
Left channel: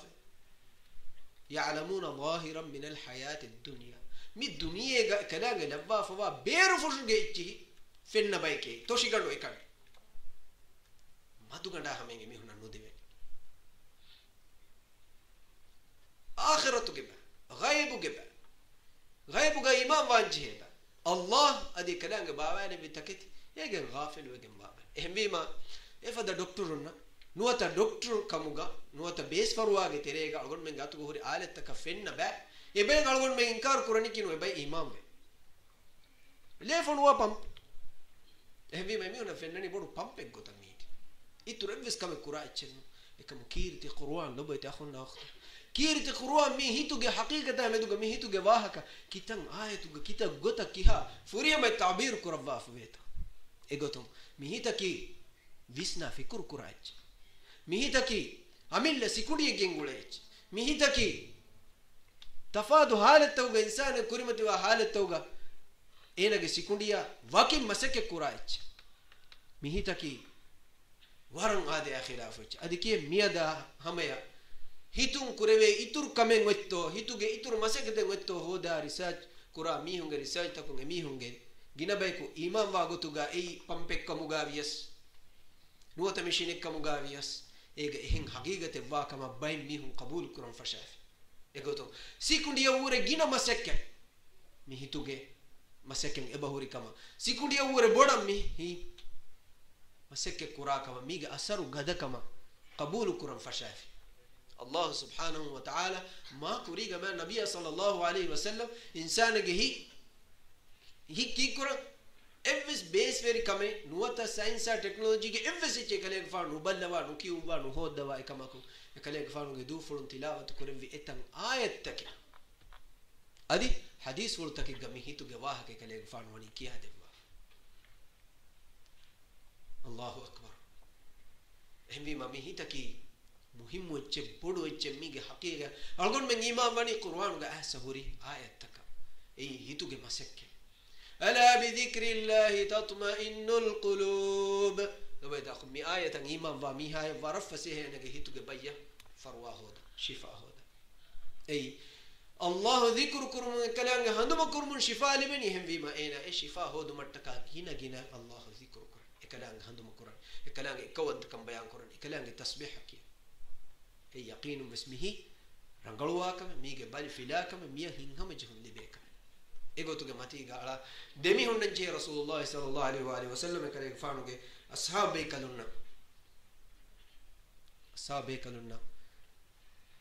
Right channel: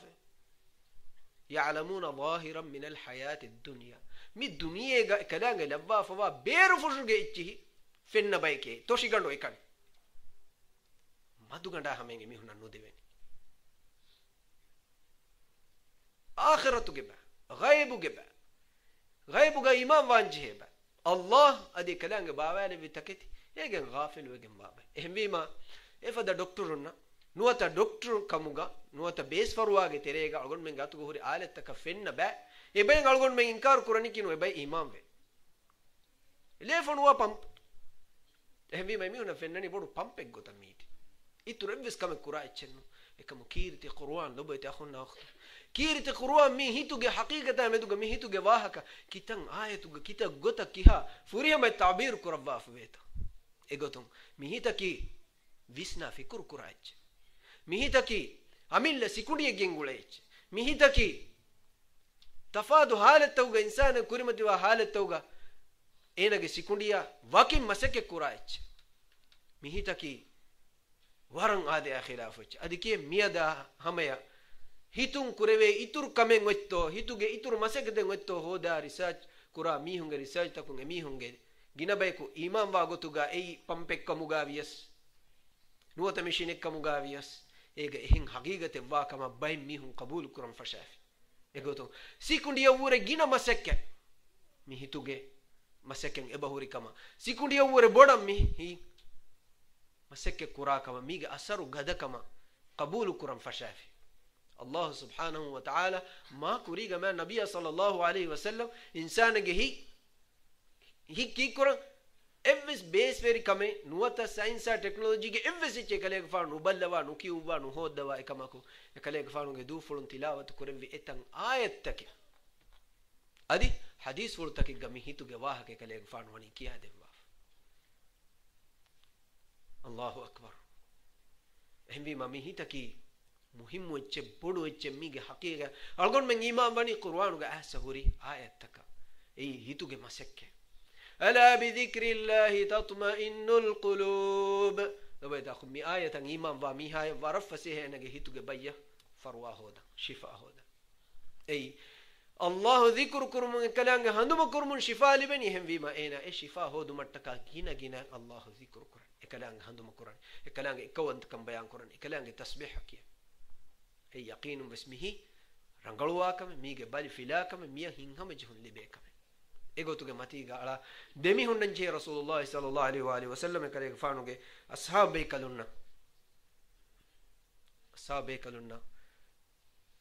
يعلمون ظاهرا من الحياة الدنيا من الدنيا كلام لبا فوا بيرو فشوجي فين بايكي توشي غندو إكان ما دو غندا همينغي مي هنا نوديبين آخرة جبا غيب جبا غا إمام وانجي با الله أدي كلام بابا اللي بتكتي يجن غافل ويجن بابا إهم بيما إفدا دكتورنا نوتا دكتور كموغا نوتا بيس فرواغي تريغا ألغون من غاتو غوري آلت تكا فن با إبين ألغون من إنكار كوراني كينو إباي إمام بي ليه فنوا پمپ إهم بيما ميونا فنني بورو پمپك غوتا ميت إتو ربس كامي كورا إچنو إكامو كيرتي قروان لبا يتأخونا أخت كيرتي قروان مي هيتوغي حقيقة ميدوغا مي هيتوغي واحكا كيتان آيتوغا كيتا غوتا كيها فوريا ما التعبير كوربا فبيتا إغوتم مي هيتا كي ويسنا في كور كورا إچ ميهتكي عمل سيكوني جنگوليج ميهتكي تفادو حالتوغا إنسان كريمتي وحالتوغا إنك سيكونيا واقع مسك كورايج ميهتكي وارن آده خلافج أديكي ميادا هميا هيتون كوريوي إتور كمين ويتو هيتوغي إتور مسك دين ويتو هودا ريسيرش كورا ميهونغ ريسيرش تكونغ ميهونغ ginabaiku iman wa gotuga ei pampekkamuga vias nuwata mishinekkamuga vias ega ehin haqiqate wa kama bay mihun qabul kuram fashafi egoto sikundiya ure gina masekke mi hituge masekken ebahuri kama sikundiya ure bodam mi hi masekke kura kama miga asaru gada kama qabul kuram fashafi Allah subhanahu wa ta'ala ma kuriga ma nabiyya sallallahu alayhi wa sallam insanage hi ki kura evvis base veri kame nuwata science and technology ge evvis che kale fa nu ballawa nu kiuwa nu hodawa ekamaku ekale fa nu ge du fulun tilawat kurevi etan ayat take adi hadith wal take gami hitu ge wah ke kale fa nu wani kiya dewa Allahu akbar ehmi mami hitaki muhim wacce bodu wacce mige haqiqa algon men imam bani qur'an ga asahuri ayat taka ei hitu ge masekke ala bi dhikrillahi tatma'innul qulub dobayda khumi ayatan imam wa mi hay warafase he nage hitu ge bayya farwa hoda shifa hoda ei Allah dhikru kurum kalanga handuma kurum shifa libani hem vima ena e shifa hodu mattaka gina gina Allah dhikru kurum e kalanga handuma kurum e kalanga ikawant kam bayan kurum e kalanga tasbih hakiya e yaqinu bismihi rangaluwa kam mige bali filakam miya hinhama jihun libekam egotuge matiga ala demi hundan je rasulullah sallallahu alaihi wa sallam kale faanuge ashabe kalunna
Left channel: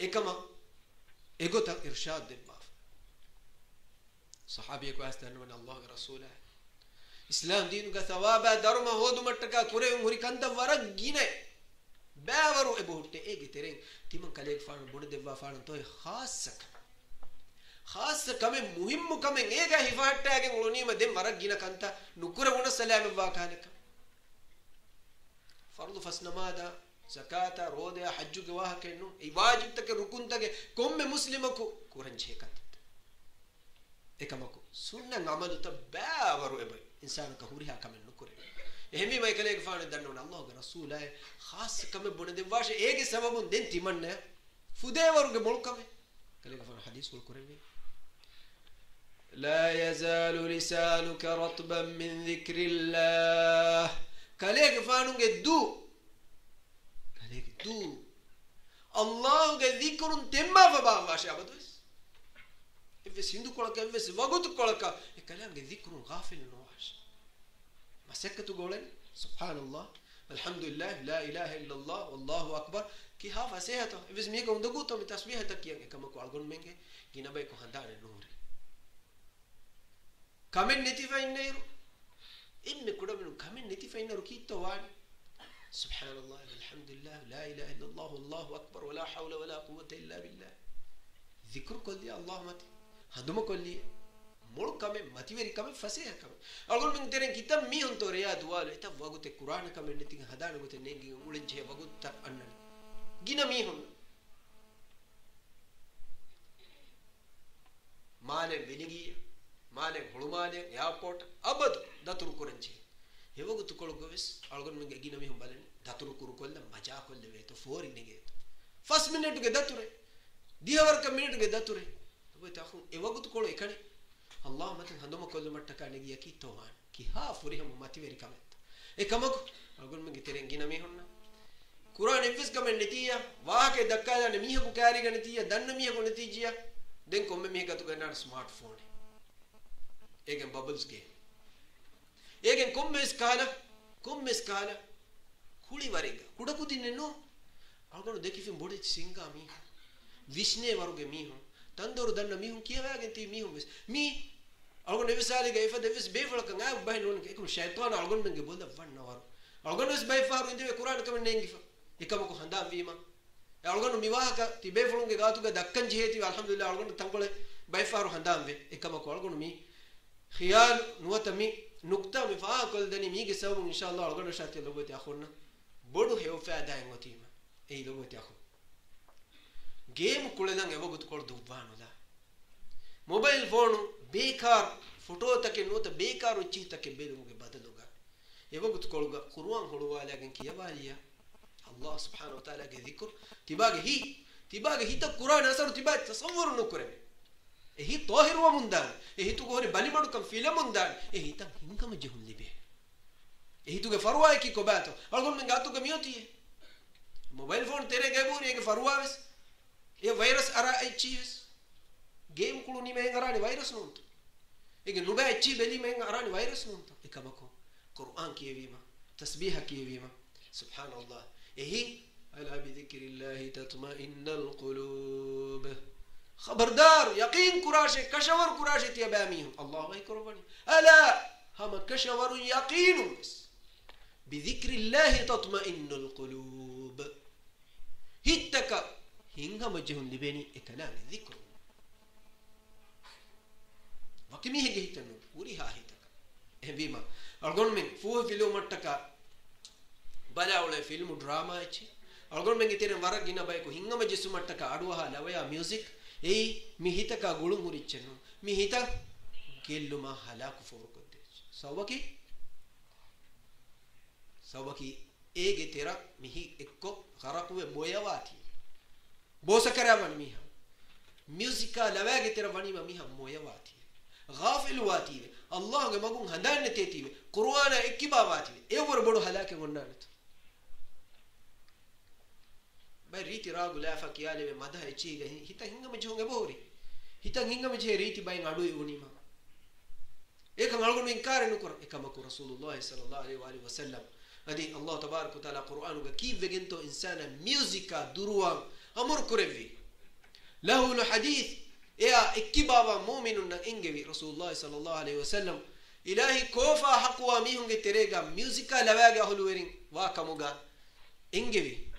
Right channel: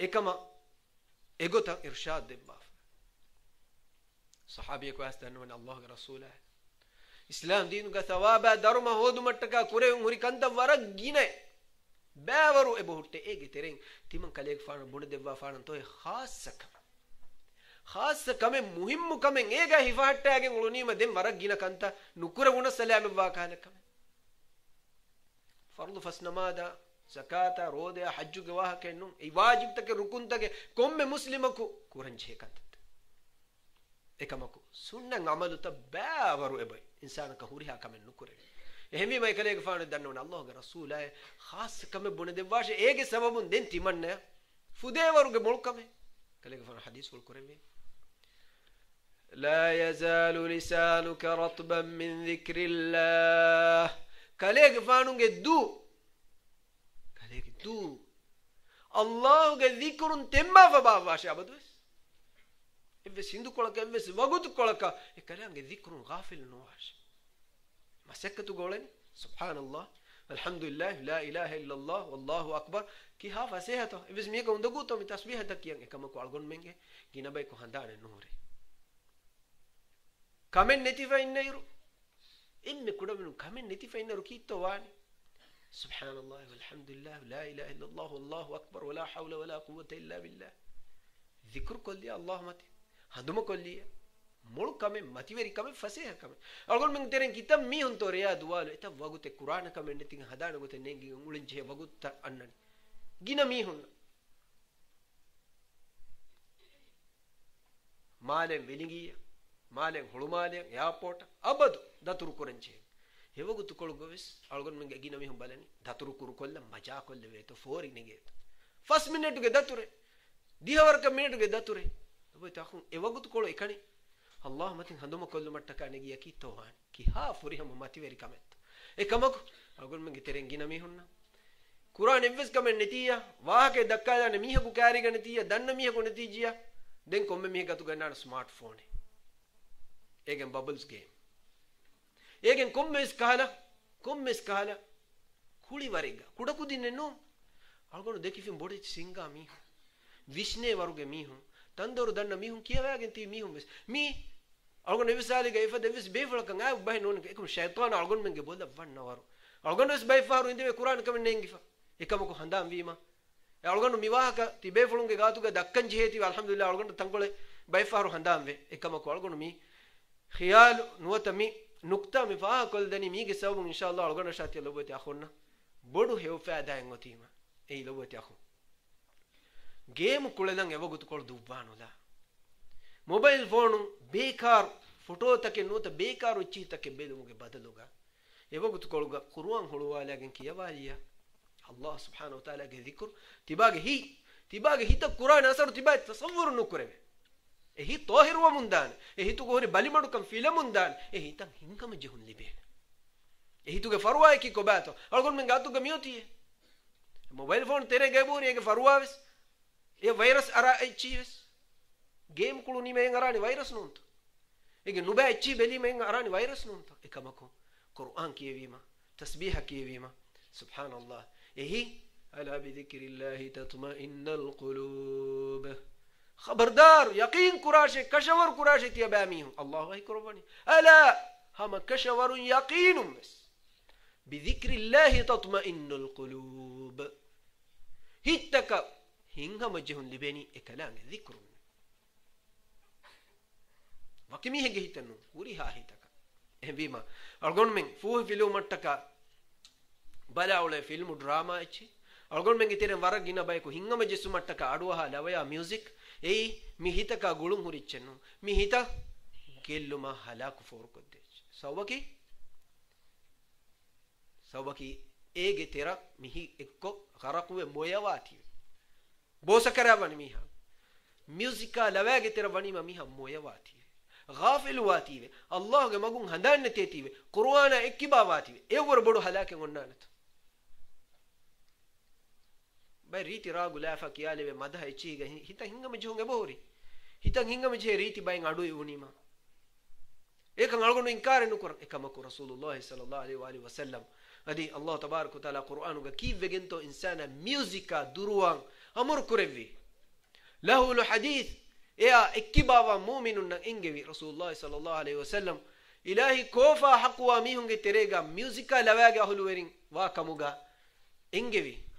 ekama egota irshad debba sahabiye ko astanu an Allah rasula islam dinu ga thawaba dharma hodu mattaka kure muri kanta warag gine bævaru e bohutte ege tereng timan kale faanu bun debba faanu toy khas kame muhimmu kame ega hifahattagen ulunima dem warag gina kanta nukura guna salam wa kalakam fardu fasnamada zakata rode hajju ge waha kennu e wajib take rukun take komme muslimaku kuranche kanta ekamaku sunna amalu tabawaru e bay insana ka huriha kame nukure ehmi mai kale ge faanu dannu Allah ge rasul ay khas kame bun debba she ege sababun den timanne fudewaru ge mulkame kale ge faanu hadith kul kurebe لا يزال لسانك رطبا من ذكر الله كاليك فانونج دو الله ذكر تما فبابا شابدوس إفس هندو كولك إفس وقت كولك كلام ذكر غافل نواش ما سكتوا قولين سبحان الله الحمد لله لا إله إلا الله والله أكبر كي هافا سيهاتو إفس ميكا وندقوتو بتسبيح تكيان كما كو ألغون منجي كينا بايكو هندان النوري كمن نتيفا إنيرو إن كودمنو كمن نتيفا إنيرو كيتو واني سبحان الله والحمد لله لا إله إلا الله والله أكبر ولا حول ولا قوة إلا بالله ذكر كل الله متي هندوم كل مول كمن متي ويري كمن فسيه كمن أقول من ترين كتاب ميهون توريا دوالو إتا وقت القرآن كمن نتين هدان وقت نيجي ولنجه وقت أنن جينا ميهون مالن بيلينجيا malen hulumalen airport abadu daturu korenche hewagu tukol govis algon menge gina mi humbalani daturu kuru kolla maja kolle veto fori nigeto first minute ge dature dihawar ka minute ge dature tobe takhun ewagu tukol ekani Allah matin handuma kollu mattaka negiya ki tohan ki ha fori hum mati veri kamet ekamak algon menge teren gina mi honna Quran evs kamen netiya waake dakkala ne mihaku kari ga netiya danna mihaku netiya den komme miha gatu ganna smartphone egen bubbles game egen komme skala kuli wariga kudaku dinenno algonu dekifim bodi singa mi vishne waruge mi hu tandoru danna mi hu kiyawagen ti mi hu mi algonu evsali ga ifad evs befala kan ay bahin non ekum shaytan algonu menge bolda vanna waru algonu es bay faru inde Quran kamen nengifa ekamuko handam vima algonu miwahaka ti befulunge gatu ga dakkan jiheti alhamdulillah algonu tangole bay faru handam ve ekamuko algonu mi خيال نوتمي نقطة مفاها كل دني ميجي سووا إن شاء الله أرجعنا شاتي لبوتي أخونا بدو هيو فادا إنغوتيما أي لبوتي أخو جيم كلنا نعيبو قط كل دوبانو دا موبايل فون بيكار فوتو تكي نوتا بيكار وشي تكي بيدو مكي بدلوغا يبو قط كل قرآن هلوا لكن كي يباليا الله سبحانه وتعالى ذكر تباغي هي تا قرآن أسر تباغي تصور نكره ehi tohiruwa mundan ehi tu gore balimadu kam filamundan ehi tan hingama jehun libe ehi tuge farwa ki ko bato algon men gatu ga mioti mobile phone tere gebuni ege farwa ves e virus ara echives game kulu ni men arani virus nunto ege nuba echi beli men arani virus nunto ekamako Qur'an kiyevima tasbiha kiyevima subhanallah ehi ala bi dhikrillahi tatma'innul qulub خبردار يقين كراشه كشور كراشه تيباميهم الله يكرمني ألا هم كشور يقين بس بذكر الله تطمئن القلوب هتك هنهم جهن لبني كلام الذكر وكمي هي هتنو وريها هتك هم بيما أرجون من فوه فيلم متك بلا ولا فيلم دراما إيش أرجون من كتير ورق جينا بايكو هنهم جسم متك أدوها لويا ميوزك ei mi hitaka gulum hurichenno mi hita kelluma halaku forkotte sawbaki ege tera mihi ekko kharaquwe moyawati bosa karavan miha musica lawage tera vanima miha moyawati ghafil wati allah ge magun handanne tetive qur'ana ekkibawati ewor bodu halake onnanato bay riti ragu lafa kiyale be madha echiga hita hingama jhonge bori hita hingama je riti bay ngadu unima ekan algonu inkar nukor ekamaku rasulullah sallallahu alaihi wa sallam adi allah tabarak wa taala qur'anu ga kivegento insana musica duruwan amur kurevi lahu al hadith ya ikibaba mu'minun ingevi rasulullah sallallahu alaihi wa sallam ilahi kofa haqwa mihunge terega musica lawaga huluwerin wa kamuga ingevi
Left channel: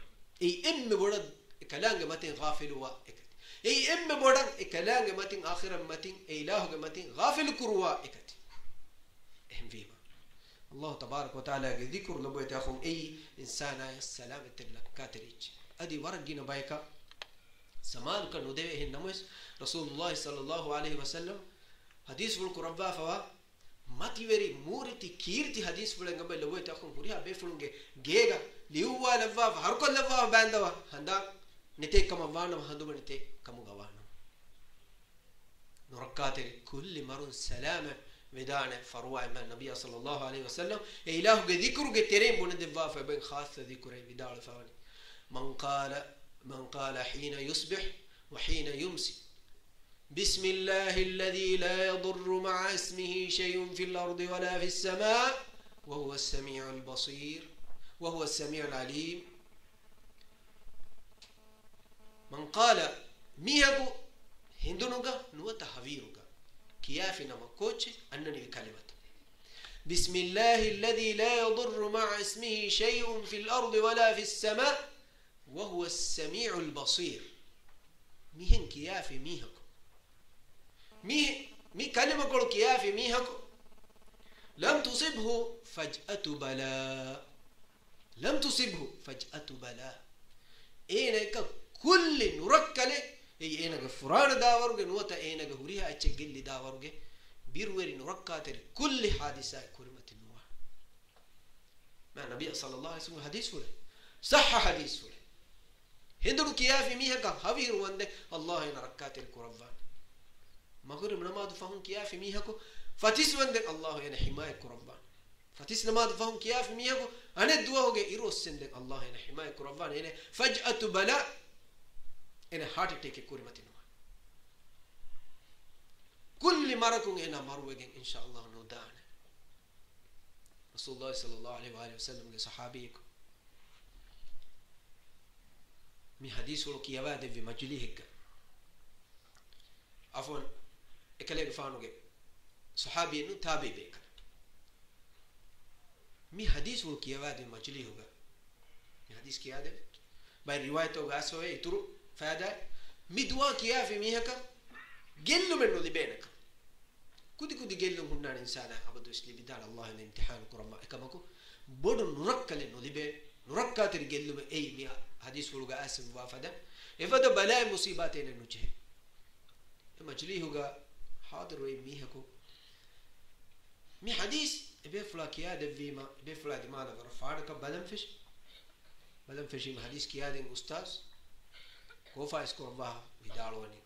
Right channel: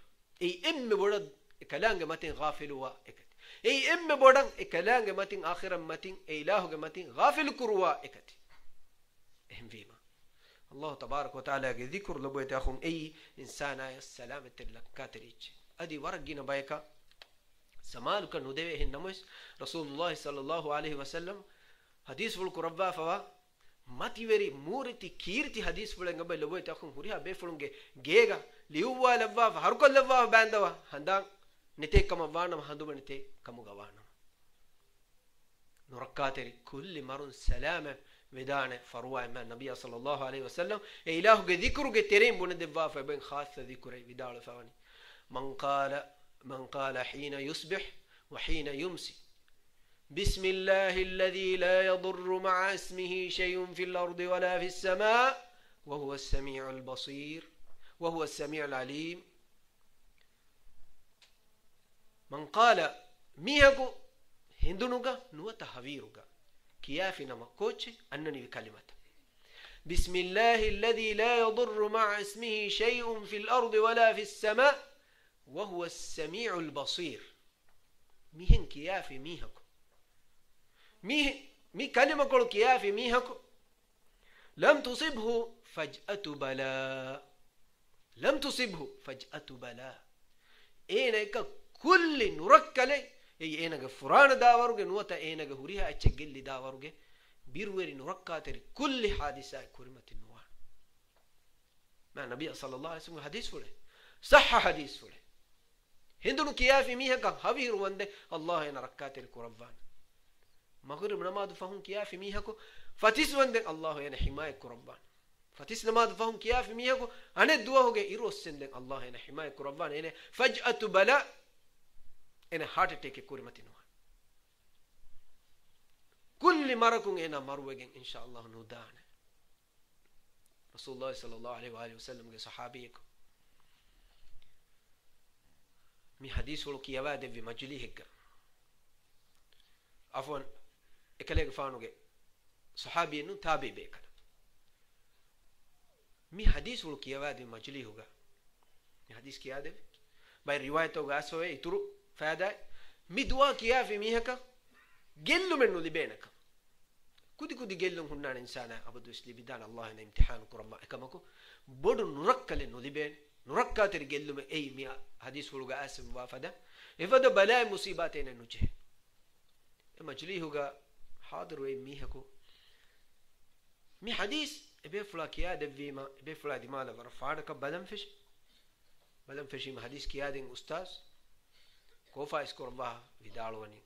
ei emme bodan kalange matin ghafil wa ekati ei emme bodan kalange matin akhiran matin ilahu matin ghafil kurwa ekati ehm vima allah tabarak wa taala ge dhikr labo takhum ei insana salamat lakatrich adi waragina bayka samal ka nudeve hin namus rasulullah sallallahu alaihi wasallam hadith wal qurba fa mativeri muriti kirti hadith fulenga be labo takhum huriha be fulunge gega liuwa lavva harkol lavva bandawa handa nite kama wana haduba nite kamu gawana nurakateri kulli marun salama vedane farwa ma nabiy sallallahu alaihi wasallam e ilahu ge dhikru ge terem bun devva fa ben khas dhikru vidal fawani man qala hina yusbih wa hina yumsi بسم الله الذي لا يضر مع اسمه شيء في الأرض ولا في السماء وهو السميع البصير وهو السميع العليم من قال ميهو هندونوغا نوتا هافيروغا كيافنا مكوتش أنني بكلمة بسم الله الذي لا يضر مع اسمه شيء في الأرض ولا في السماء وهو السميع البصير ميهن كيافي ميهكو مي كلمة قول كيافي ميهكو لم تصبه فجأة بلاء لم تصبه فجأة بلاء إنك كل نركله إنك فران داورك نوتا إنك هريها أتشجل داورك بيروي نركاتر كل حادثة كريمة النوح مع النبي صلى الله عليه وسلم حديث فله صح حديث فله هندو كيافي ميها كهافير وند الله ينركاتر كربان مغرب نماذج فهم كيافي ميها كو فتيس وند الله ين حماية كربان فتيس نماذج فهم كيافي ميها كو أنا الدعاء هو إيروس سندن الله ين حماية كربان ين فجأة بلاء ين هارت أتاك كريمة النوح كل مرة كون ين مروجين إن شاء الله نودان رسول الله صلى الله عليه وآله وسلم كصحابيك مي حديث ولو كياباد في مجليه عفوا إكليك فانوجي صحابي إنه تابع بيك مي حديث ولو كياباد في مجليه هوجا مي حديث كيادة باي رواية هوجا سوى يترو فهذا مي دعاء كيا في ميهكا جلوا منه لبينك كودي جلوا هنا إنسانا أبدو إسلي بدال الله إن امتحان كرما كماكو بدو نركل إنه لبين نركات الجلوا من أي مي حديث ولو قاسم وافدا إفدا بلاء مصيباتين النجح مجليه هوجا حاضر وين ميهكو مي حديث بيفلا كيادة فيما بيفلا دماغ فرفعك بدنفش ما حديث كيادة أستاذ كوفا إسكوربا بدالواني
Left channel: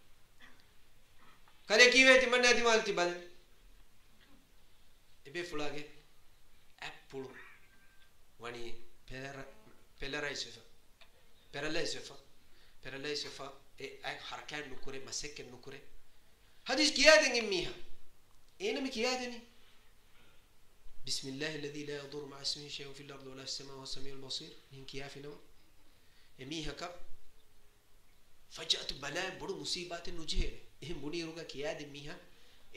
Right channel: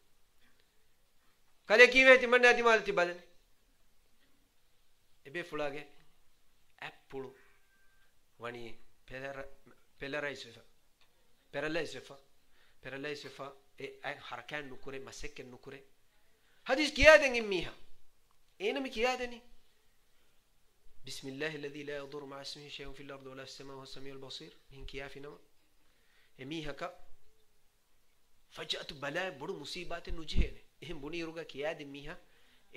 kale kiwe timanna timalti badan ebe fulage apple wani paralyze fa e ay harakan nukure masekken nukure hadis kiyaden immiha enami kiyadeni بسم الله الذي لا يضر مع اسمه شيء في الأرض ولا في السماء وهو السميع البصير إن كيافي نما إميها كا فجأة بلاء بدو مصيبات نجيه إهم بني روجا كياد إميها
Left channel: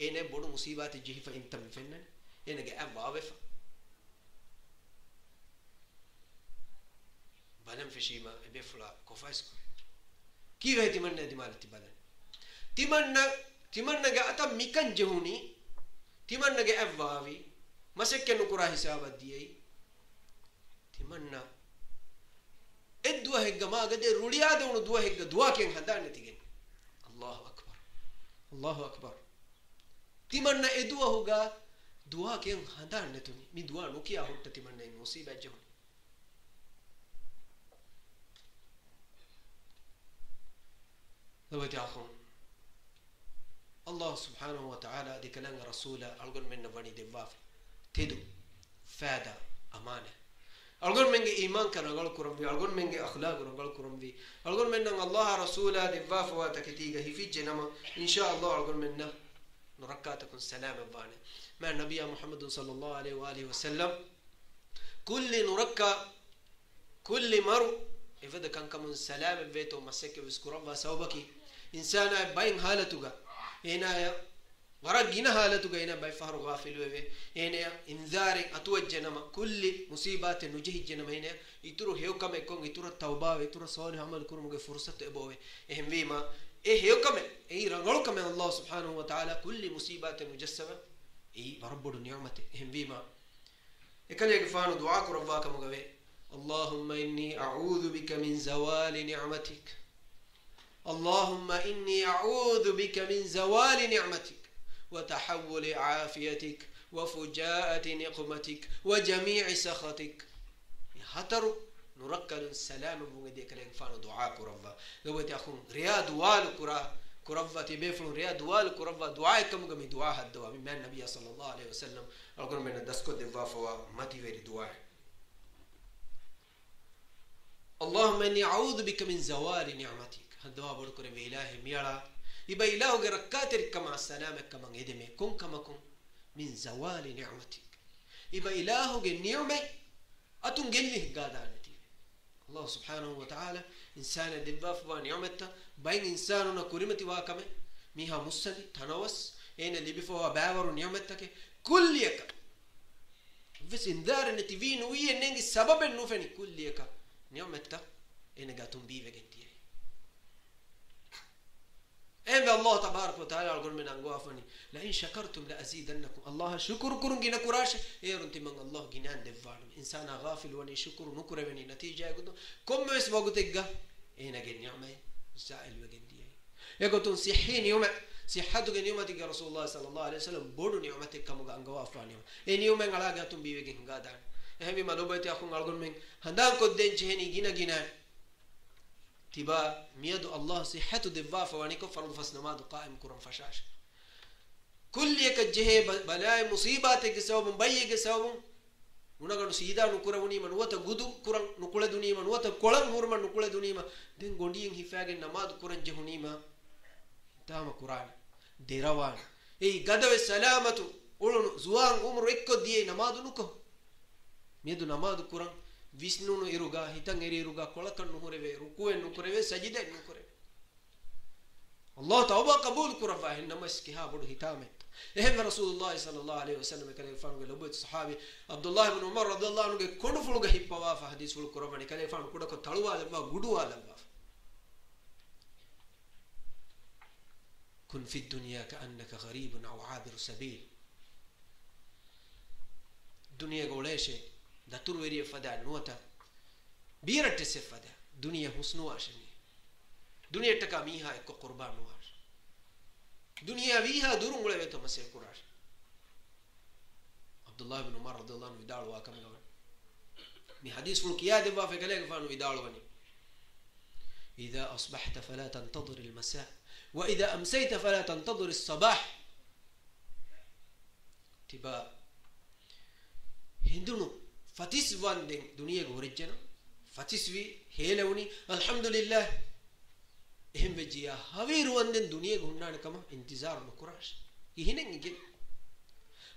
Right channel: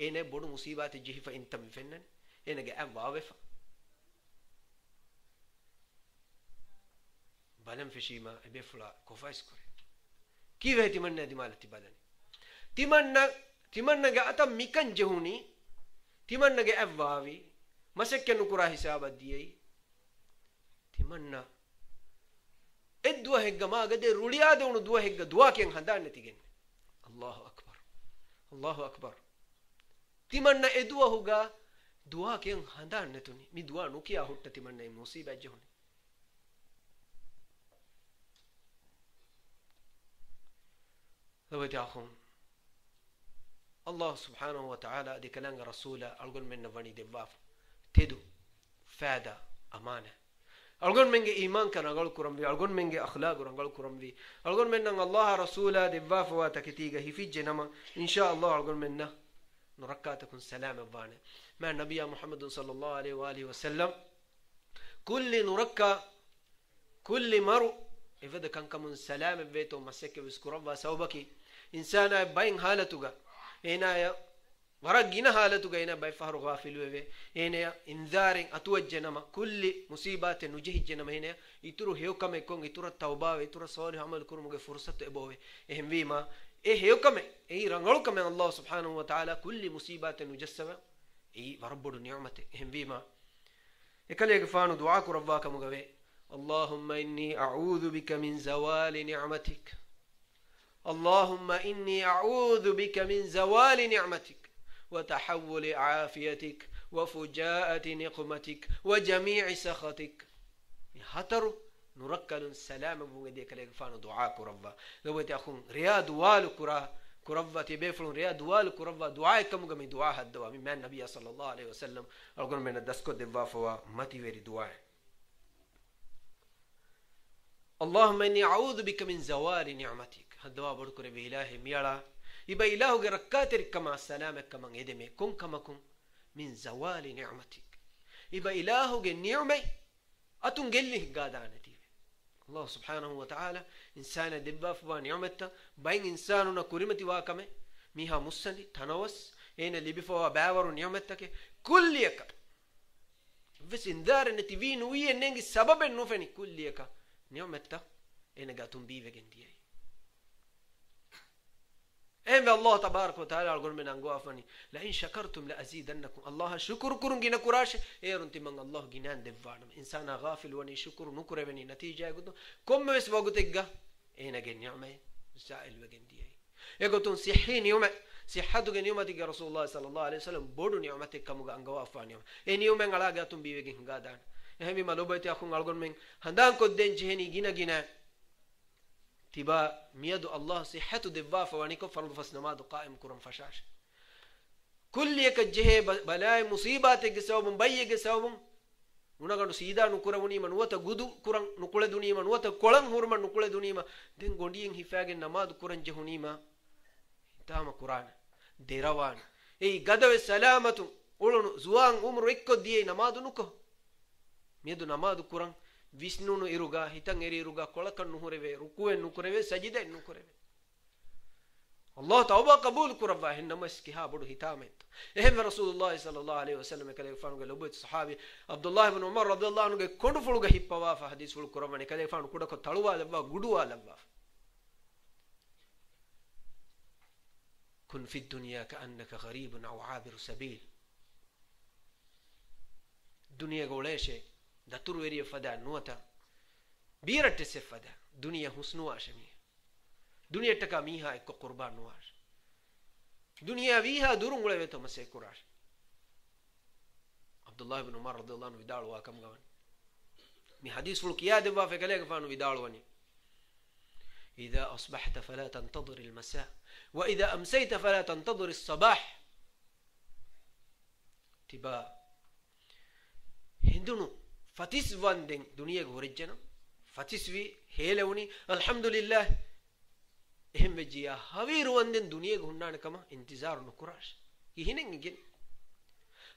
إنه بدو مصيبات جيه فإن تم فنن إنه جاء واقف بلم في شيء ما أبي فلا كوفايس كوري كيف هي تمنى دمالة تبادن تمنى جاء أتا ميكان جهوني تمنى جاء واقف مسك نكرا حساب الديي تمنى الدوا هيك ما قد روليا دون دوا هيك دوا كين هندان نتيجن الله أكبر الله أكبر تمنى الدوا هوجا دوا كين هندان نتوني مي دوا نوكيا هوت تمنى مصيبة جهون لو تأخون الله سبحانه وتعالى دي كلام رسوله أقول من نفني دباف تدو فادا أمانة أقول منك إيمان كان أقول كرم في أقول منك أخلاق أقول كرم في أقول من الله رسوله دباف واتكتيجه في جنما إن شاء الله أقول منا نركاتكم سلام بانه مع النبي محمد صلى الله عليه وآله وسلم كل نركا كل مرو إذا كان كمن سلام بيته مسك بسكرم وسوبكي إنسان باين حالتوجا هنا ورجينا حالتوجا هنا باي فهر غافل ويه هنا إنذار أتوجهنا كل مصيبات نجيه جنما هنا يترو هيو كم يكون يترو توبة يترو صار عمل كرمه فرصة أبوه إهم بيما هيو كم رنغلو كم الله سبحانه وتعالى كل مصيبات نجسمه برب نعمته إهم بيما يكل يقفانو دعاء ربك مجوي اللهم إني أعوذ بك من زوال نعمتك اللهم إني أعوذ بك من زوال نعمتك وتحول عافيتك وفجاءة نقمتك وجميع سخطك هتر نركض السلام بودي كلام فانو دعاء كربا لو تأخون رياض وال كربا تبيفلون رياض وال كربا دعاء كم جمي دعاء الدعاء من النبي صلى الله عليه وسلم أقول من الدسكو دفافوا ما تيجي دعاء اللهم إني أعوذ بك من زوال نعمتك الدعاء بقول بإله ميلا يبقى إله جركاتر كما السلام كما يدمي كن كما كن من زوال نعمتك يبقى إله النعمة أتنجله قادانتي الله سبحانه وتعالى إنسان دباف ونعمته بين إنساننا كريمتي واكمه ميها مسني تناوس هنا اللي بيفوا باور نعمتك كل يك بس إنذار النتيفين ويا ننجي سبب النوفني كل يك نعمته هنا قاتم بيه جنتيه إن الله تبارك وتعالى أقول من أنقوافني لئن شكرتم لأزيدنكم الله شكر كرن جنا كراش رنتي من الله جنان دفعنا إنسان غافل وني شكر نكره وني نتيجة يقولون كم بس وقتك هنا جن نعمة سائل وجنديه يقولون صحين يوم صحتك يوم تيجي رسول الله صلى الله عليه وسلم بدو نعمتك كم أنقوافني إن يوم على قاتم بيجين قادان هم ما لو بيتي أخون أقول من هندان كدين جهني جنا تبا ميادو الله صحته دفافة وانيكو فرض فسنماد قائم كرم فشاش كل يكجه بلاي مصيباتك سوبن بيك سوبن ونغنو سيدا نكره ونيما نوتا غدو كرن نكله دنيما نوتا كولن هورما نكله دنيما دين غوندين هيفاغ نماد كرن جهنيما تام قران ديروان اي غدو سلامته اولن زوان عمر اكو دي نماد نكو ميادو نماد كرن विष्णु इरुगा हितंग इरुगा कोलकन नुहरेवे रुकुए नुकरेवे सजिदे नुकरेवे अल्लाह तौबा कबूल कुरवा है नमस की हा बड़ हितामेत एहम रसूलुल्लाह सल्लल्लाहु अलैहि वसल्लम कले फान गले लोबत सहाबी अब्दुल्लाह इब्न उमर रदियल्लाहु अन्हु के कोड फुल गे हिप्पवा हदीस फुल कुरवाने कले फान कुड को तळुवा लब्बा गुडुवा लब्बा कुन फी दुनिया कअन्नक गरीब औ आबिर सबील दुनिया गोलेशे دتور وريه فدا نوتا بيرت سفدا دنيا حسنوا شمي دنيا تكا ميها اكو قربان نواش دنيا فيها دورون غلبه تمسي كراش عبد الله بن عمر رضي الله عنه يدال واكم غوان مي حديث القياد وافق عليه فانو يدال وني اذا اصبحت فلا تنتظر المساء وإذا أمسيت فلا تنتظر الصباح تبا هندونو فتيس واندين دنيا غورجنا فتيس في هيلوني الحمد لله එහෙම බෙජියා හවීරුවන්ෙන් දුනියේ ගුණානකම ඉන්තිසාර නොකරාش ඉහිනෙන් ඉගෙන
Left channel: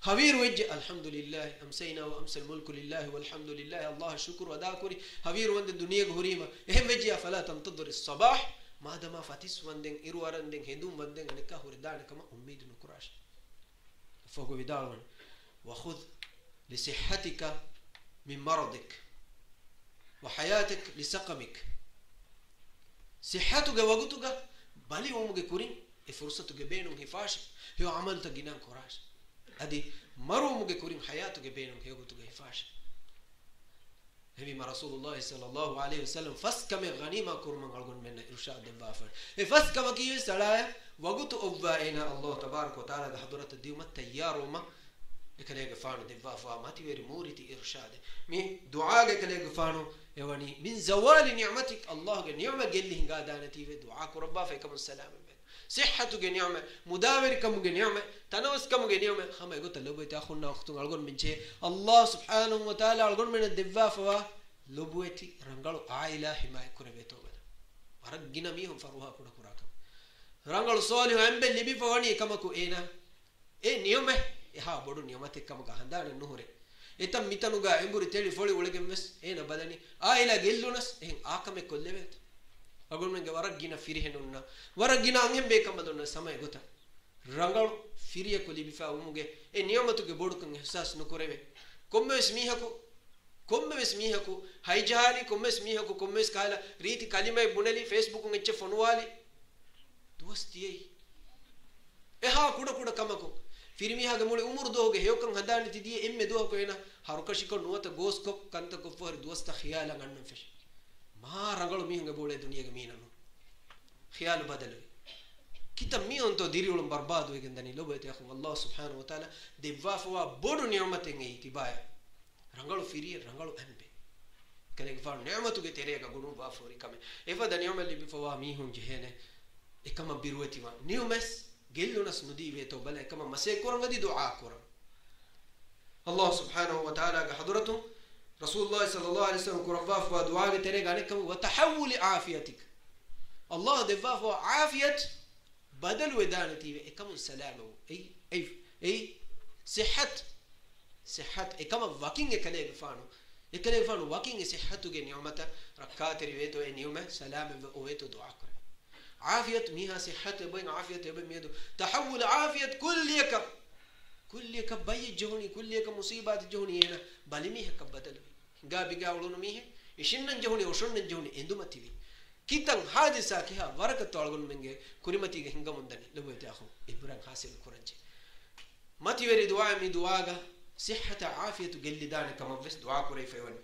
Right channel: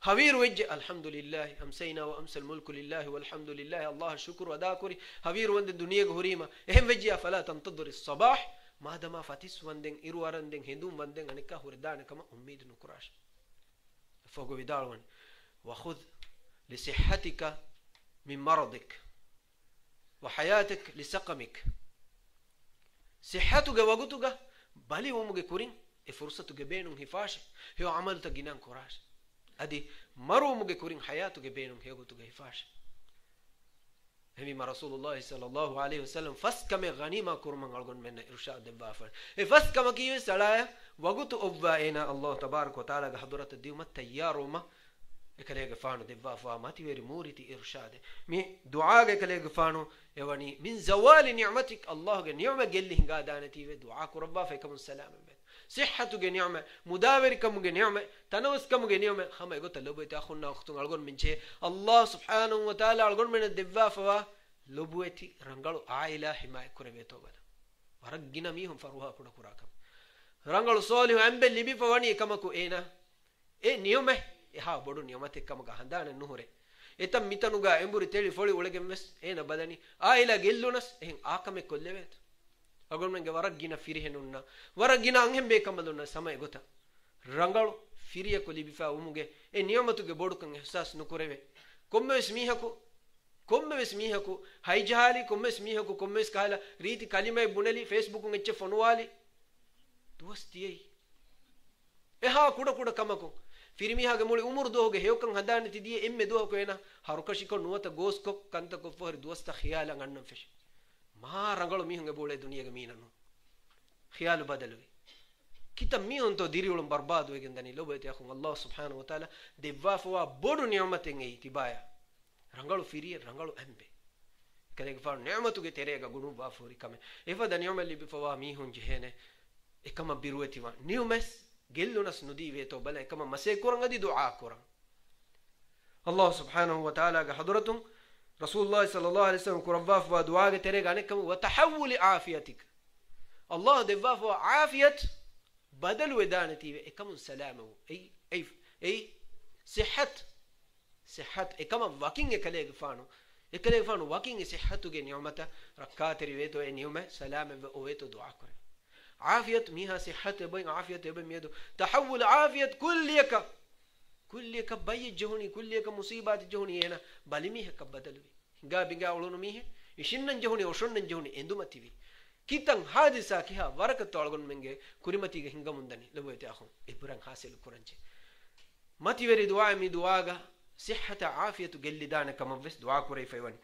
හවීරු වෙජ්ජ අල්හම්දුලිල්ලාහ් අම්සයිනා වඅම්සල් මුල්කු ලිල්ලාහ් වල්හම්දුලිල්ලාහ් අල්ලාහ් ශුක්රු අදා කුරි හවීරුවන්ෙන් දුනියේ ගුරීම එහෙම බෙජියා ෆලා තන්තදුර් الصباح මාදම ෆතිස් වන්ෙන් ඉරුවරන්ෙන් හෙඳුම් වන්ෙන් අනික හුරදානකම උම්මීදු නොකරාش فوق විදාලවන් وخذ لصحتك من مرضك وحياتك لسقمك صحتك وقتك بالي ومك كورين فرصتك بينهم هفاش هي عملت جنان كراش ادي مرو مك كورين حياتك بينهم هي وقتك هفاش هم رسول الله صلى الله عليه وسلم فسكم غنيمه كرم غلغن من ارشاد بافر فسكم كي سلايا وقت اوباينا الله تبارك وتعالى حضرت الديوم التياروما كليغ فانو دبافا ماتي ويري موريتي ارشاد مي دعاء كليغ فانو يواني من زوال نعمتك الله نعمه قال هنگا دانتي في دعاء ربا فيكم السلام صحتك نعمه مداوركم نعمه تنوسكم نعمه خما يقول لبيت اخونا اختون الغون من شيء الله سبحانه وتعالى الغون من الدبافا لبوتي رنگلو عائله حمايه كربيتو بدا ورغنا ميهم فروها كودا كراكم رنگلو صالح امبل لبي فواني كمكو اينا اي نعمه එහා බොඩු නියමතෙක්කම ගහඳාන නුහුරේ එතම් මිතනුගා එඹුරි තෙලි ෆොලි උලගෙන් මෙස් එන බදනි ආයිලා ගෙල්ලුනස් එහෙන් ආකමෙ කොල්ලෙවෙත් අගොන්මෙන්ගේ වරක් ගින ෆිරිහෙනුන්න වරක් ගින අංහෙන් බේකම දුන්න සමය ගොත රංගලු ෆිරිය කොලි බිෆා උමුගේ ඒ නියමතුගේ බොඩුකන් එහසස් නුකරෙවේ කොම්මෙස් මීහකු හයිජාලි කොම්මෙස් මීහකු කොම්මෙස් කාලා රීති කලිමයි බුනලි ෆේස්බුකුන් එච්ච ෆොනුවාලි දුවස්තියි එහා කුඩ කමකු फिरमिहागे मुळे उमर दोगे हेवकं हदाने तिदिये एम्मे दो को एना हरुकशिको नुवत गोस्को कंत को फर दोस्त ख्याल गन्न फिश मा रंगलो मिहंगे बोले दुनिया के मीननु ख्याल बदल कित मिहन तो दिरिउलम बर्बाद वेगंदनी लोबते अखु अल्लाह सुब्हानहु व तआला देवा फवा बोडु नियमतें ए तिबाया रंगलो फिरिये रंगलो एम्बे कलेग फर नियमतु के तेरेगा गुनु बाफोरी कमे एफदा नियमली बिफवा मिहुन जहेने एकम बिरुवती वा नियमस गेल्लुनस नुदीवे तो बले कम मसे कुरंगदी दुआ कुर अल्लाह सुब्हानहु व तआला का हजरतुम रसूलुल्लाह सल्लल्लाहु अलैहि वसल्लम कुरवाफ व दुआ के तेरे गाने कम व तहव्वुल आफियतिक अल्लाह देवाफ व आफियत बदल वदानती वे एकम सलाम आई صحت एकम वकिंग एकले फानो वकिंग صحत के नियमत रकात रिवे तो ए नियम सलाम व ओवे तो दुआ कर عافية ميها صحة بين عافية بين ميدو تحول عافية كل يك بي جهوني كل يك مصيبات جهوني هنا بالي ميها كبدل هنگا بينگا ولونو ميها يشنن جهوني وشنن جهوني اندومتي بي كيتن حادثة كيها ورقة طالغون منگه كريمتي هنگا مندني لبويت اخو ابران حاصل كورنجي متي وري دعاء مي دعاء صحة عافية جلدان كما بس دعاء كوري فيوان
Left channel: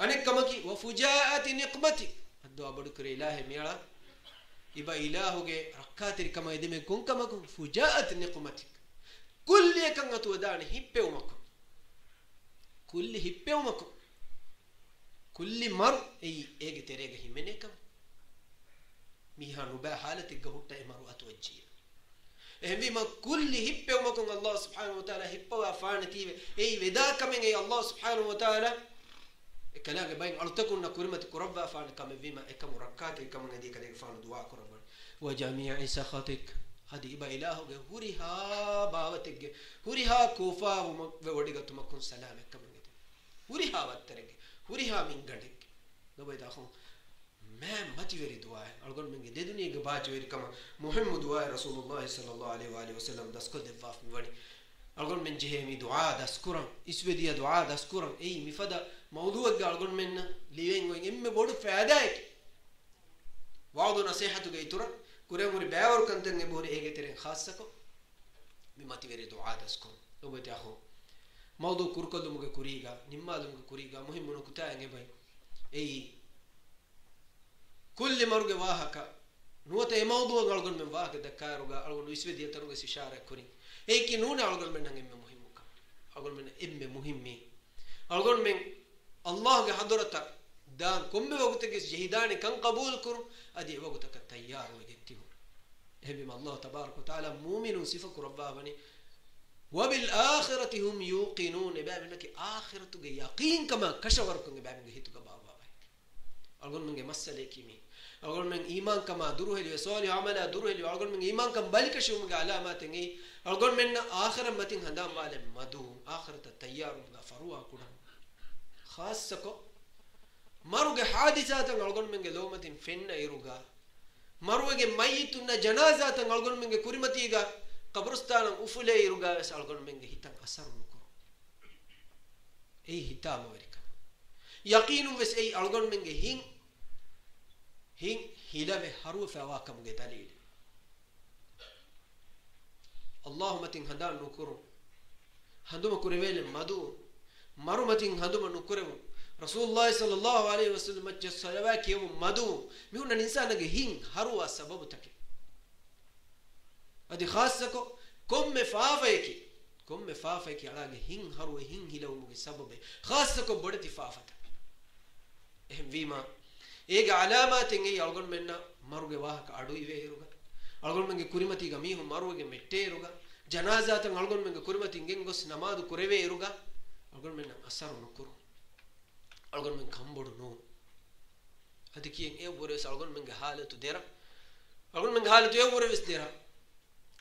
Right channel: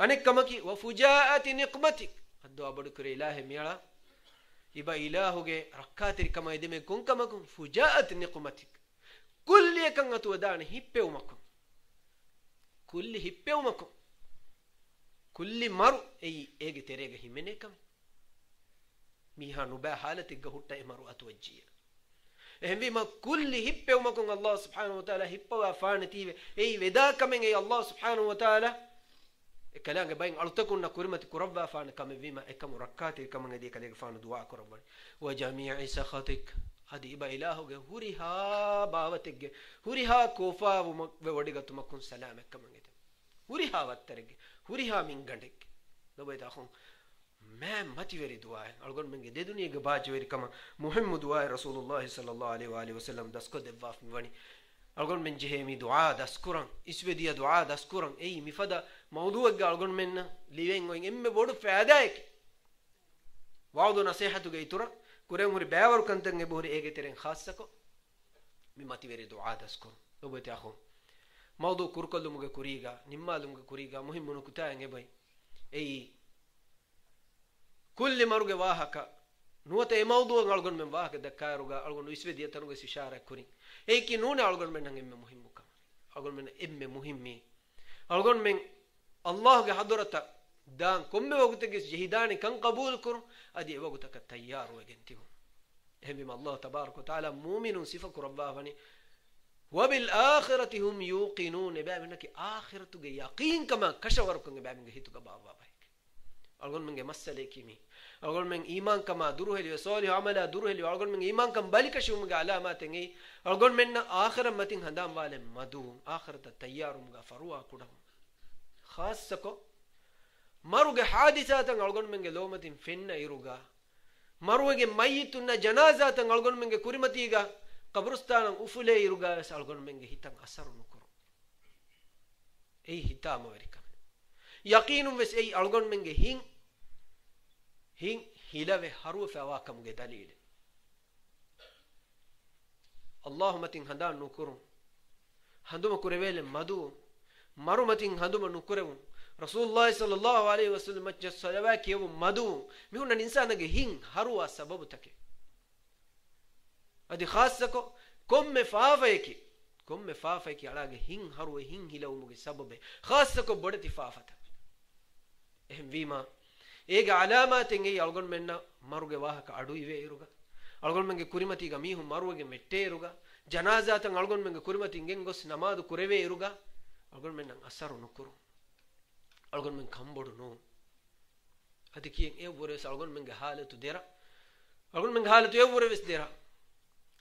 انك كمكي وفجاءة نقمتي الدعاء بدكري الله ميلا إبا إلهوجي ركاتري كما يدمي كون كما كون فجاءت نقمتك كل يكن أتودان هيبيومكم كل مر أي تريجه منكم ميها نبا حالتك هوتا مرو أتوجيه هم بما كل هيبيومكم الله سبحانه وتعالى هيبوا فانتي أي ودا كمن أي الله سبحانه وتعالى كلام باين ألتكون كرمة كربا فان كم بما كم ركعت كم ندي كلام فان دعاء كربا وجميع سخطك هذه إبا إلهه هوريها باوتك هوريها كوفا ووديك تمكن سلامك كم ندي هوريها وترك هوريها من عندك لو بيتاخون ما تيوري دعاء أقول من جد الدنيا جباج ويري كم مهم دعاء رسول الله صلى الله عليه وآله وسلم دسكو دفاف مبني أقول من جهمي دعاء دسكورن إسوديا دعاء دسكورن أي مفدا موضوع قال منا لين وين إم بودو فاداك وعدو نصيحته جيتورا كوري موري باور كنتن بوري إيجي ترين خاصكو مماتي وري دعاء دسكو لو بتأخو موضوع كوركل دموجي كوريجا نما دموجي كوريجا مهم منو كتاعي باي أي كل مرة واهكا نوته موضوع قال من واهك دكاروجا قال إسوديا تروجي سشارة كوري أي كي نونه قال من نعم مهم كم قال من إم مهمي قال من الله के हदरता दान कुम्बे वगुत के जहिदान कं कबूल करूं अदि वगुत का तैयार हो गेंती हूं ehbim Allah tabarak wa taala mu'minun sifa kurabba bani wa bil akhirati hum yuqinun babinaki akhiratu ge yaqin kama kashawar kunge babinge hituka baba bai algon menge masale kimi algon men iman kama duruheli wa salih amala duruheli algon men iman kam balika shumge alamaten ei algon men akhira matin handam wale madu akhirata tayyarum ga farwa kuda khassako maruge hadisatan algon menge lomatin fenna iruga maruge mayitunna janazatan algon menge kurimatiga qabrustanan ufule iruga algon menge hitan asar nukuru ei hitama verika yaqinum ves ei algon menge hin hilave haru fawa kamge dalil Allahumma tin handa nukuru handuma kurevele madu marumatin handuma nukurevu Rasulullah sallallahu alaihi wasallam majja salawaki yum madu mihunna insanage hin haruwa sababu take adi khassako komme faafayki alage hin haruwa hin hilawmuge sababe khassako bodati faafata ehm vima ege alamaten ei algon menna maruge wahaka adu ive iruga algon menge kurimati ga mihu maruge mette iruga janazatan algon menge kurimati ingen gos namadu kureve iruga algon menna asaru nukuru algon men kambodu no ati kiyen e wore algon men halatu dera algon men halatu e wore vis dera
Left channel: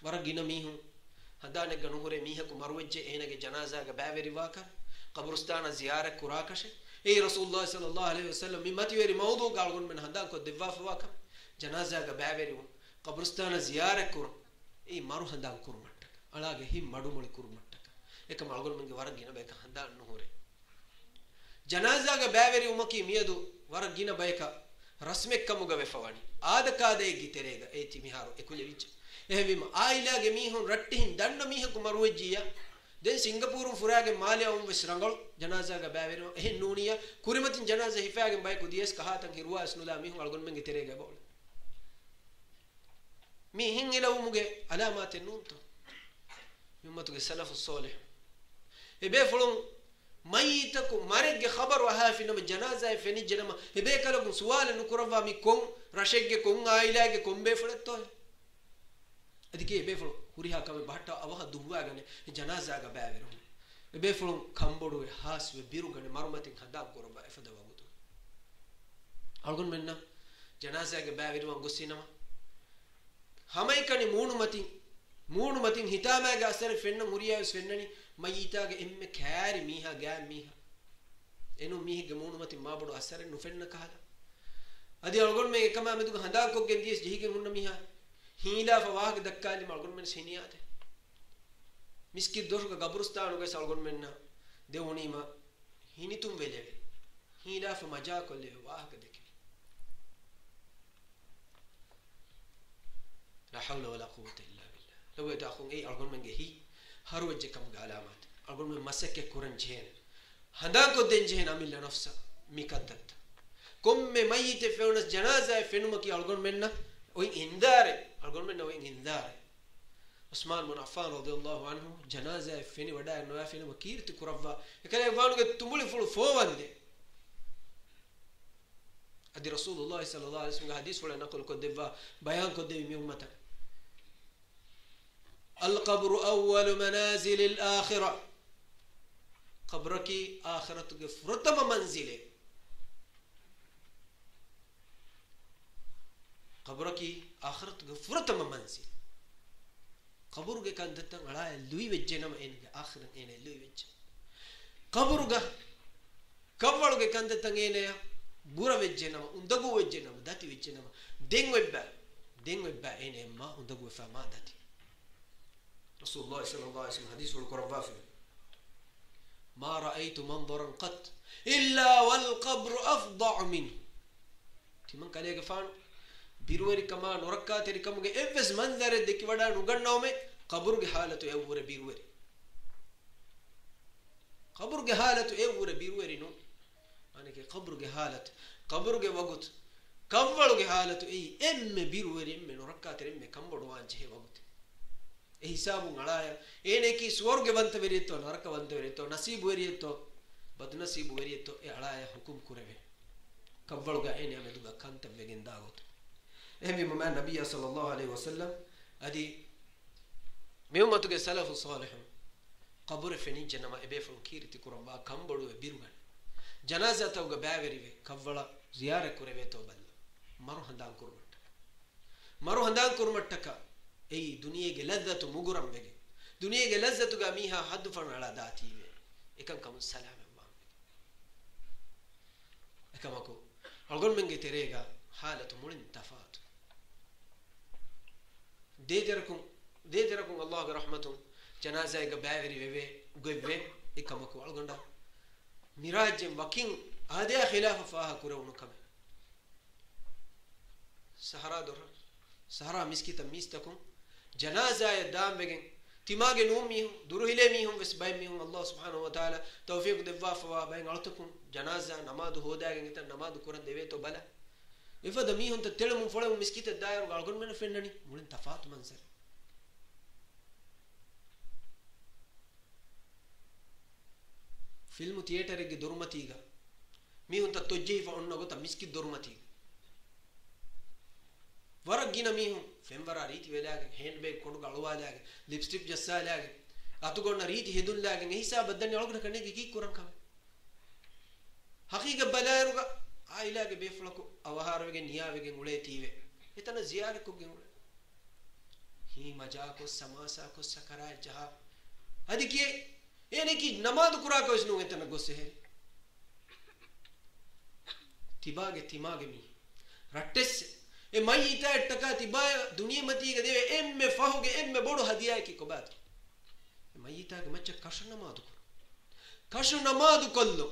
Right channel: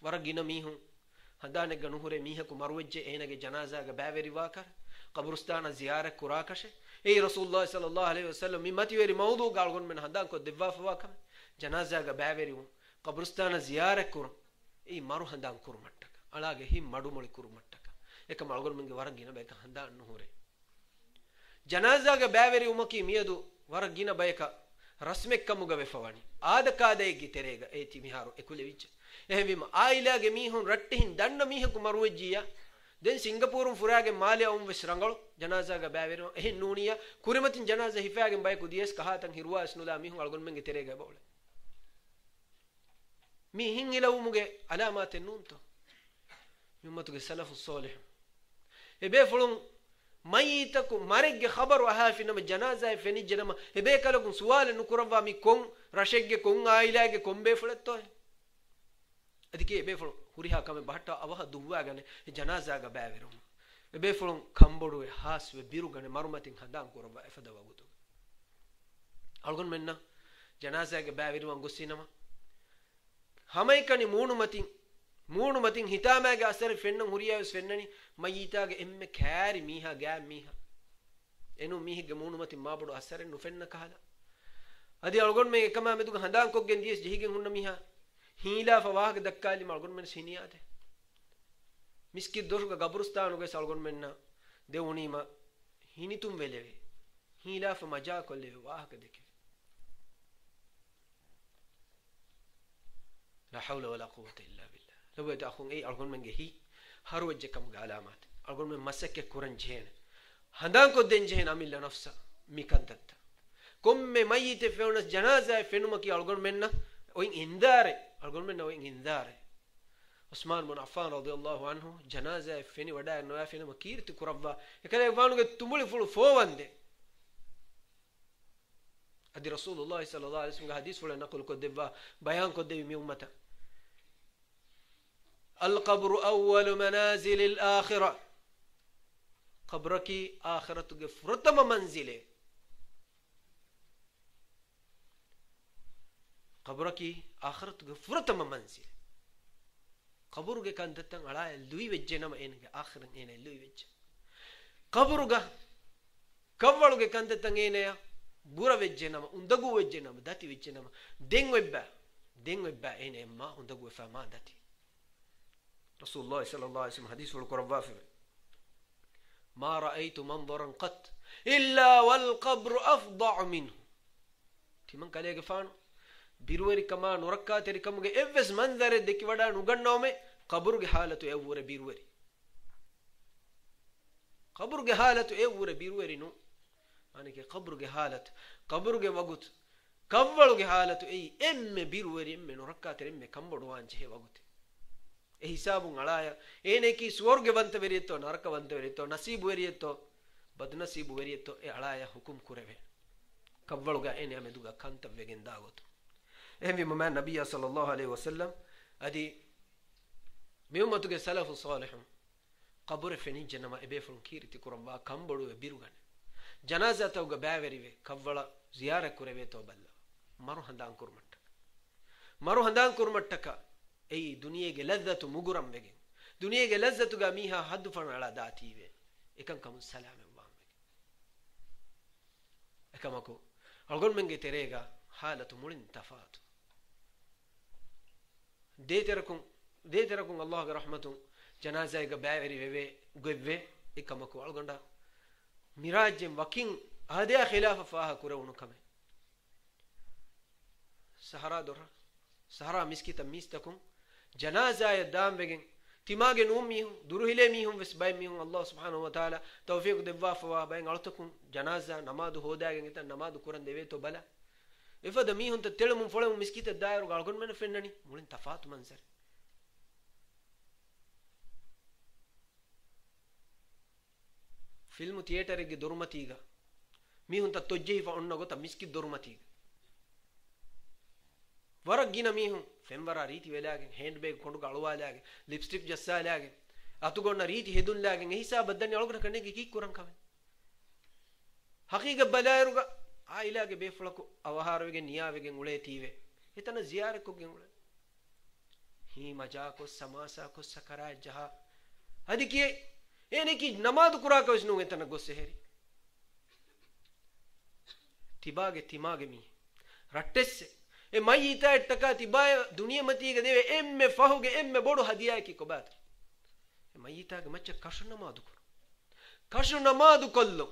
waragina mihun hadane ganu hore miha ku marwejje enage janaza ga baveri waka qabrustana ziyara kurakashe ei rasulullah sallallahu alaihi wasallam mi mati veri mawdu galgon men hadan ko devaf waka janaza ga baveri qabrustana ziyara kur ei maru hadan kur mattaka alage him madu moli kur mattaka ekam algon men waragina beka hadan no hore janaza ga baveri umaki miyadu waragina bayka rasmek kamuga vefawani adakade giterega eti miharu ekulevich ehvima ailage mihun rattihin danna mihaku marwejjiya den singapore furage maliya vesrangal janaza ga baveri ehin nuniya kurimatin janaza hifage bayku dies kahatan hirwa asnula mihun algon menge terega bol mihin ilawmuge alamaten nunto mimmatuge salafus salih ebe fulun mayitaku marigge khabaru ahafinama janaza feni jenama ebe kalagun suwale nukurava mi kon rashegge kon ailage kombe fuletto adike ebe fulu huriha kame bahta avaha duwagane janaza ga baveru ebe fulun kambodu haswe birugane marumatin khandam kuraba efada wagutu algon menna janaza ga baveru angosinama hamaikani moonu matin hitama ga asar fenna huriya fennani mayita ga emme khaari miha ga miha enu mihi ga moonu matin mabodu asar nu fenna kahala adi algon me ekama medu handan ko gen dies jihigen hunna miha hila fawag dakkali algon men siniyate miski dorga gabrustanu ga algon menna deunima hinitum veleve hila fa maja kolle wahak deke la hawla wala quwwata illa billah law yadakhun ay algon men gehi harwajje kam ga alamat algon men masake kuran jehen handan ko den jehen amilla nafsa mikaddat komme mayite feunas janaza fenuma ki algon menna oin indare algon menna oin indare Usman bin Affan radiyallahu anhu janaza feni wada no fenuma kirti kurabba ekale wanuge tumuli fulu fowande adi rasulullah sallallahu alaihi wasallam hadis wala naqul ko debba bayan ko debi mi ummata القبر أول منازل الآخرة قبرك آخرة فرتم منزله قبرك آخرة فرتم منزل قبرك كان تتن على لوي وجهنا ما إنك آخرة إنه لوي وجه قبرك قبرك كان تتن إنه بورا وجهنا ما أندقو وجهنا ما داتي وجهنا ما دين وبا إنه ما أندقو فما داتي رسول الله صلى الله عليه وسلم حديث القرآن وافر ما رأيت منظرا قط إلا والقبر أفضع منه تمن قال يغفان بيروي كما نركات ركم افس منظر دكي ودا نغنومه قبر حالته يور بيروي قبر حالته يور بيروي نو معنی کہ قبر حالت قبر وقت قبر حالته اي ام بيروي ام نركات ام كمبدو وانجه وقت e hisabu ngalaya ene ki swarge bante veriyetto naraka bante veriyetto nasibu veriyetto bad nasibu veriyetto e alaya hukum kureve kavvaluga ene ameduga kanta vegen dagot ehmi mama nabiyya sallallahu alaihi wasallam adi mi ummatuge salafu salihun qabure fenin janama ebe fun kirti kurabba kambodu e birugan janaza tawga baaverive kawwala ziyara kureve to balla maru handan kurmattaka ei duniyege lazzatu muguram mege duniyege lazzatu ga miha haddu fan ala dative ekan kam salam Allah ekamako algon menge terega halatu mulin tafatu deeterakum Allah ga rahmatun janaza ga baaveri veve gobbe ekamako algonda mirajem wakin ahadiya khilafa faha kurawunu kame sahara miskita mistakum janaza ya dambegen timage nummi duruhile mihum vesbay mihum Allah subhanahu wa ta'ala tawfiq devwa fawa bayn altakum janaza namadu hodagen eta namadu kuran deve to bala ifada mihum ta telum folum miskita dairu galgon men fennani mulin tafatu mansar film theater ge durmatiga mihun ta tojjei fa onna gota miskit durmatiga warak gina mihun femwara riti velagen handbag kondu galwalagen lipstick jassalagen atugonna riti hedullagen ehisa baddanni algona kannege ki kuran kam haqiqa balairuga ailage beflaku avaharwege niyavege ule tive etana ziyare ko ge ule hi maja ko samasa ko sakara jaha adiki eniki namaz kura ko isnu etana gosse heri timage mi rattesse e mayita ettaka tibaya duniya matiga deve emme fahuge emme bodu hadiya ki kobat e mayita ge macca kashu namadu kollo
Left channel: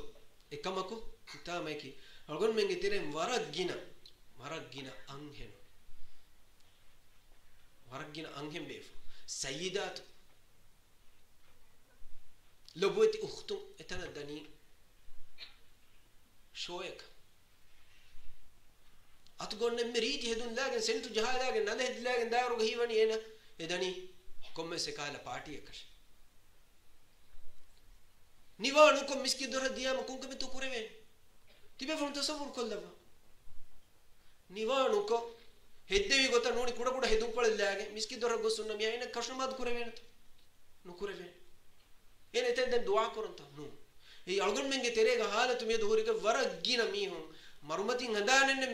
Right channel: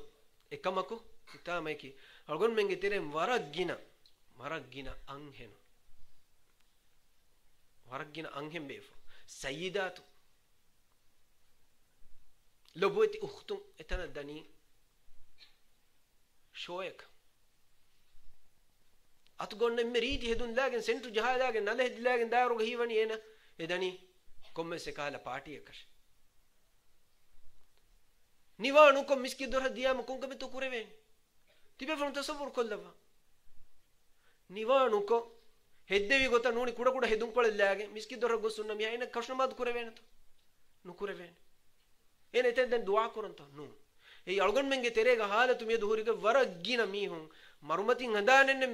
ekamako itame ki algon menge terem waragina anghen befo sayyidatu loboti ukhtum etana dani shoek atgonne meriti hedun lagen sentu jahalagen nale hedlagen daru hiwani ena edani komme se kala party ekas niwanu ko miski dor diyam kunka me to kureve tibe fon tasawur kollava niwanu ko heddevi gota noni kuda hedun kolellage miski dor gosunna mi ayna kashnamad kureve na to nu kureve ene tenden dua koranta nu ei algon menge terega halatu me duhuriga waragina mihun marumatin handanenne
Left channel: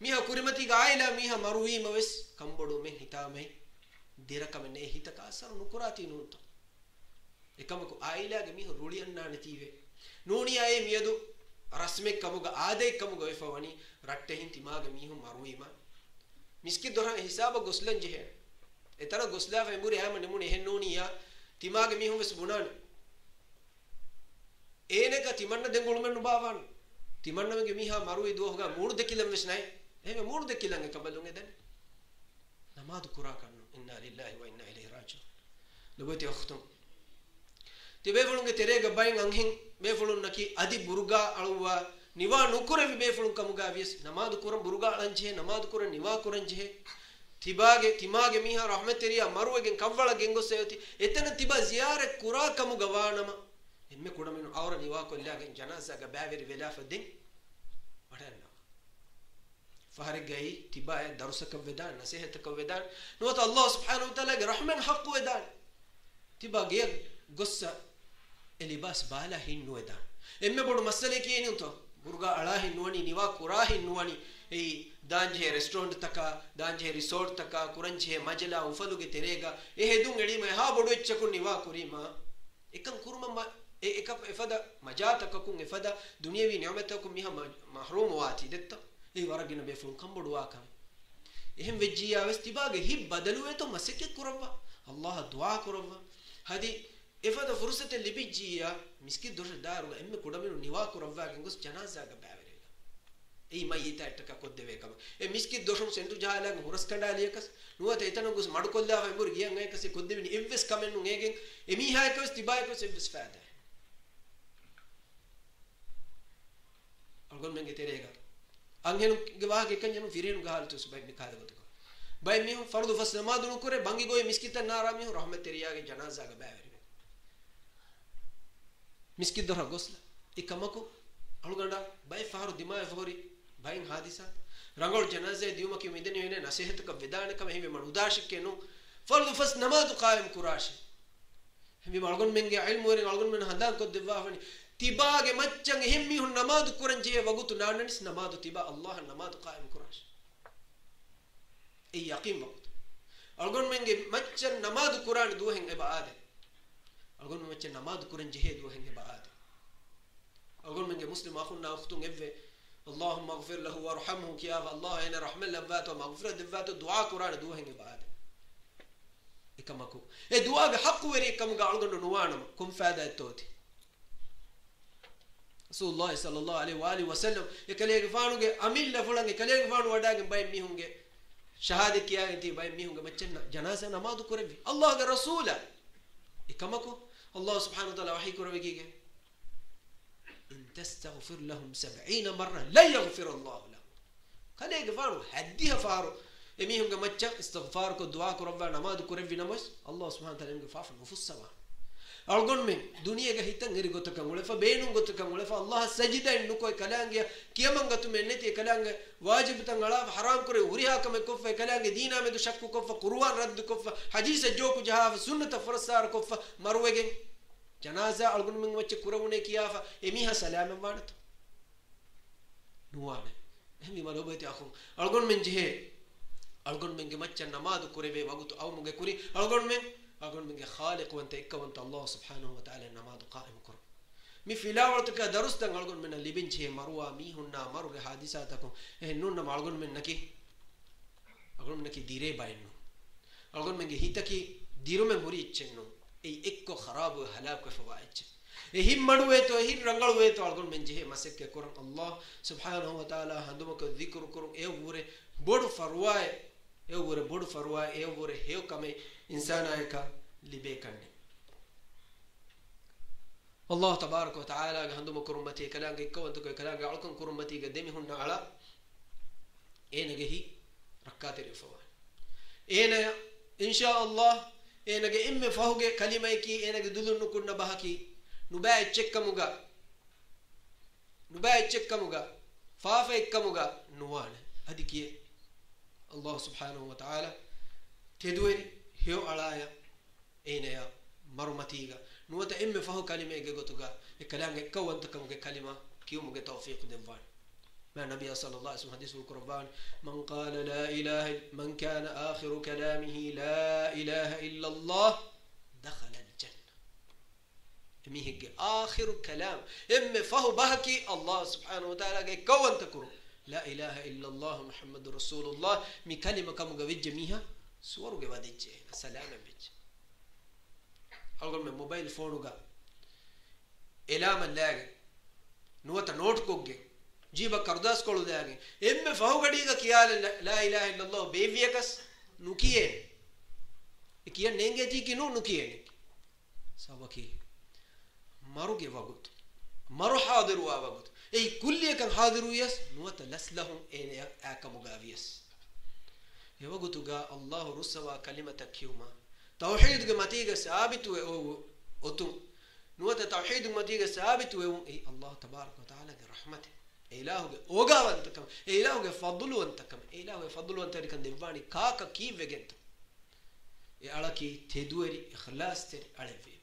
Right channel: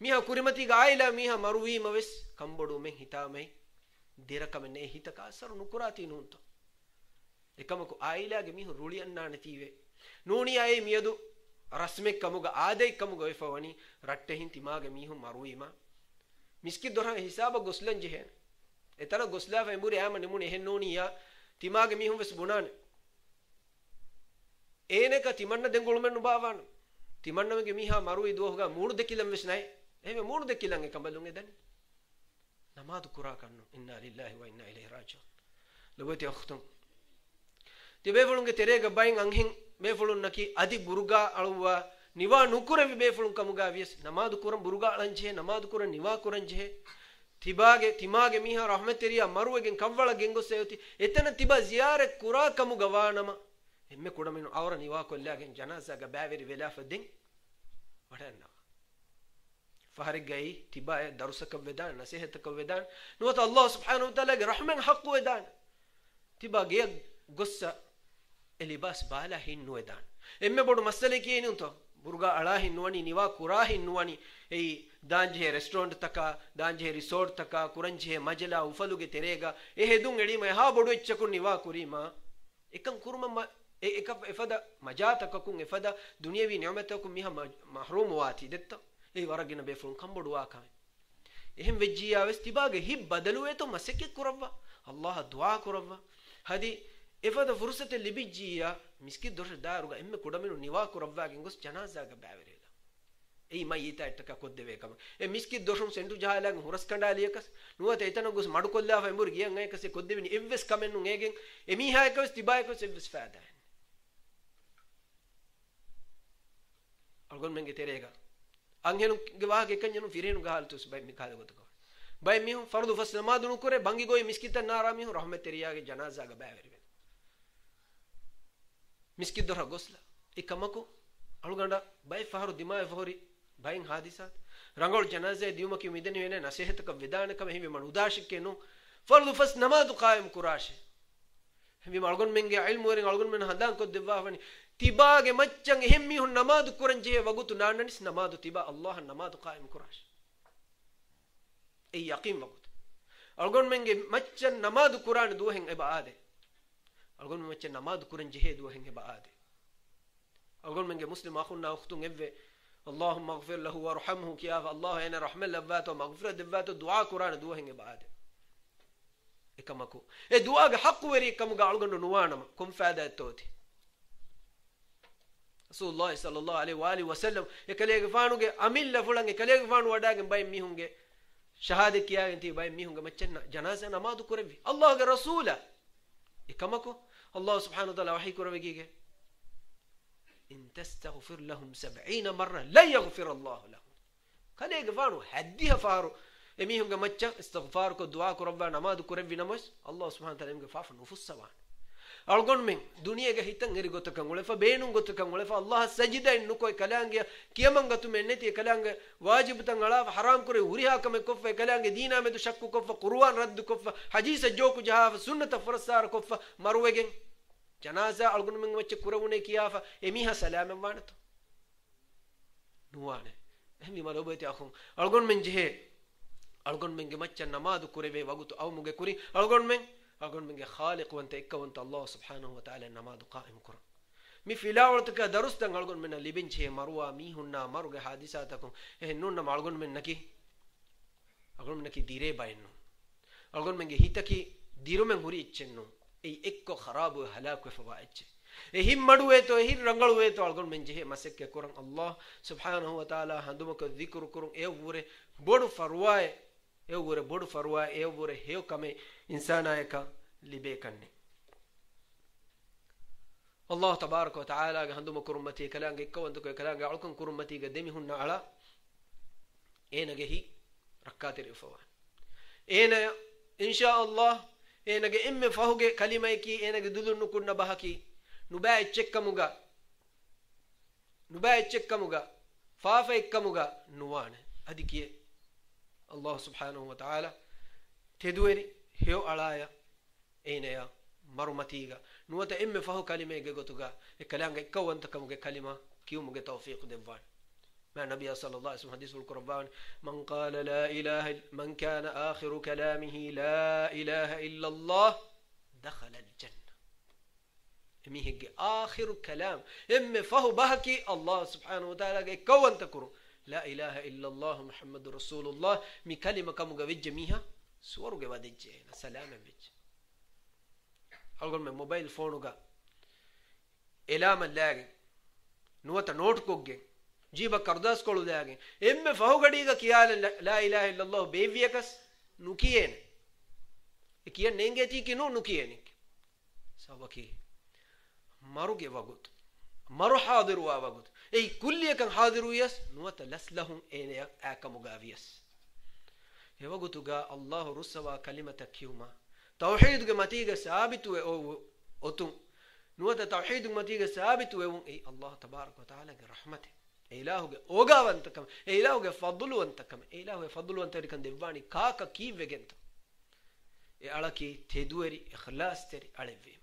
miha kurimati ga aila miha maruwi maves kambodu men hitame dirakame ne hitaka asar nukurati nunto ekamako aila ge mihu ruliyanna netive nuni ay miyadu rasme kamuga ade kamuga wefawani ratte hin timage mihu maruwi ma miski dora hisaba goslan jehen etara gosla fa muri amane muni hen nuni ya timage mihu ves bunan eneka timanna dengolu men nubawan timanna mege miha maruwi dohoga mudu dekilam ves nai ehme mudu dekilange kambalunge den namadu kura kannu inna lillahi wa inna ilaihi raji'un lobeti akhtum tibefulunge terega bayin anghin befulun naki adi buruga alwa niwa nukure befulun kamuga vies namadu kuran buruga alanje namadu kuran niwa kuranje timage miha rahmateriya maruwegen kawwala gengoseyoti etana tiba ziyare kura kamuga wanama emme kudaminu awra niwa kollagen janaza ga baveri velafa den wadanna faharigai tiba darusaka vedan nasihata vedan nuwata Allah subhanahu wa ta'ala ge rahman haqqu vedan tiba ge gossa elibas bala hinnu vedan emme bodu masale kiyeni unto burga ala hinnuwani niwa kura hinnuwani ei danje restaurant taka danje resort taka kuranje majla ufaluge terega e hedun edima ha bodu echku niwa kurima ekam kurma ekap efada majatakakum efada dunyawi ni'matakum miha mahrum wati detta ei waragina befun kambodu aka ehem vejjiya vestibage hib badalu eto maseke kurawwa Allah dua kurawwa hadi efada fursate libijjiya miski dor daruga emme kodamenu niwa kurawwa gengos janaza ga baverela ei mayita ettaka koddeve kam e miski doshum sendu jahalang huras kandaliyekas nuwata etana gos madukolla fa embur giyan ekase koddeveni evves kamennu egen emi ha ekos tibayekos evves faada algon menge terega angenu gewage kanyanu firenu galtus bay mikade gotuko bay mi fardu fas namadunu kore bangi goy miskita narami rahmateriya ge janaza ga baveri miskid dora gosla ikamako aluganda bay faharu dima fahori bayin hadisa rangol janaze diuma ki mideni wene nasihat ka vidana ka mehi man udashik ke nu fardu fas namaz qaim kurash hemi malgon menge ilmu ren algon men hadan ko devwa wani tibage maccan hemmi hun namaz kuranje wagutu nananis namaz tiba allah namaz qaim kurash ei yaqin wagut algon menge maccan namaz quran duhen ibade algon maccan namaz kuranje he duhen ibade algon menge muslim akhunna ukhtun evve اللهم اغفر له وارحمه كياف الله انا رحمه لباته مغفرة دباته دعاء قرآن دوهن بعد إكمكو دعاء حق وري كم قالوا نوانم كم فائدة توتي رسول الله صلى الله عليه وآله وسلم يكليه فانو کے أميل لفلان يكليه فانو ودا کے باي ميهون کے شهادة كيا انتي باي ميهون کے مچنا جنازة نماز كوربي الله کے رسول إكمكو الله سبحانه وتعالى وحي كوربي كي إن تستغفر لهم 70 مرة لا يغفر الله لهم كليه فانو حديها فارو اميهم کے مچا استغفار کو دعا کو ربنا نماز كوربي نمس الله سبحانه وتعالى کے فاف نفوس سوان algon men duniya ga hitan eri gotakan wala fa beenun gotakan wala fa allah sajida innu koy kalange kiyamanga tu men neti kalange wajib tan ala haram kore huriha kame kofa kalange dina me du shakku kofa qur'an radd kofa hadith joku jaha sunnat farsar kofa marwegen janaza algon men wacce kurawune kiyafa emiha salam wanato nuwane emi malobati akhum algon men jehe algon men ge macca namaz kurebe wagutu aw muge kuri algon men أقول من خالق وأنت إكوانت الله سبحانه وتعالى نماذ قائم كرم مي في لاولتك درست أقول من اللي بنشي مروا ميهنا مروا حادثاتكم نون ما أقول من نكي أقول من نكي ديرة باينو أقول من هيتكي ديرو من هوري إتشنو أي إكو خراب وهلاك وفوائد هم مدوه تو هم رنگلوه تو أقول من جه مسك كرم الله سبحانه وتعالى هندومك ذكر كرم إيوه بودو فرواي إيوه بودو فرواي إيوه هيو كمي إنسان آيكا لبيكني الله تبارك وتعالى عندما كرمتي كلام كوانتو كلام علكم كرمتي قدمي هن على إيه نجهي ركعات الفوان إيه إن شاء الله إيه نجي إم فهوج كلمة كي إيه نجي دلون نكون نباهكي نباع تشك موجا نباع تشك موجا فافا كموجا نوانه هذه كي الله سبحانه وتعالى تدوري هيو علايا إينيا مرمتيغا نوتا إم فهو كلمة جوتوغا الكلام كون تكمل كلمة كيو مج توفيق دبان مع النبي صلى الله عليه وسلم حديث القرآن من قال لا إله من كان آخر كلامه لا إله إلا الله دخل الجنة ميهج آخر كلام إم فهو بحكي الله سبحانه وتعالى كون تكرو لا إله إلا الله محمد رسول الله مي كلمة كم جوج ميها سورو के बाद इच्छे ना सलाम है बिच अगर मैं mobile phone का इलाम लागे नोट नोट कोगे जीवा करदास कोल लागे एम में फाउ गड़ी का किया ला इलाहा इल्लल्लाह बेवियकस नुकिए किया नेंगे जी कि नुकिए ने सबकी मारो के वगत मारो हाजिर हुआ वगत ए कुल्ली kan हाजिर हुयस नोट लसलहum एन आकमुगावियस يوجدوا الله رسوا كلمة كيوما توحيد جمتيجة ثابت وأتم نوت توحيد جمتيجة ثابت أي الله تبارك وتعالى رحمته إله أوجا وأنت كم إله فضل وأنت كم إله فضل وأنت كان ديفاني كاكا كيف جنت على كي تدوري إخلاص تري على فيم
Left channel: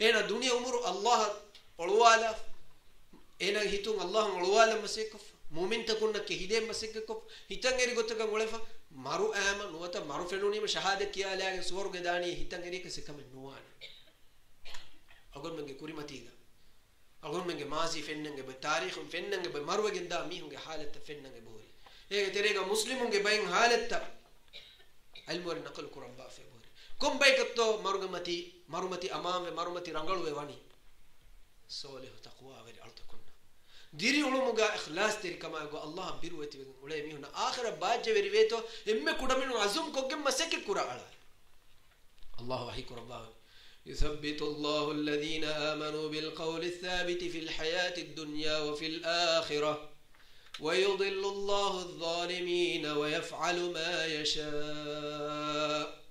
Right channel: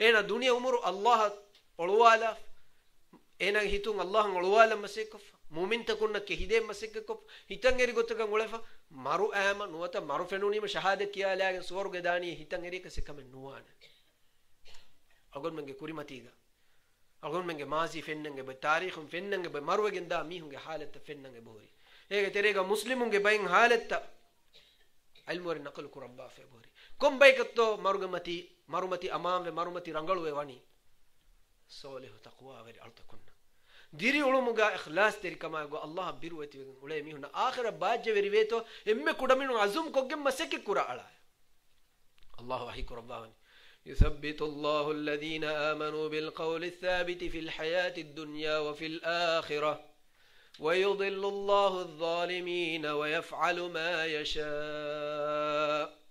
إن الدنيا أمور الله أولوالا إن هيتون الله أولوالا مسيكف مومن تكون كهيدة مسككف هيتانغيري قطعا غولفا مارو أما نوتا مارو فنوني ما شهادة كيا لكن سوار قداني هيتانغيري كسكام نوان أقول منك كوري ماتيغا أقول منك مازي فننغ بتاريخ فننغ بمارو جندا ميهنغ حالة فننغ بوري هيك تريغا مسلمونغ باين حالة علمور نقل كربا في بوري كم بايكتو مارو ماتي أمام ومارو ماتي رانغلو واني صالح تقوى وري ألتكون ديري علومك إخلاص تري كما يقول الله بيروتي ولا يميهنا آخر بعد جبريته إما كودا منو عزوم كوجم مسك كورا على الله وحي كربان يثبت الله الذين آمنوا بالقول الثابت في الحياة الدنيا وفي الآخرة ويضل الله الظالمين ويفعل ما يشاء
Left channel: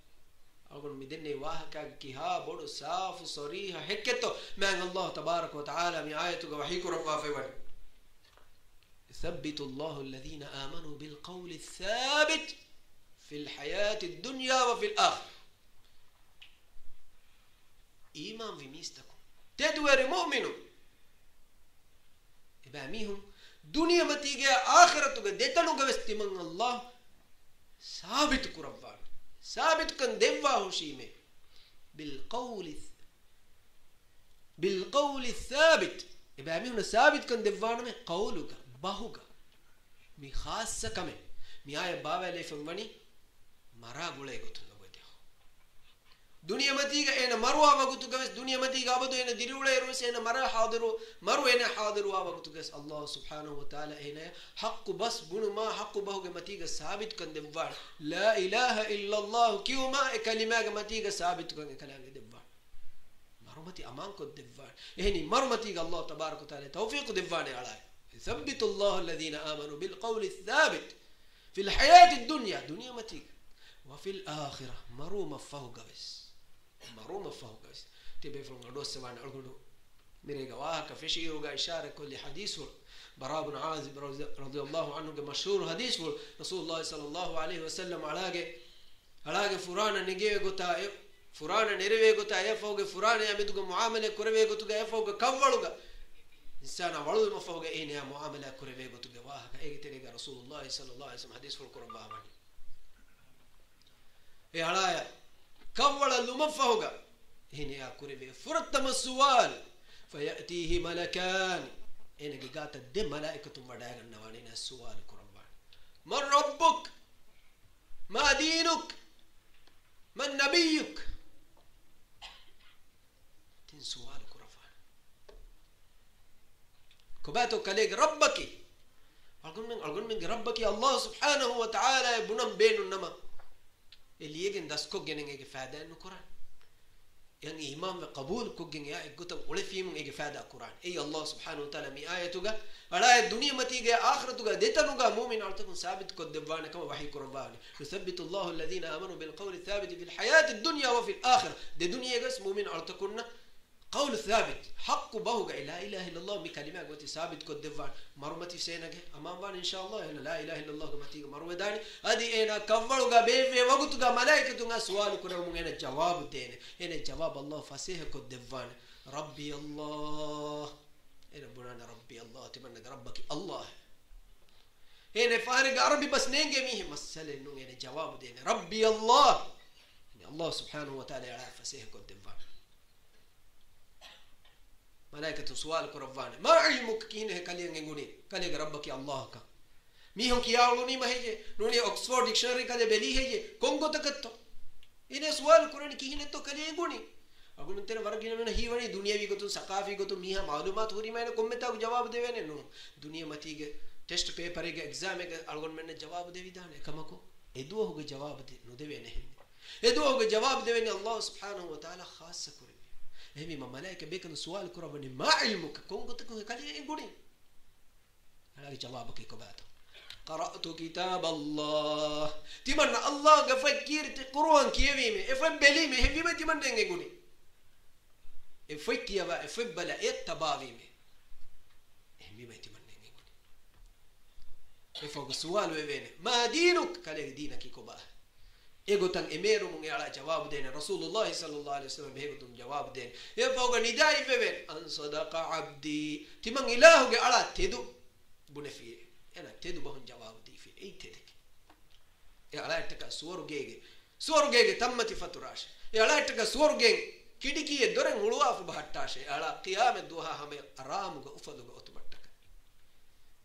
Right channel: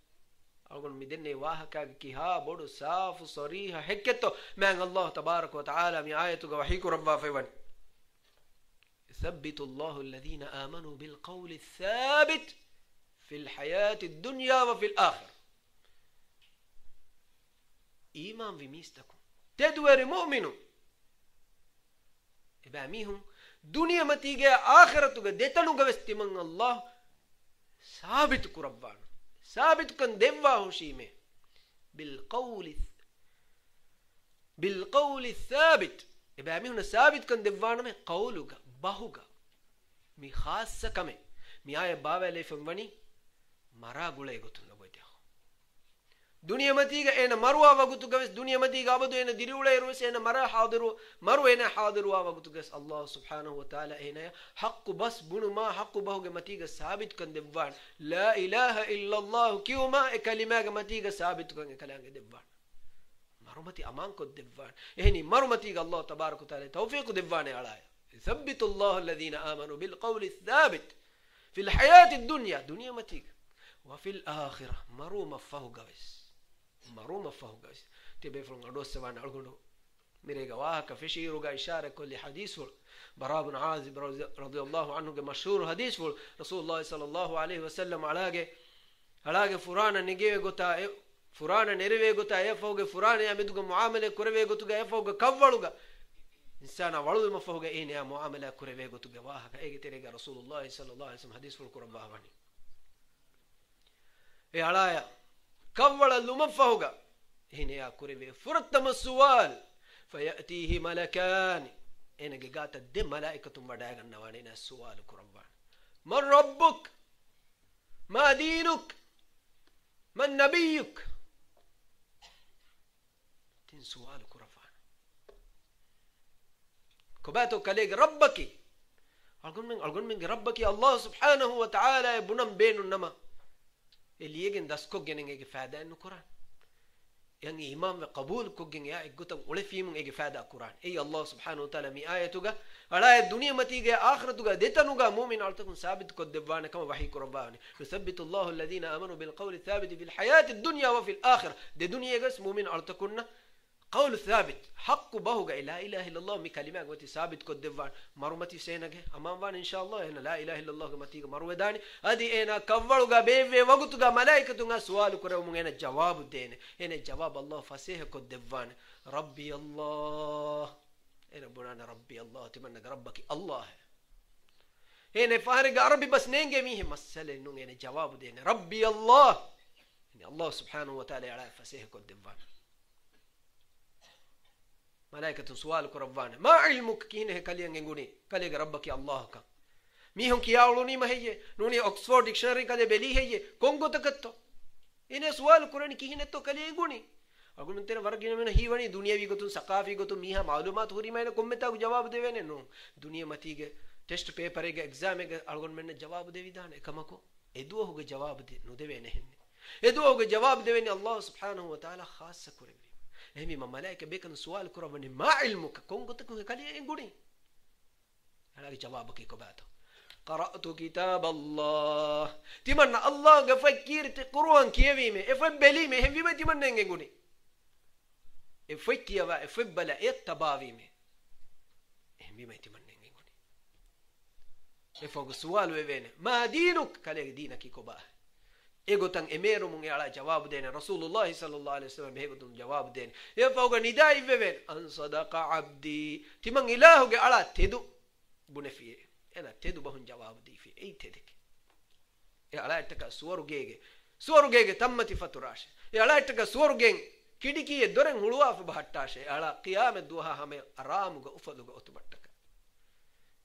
أقول مدني واهك كها بدو صاف صريح حكته من الله تبارك وتعالى من آياتك وحي كربان في ون يثبت الله الذين آمنوا بالقول الثابت في الحياة الدنيا وفي الآخرة. إيمان في ميستكم تدور مؤمنون إباميهم دنيا متيجة آخرة ديتلو قبستي من الله ثابت كربان ثابت كن دفاه شيمه بالقول الثابت إباميهم ثابت كن دفانه من قولك باهوك مي خاصة كمه مي آية بابا اللي فمبني مرا غولي غتون بوديو دنيا متيجة إنا مروا وقتو قبس دنيا متيجة أبدو إنا ديرولي روس إنا مرا حاضروا مروا إنا حاضروا وقتو قبس الله سبحانه وتعالى إنا حق بس بنو ما حق باهوك متيجة ثابت كن دفان لا إله إلا الله كيوما كلمة متيجة ثابت كن كلام دفان مرمتي أمان كن دفان إهني مرمتي الله تبارك وتعالى توفيق دفان على ثبت الله الذين آمنوا بالقول الثابت في الحياة الدنيا دنيا متيجة وفي الآخرة مرو مفهو قبس تبي فرن عدو سوان عقولو مريقا واهك فشيرو إشارة كل حديث براء بن عازب رضي الله عنه مشهور حديث رسول الله صلى الله عليه وسلم علاقة فرانا نجيه قطع فرانا نروي قطع يفوق فرانا يمدوك معاملة كروي قطع يفوق كفلوك إنسان أولو مفهوق إيه معاملة كروي قطع واهك إيه تريقا رسول الله صلى الله عليه وسلم حديث القرآن إيه علايا كفل اللهم فوق هنا يا كوري فرتم السؤال فيأتيه ملكان إنك قات الدم ملائكة مدائق النوانين السؤال كربان من ربك ما دينك من نبيك تين سؤال كربان كباتو كليك ربك أقول من ربك الله سبحانه وتعالى بنم بين النما اللي يجن داس كوجن إنك فادا إنه قرآن يعني إمام وقبول كوجن يا إقطع ولا في من إنك فادا قرآن أي الله سبحانه وتعالى مي آية توجا على الدنيا ما تيجي آخرة توجا ديتا نوجا مؤمن على تكون ثابت كدبانة كما بحي قرباني يثبت الله الذين آمنوا بالقول الثابت في الحياة الدنيا وفي الآخرة دي دنيا جس مؤمن على تكون قول ثابت حق بهوجا لا إله إلا الله مكلمة قوتي ثابت كدبان مرمتي سينك أمام بان إن شاء الله أنا لا إله إلا الله كما تيجي مرو داني أدي أنا كفروا بيفي وقتوا ملائكة سؤال كرهم أنا جواب دين أنا جواب الله فسيه كدبان ربي الله أنا بنا ربي الله تمنى ربك الله هنا فارق عربي بس نيجي ميه مسألة إنه أنا جواب دين ربي الله يعني الله سبحانه وتعالى على فسيه كدبان ملائكة سؤال كربان ما علمك كينه كليان يقولين كليك ربك يا الله كا ميهم كياولوني ما هي نوني أكسفورد ديكشنري كده بلي هي كونغو تكتو إنه سؤال كراني كينه تو كليان يقولين أقول من ترى ورقين من هي وني دنيا بيجو ثقافي جو تو ميها معلومات هوري ما إنه كم متى جواب देवे ने नो दुनिया मती के टेस्ट पेपर के एग्जाम के अगुन मैंने जवाब देवी दाने कमको एदुओ हो के जवाब दे नो देवे नहीं एदुओ हो के जवाब देवे ने अल्लाह सुब्हानहु व तआला खास करे همی ما ملائکه بیکن سوال کربانی ما علمك کون گت کو کلی گونی هلاکی جواب کی کو باتو قرأت كتاب الله تمنى الله غفكير القرآن كيفي مي افبلي مي هفي ما تمنى نغوني افكي وا افبلا اتباوي مي همی ما تمنى نغوني افوق سوال وين ما دينك كلي دينك كو با egotan emero mun ala jawab dene rasulullah sallallahu alaihi wasallam egotum jawab dene e fawga nidai veven an sadaqa abdi timang ilahu ge ala tedu bunefi ena tedu bahun jawab di fi ei tedek e ala ettaka suwaru gege tammati faturash e ala ettaka suwaru gen kidiki e doren huluwa fu bahattash e ala qiyam duha hame aram ge ufadu ge otubattaka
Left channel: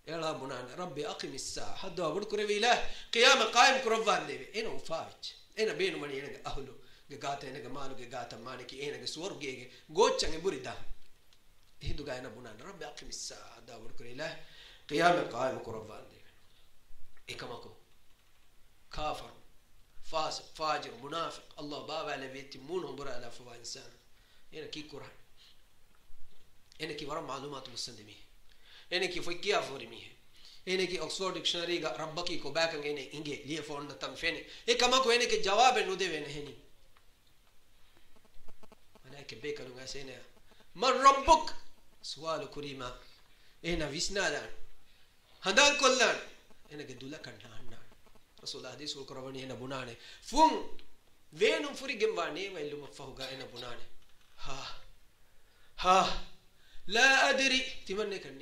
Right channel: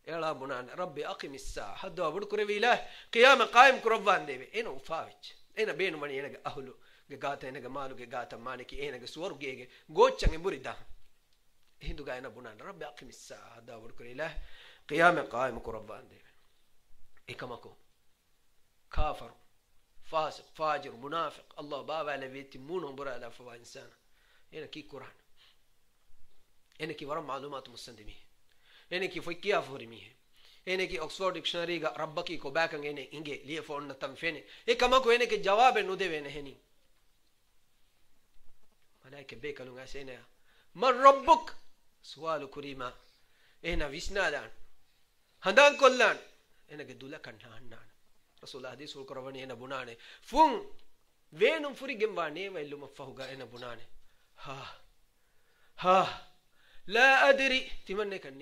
e ala bunan rabbi aqimis saa hadda abud kurevi ilah qiyam qaim kurvan deve eno ufavich ena beenu mani ena ahlu ge gata ena ge malu ge gata maniki ena ge suwaru gege gochange burita hindu ga ena bunan rabbi aqimis saa hadda abud kurevi ilah قيام قائم قربان دي إكماكو كافر فاسق فاجر منافق الله بابا لبيتي مونهم برا على فوا إنسان هنا كي قرآن هنا كي ورا معلومات مستندمية هنا كي فكيا فورمية هنا كي أكسفورد ديكشنري ربكي كو باكن هنا إنجي ليه فورنا تنفيني إكماكو هنا كي جواب نودي وين هني ملاك بيكلو غاسينا من ربك سؤال كريمة هنا فيسنا دان handan kollan enage dula kanna annan rasul hadis ul korawani ena bunane fun venum furi gemba ne wailum fahuga ena bunane ha la adri timanne kan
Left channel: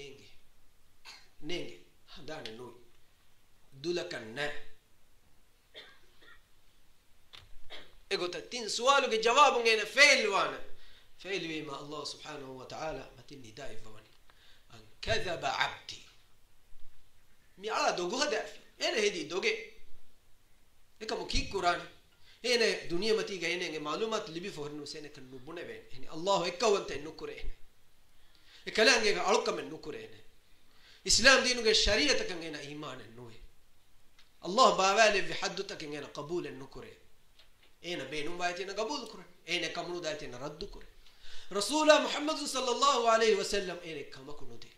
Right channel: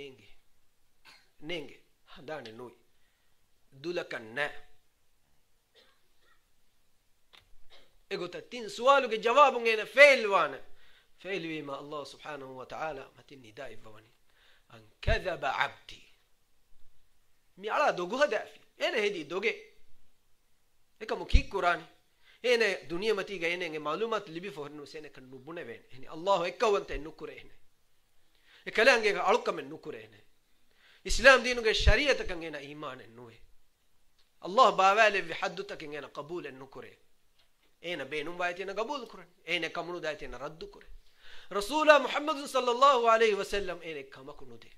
nenge handane noy dula kanna egota tin sualu ge jawabun ena failwana failwi ma Allah subhanahu wa ta'ala matin nidai bawani an kadhaba abdi mi ala dogo hadafi ene hedi doge ekamu ki quran ene duniya mati ga ene malumat libi fornu sene kan nubune ven ene Allah ekkawante nukure ene ekalange ga alukam nukure ene islam dinu ge shariat kan ene iman nuwe Allah bawale bi hadduta kan ene qabul nukure ene beenum baytina qabul kuran ene kamunu datina raddu kuran rasul muhammad sallallahu alaihi wasallam ene kamakunude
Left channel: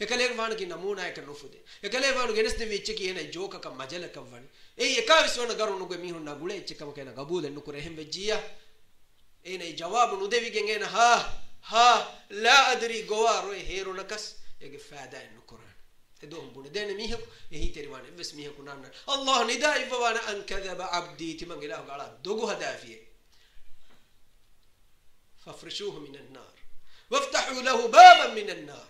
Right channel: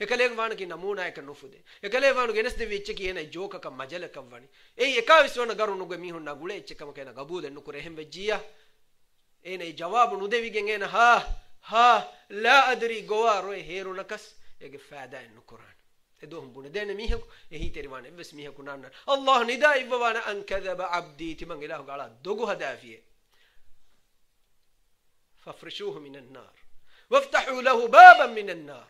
ekale vaanu ki namuna ek nufude ekale vaanu geneste vichche ki ene joka ka majala kawani ei ekaviswana garunu ge mihun na gule echche kam kena qabul nukure hembe jiya ene jawab nudevi gen ene ha la adri gowaro heru nakas ege faada nukuran edom bune dene mihaku ehi teriwane bes mihaku nanna Allah nida ibwana an kadhaba abdi timangela gala dogu hadafiye fafrishuhu minan nar waftahu lahu baban minan nar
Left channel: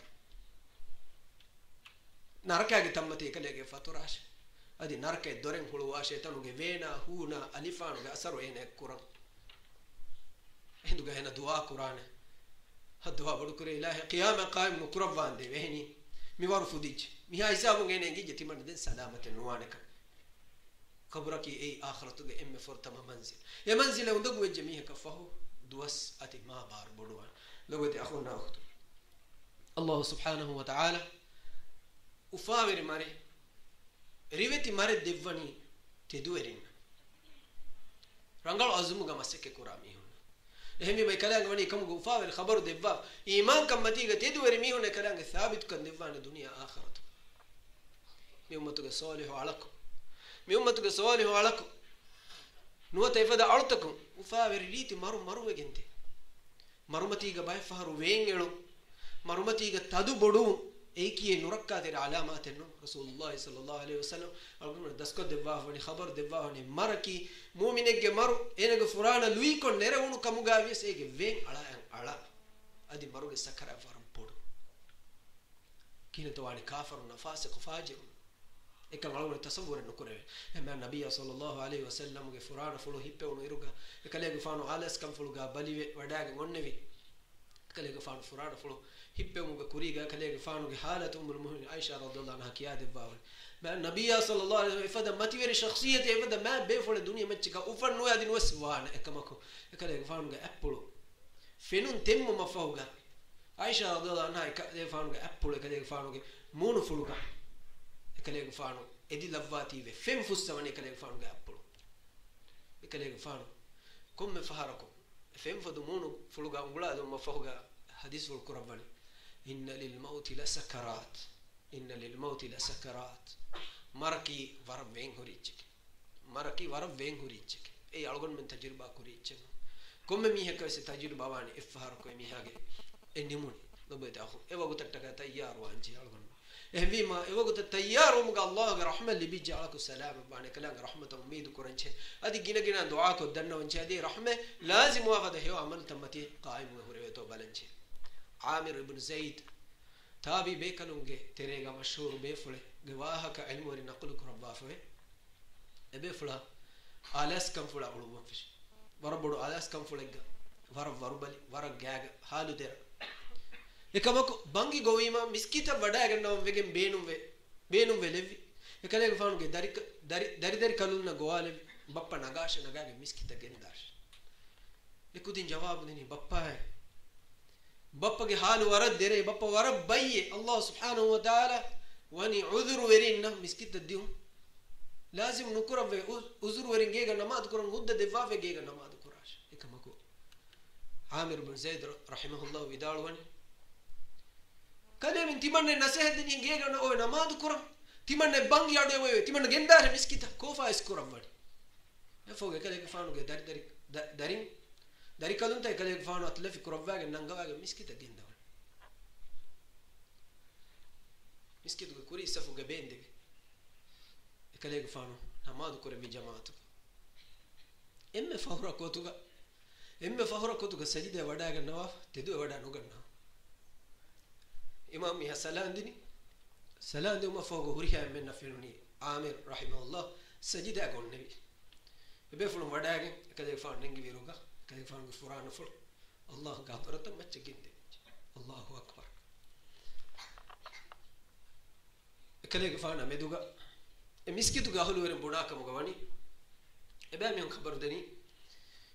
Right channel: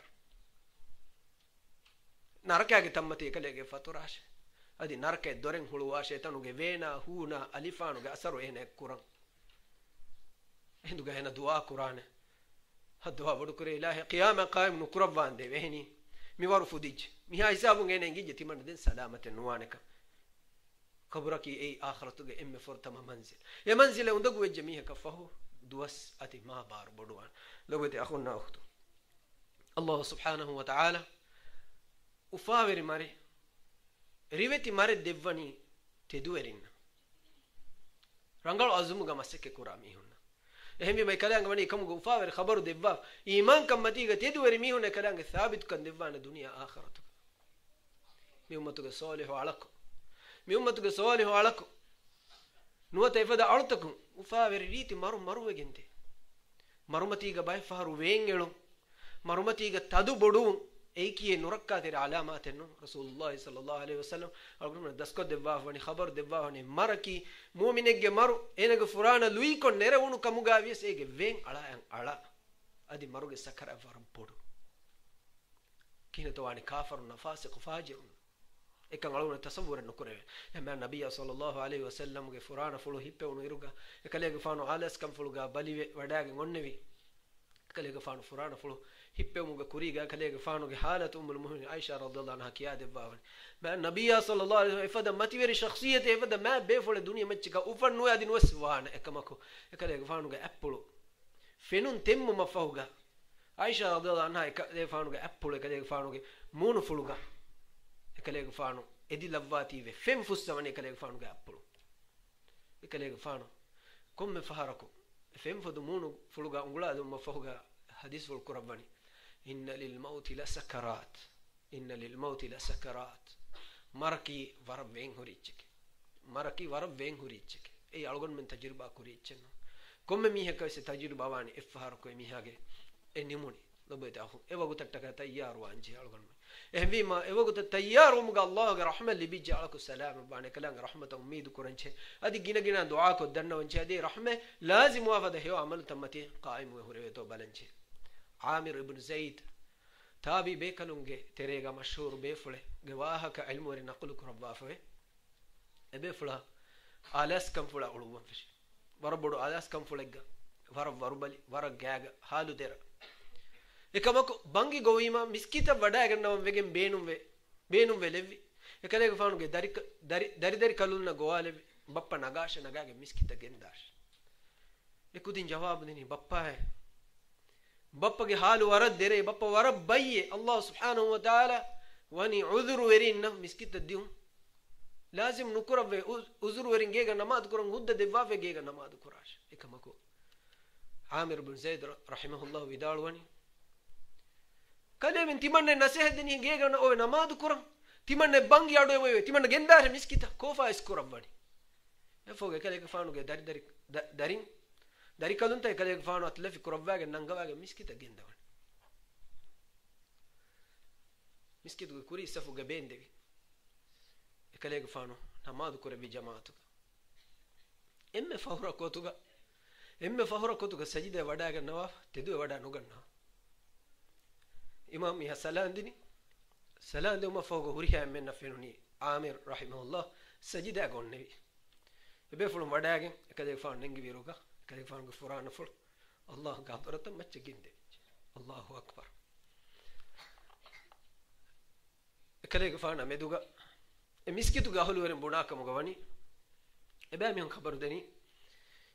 ನರಕಗೆ ತಮ್ಮತಿ ಕಲೆಗೆ ಫತುರಾಶೆ ಅದಿ ನರಕೆ ದೊರೆಂ ಹುಳುವ ಶೇತನುಗೆ ವೇನ ಹೂನ ಅಲಿಫಾನುಗೆ ಅಸರು ಏನೆ ಕುರಂ ಹಿಂದುಗೆ ಹೆನ ದುವಾ ಕುರಾನೆ ಹದ್ವಾ ಬಡುಕರೆ ಇಲಾಹಿ ಕಿಯಾಮ ಕಾಯಿಮ್ ನು ಕುರವಾಂದೆ ವೆಹನಿ ಮಿವಾರು ಫುದಿಜ್ ಮಿಹಾ ಹಿಸಾಬುಗೆ ಏನೆ ಗಿಜೆ ತಿಮಂದೆ ಸಲಾಮತೆ ನುವಾನೆಕ ಕಬರಕಿ ಏ ಆಖರತುಗೆ ಎಮ್ಮೆ ಫರ್ತಮ ಮಂಜಿಲ್ ಎ ಮಂಜಿಲ್ ಉಂದಗು ವೆಜ್ಜೆ ಮಿಹ ಕಫಹು ದುವಸ್ ಅತಿ ಮಾ ಬಾರ್ ಬಡುವಾನ್ ಲವತಿ ಅಖುನ್ನ ಅಖ್ತು ಅಲ್ಲಾಹು ಸುಬ್ಹಾನಹು ವ ತಆಲಾ ufaveri mare riveti mare devvani teduerin rangal azumuga maseke kurami hunna ehmi mai kalanga wani kamuga ufaveri khabaru devva iman kammatiga tedueri mi hunna kalanga thabit kan devvana dunya akhiratu mi ummatuga salihu alaku nuwata ifada alutakum ufaveri riti maruwegente marumatiga bay faharu wengelu marumatiga tadu bodu eikiye nurakkatir alamatenno rasulullah sallallahu alaihi wasallam algum dasko devva wani khabar devva wani maraki mu'minegge maru enage furana lui kon nerewunu kamugavies ege ven ala adi maruge sakara varam podu kinato wani kafaru nafasiq fajirun ekan algum tasawwur nukure ema nabiyya sallallahu alaihi wasallam ge furana fulu hippe unu iruga ekalege fanu alas kam fuluga balive wadage ngonnevi ekalege fanu furana fulu hippe muga kuriga kalege fanuge halat ummul mu'minin aisha radhiyallahu anha kiya devawal ma nabiyya sallallahu alaihi wasallam ifada mativeri shakhsiyat ifada ma befole duniya machika ufannu yadin waswana ekamako kalege fanuge appulu fenun temmu mafahuga aisha radhiyallahu anha kalege fanuge appulu kalege fanuge munu fuluga kalege fanu edi lavati ve fem fussamani kalege fanuge appulu kalege fanu komme faharako fem fodu munu fuluga unguladu mafahuga hadis wal qur'ani inna lil mauti la sakarat maraki warab wen horichke ei algon men tajriba kurichen komme mi hekase tajriba wani ifhar ko mi hage enimuni lobeta akhu ewagu tattaka tayyar wanje algon ehvima ewagu tayyar umga Allah ga rahmat li bi ja'alaku salam bani kalang rahmat ummid kuranche adi gina dua ko danna wanje adi rahme lazim wafada he amal tamati qaim wa hurayto balanche Amir ibn Zayd tabi bekalunge terega mashhur befule gewahaka ilmu ri naqlu kurabba fawe ebefula alas kam fula ulum fish warabodu alas kam fulegga warubali waragaga halu dera ekamako bangi govima miskita wada gannaw vegen beenum velevi ekalege fanuge dari kalunna goalevi bappa nagasha nagage miskita gendash ekudin jawab dini bappa hai bappa ge halu warad dere bappa warab bayye Allah subhanahu wa ta'ala wani udhru werinna miskita dium lazim nukurave uzru werin gega namaz kuran hudda devave gega namaz kurash ekamako Amir ibn Zayd rahimahullah vidalwani kale min timanne nasihadini gega na o namaz kuran timanne bangi adu we timanne gendare miskita kofa iskurabani efoge kale ke fanu ge dari kalunta kale ke fanu atlefi kurabage nangawage miskita gendawan miskitu kuri safu ga bendege ekale ga fanu namadu kore bi jamaatu emme fahura kotuga sajida wada ga nawaf tedu wada nuganna imam mi hasalandini salande uma fogo huriha men nafenuni amir rahimahullah sajida gonne be fulum wada ga ekale ga fanu nengi viruga ekale ga fanu ga furana ful allah ga torata macce ginde allahu akbar ekale ga fanu meduga miskitu ga holu weren bunaka mugawani ebe mi khabar deni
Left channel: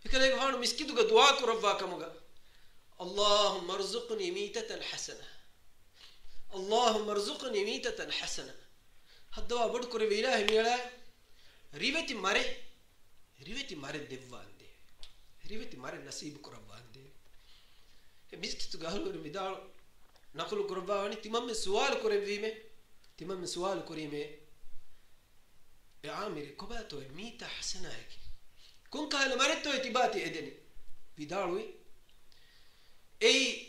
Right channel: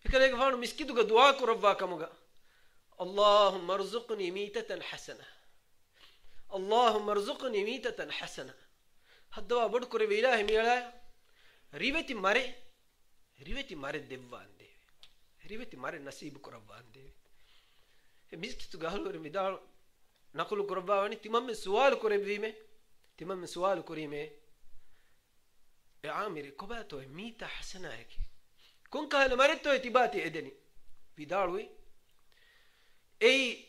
ekale ga fanu miskitu ga dua ko rabba kamuga allahumma arzuqni mitatan hasana allahumma arzuqni mitatan hasana hadwa bad kore ilahi miyala riveti mare devvande riveti mare nasib ko rabbande miskitu ga holu weren midal naqulu ko rabbani timam sual kore vime يا عامر كباتو ميتا حسناك كون كان مرتو اتباتي ادني بداروي اي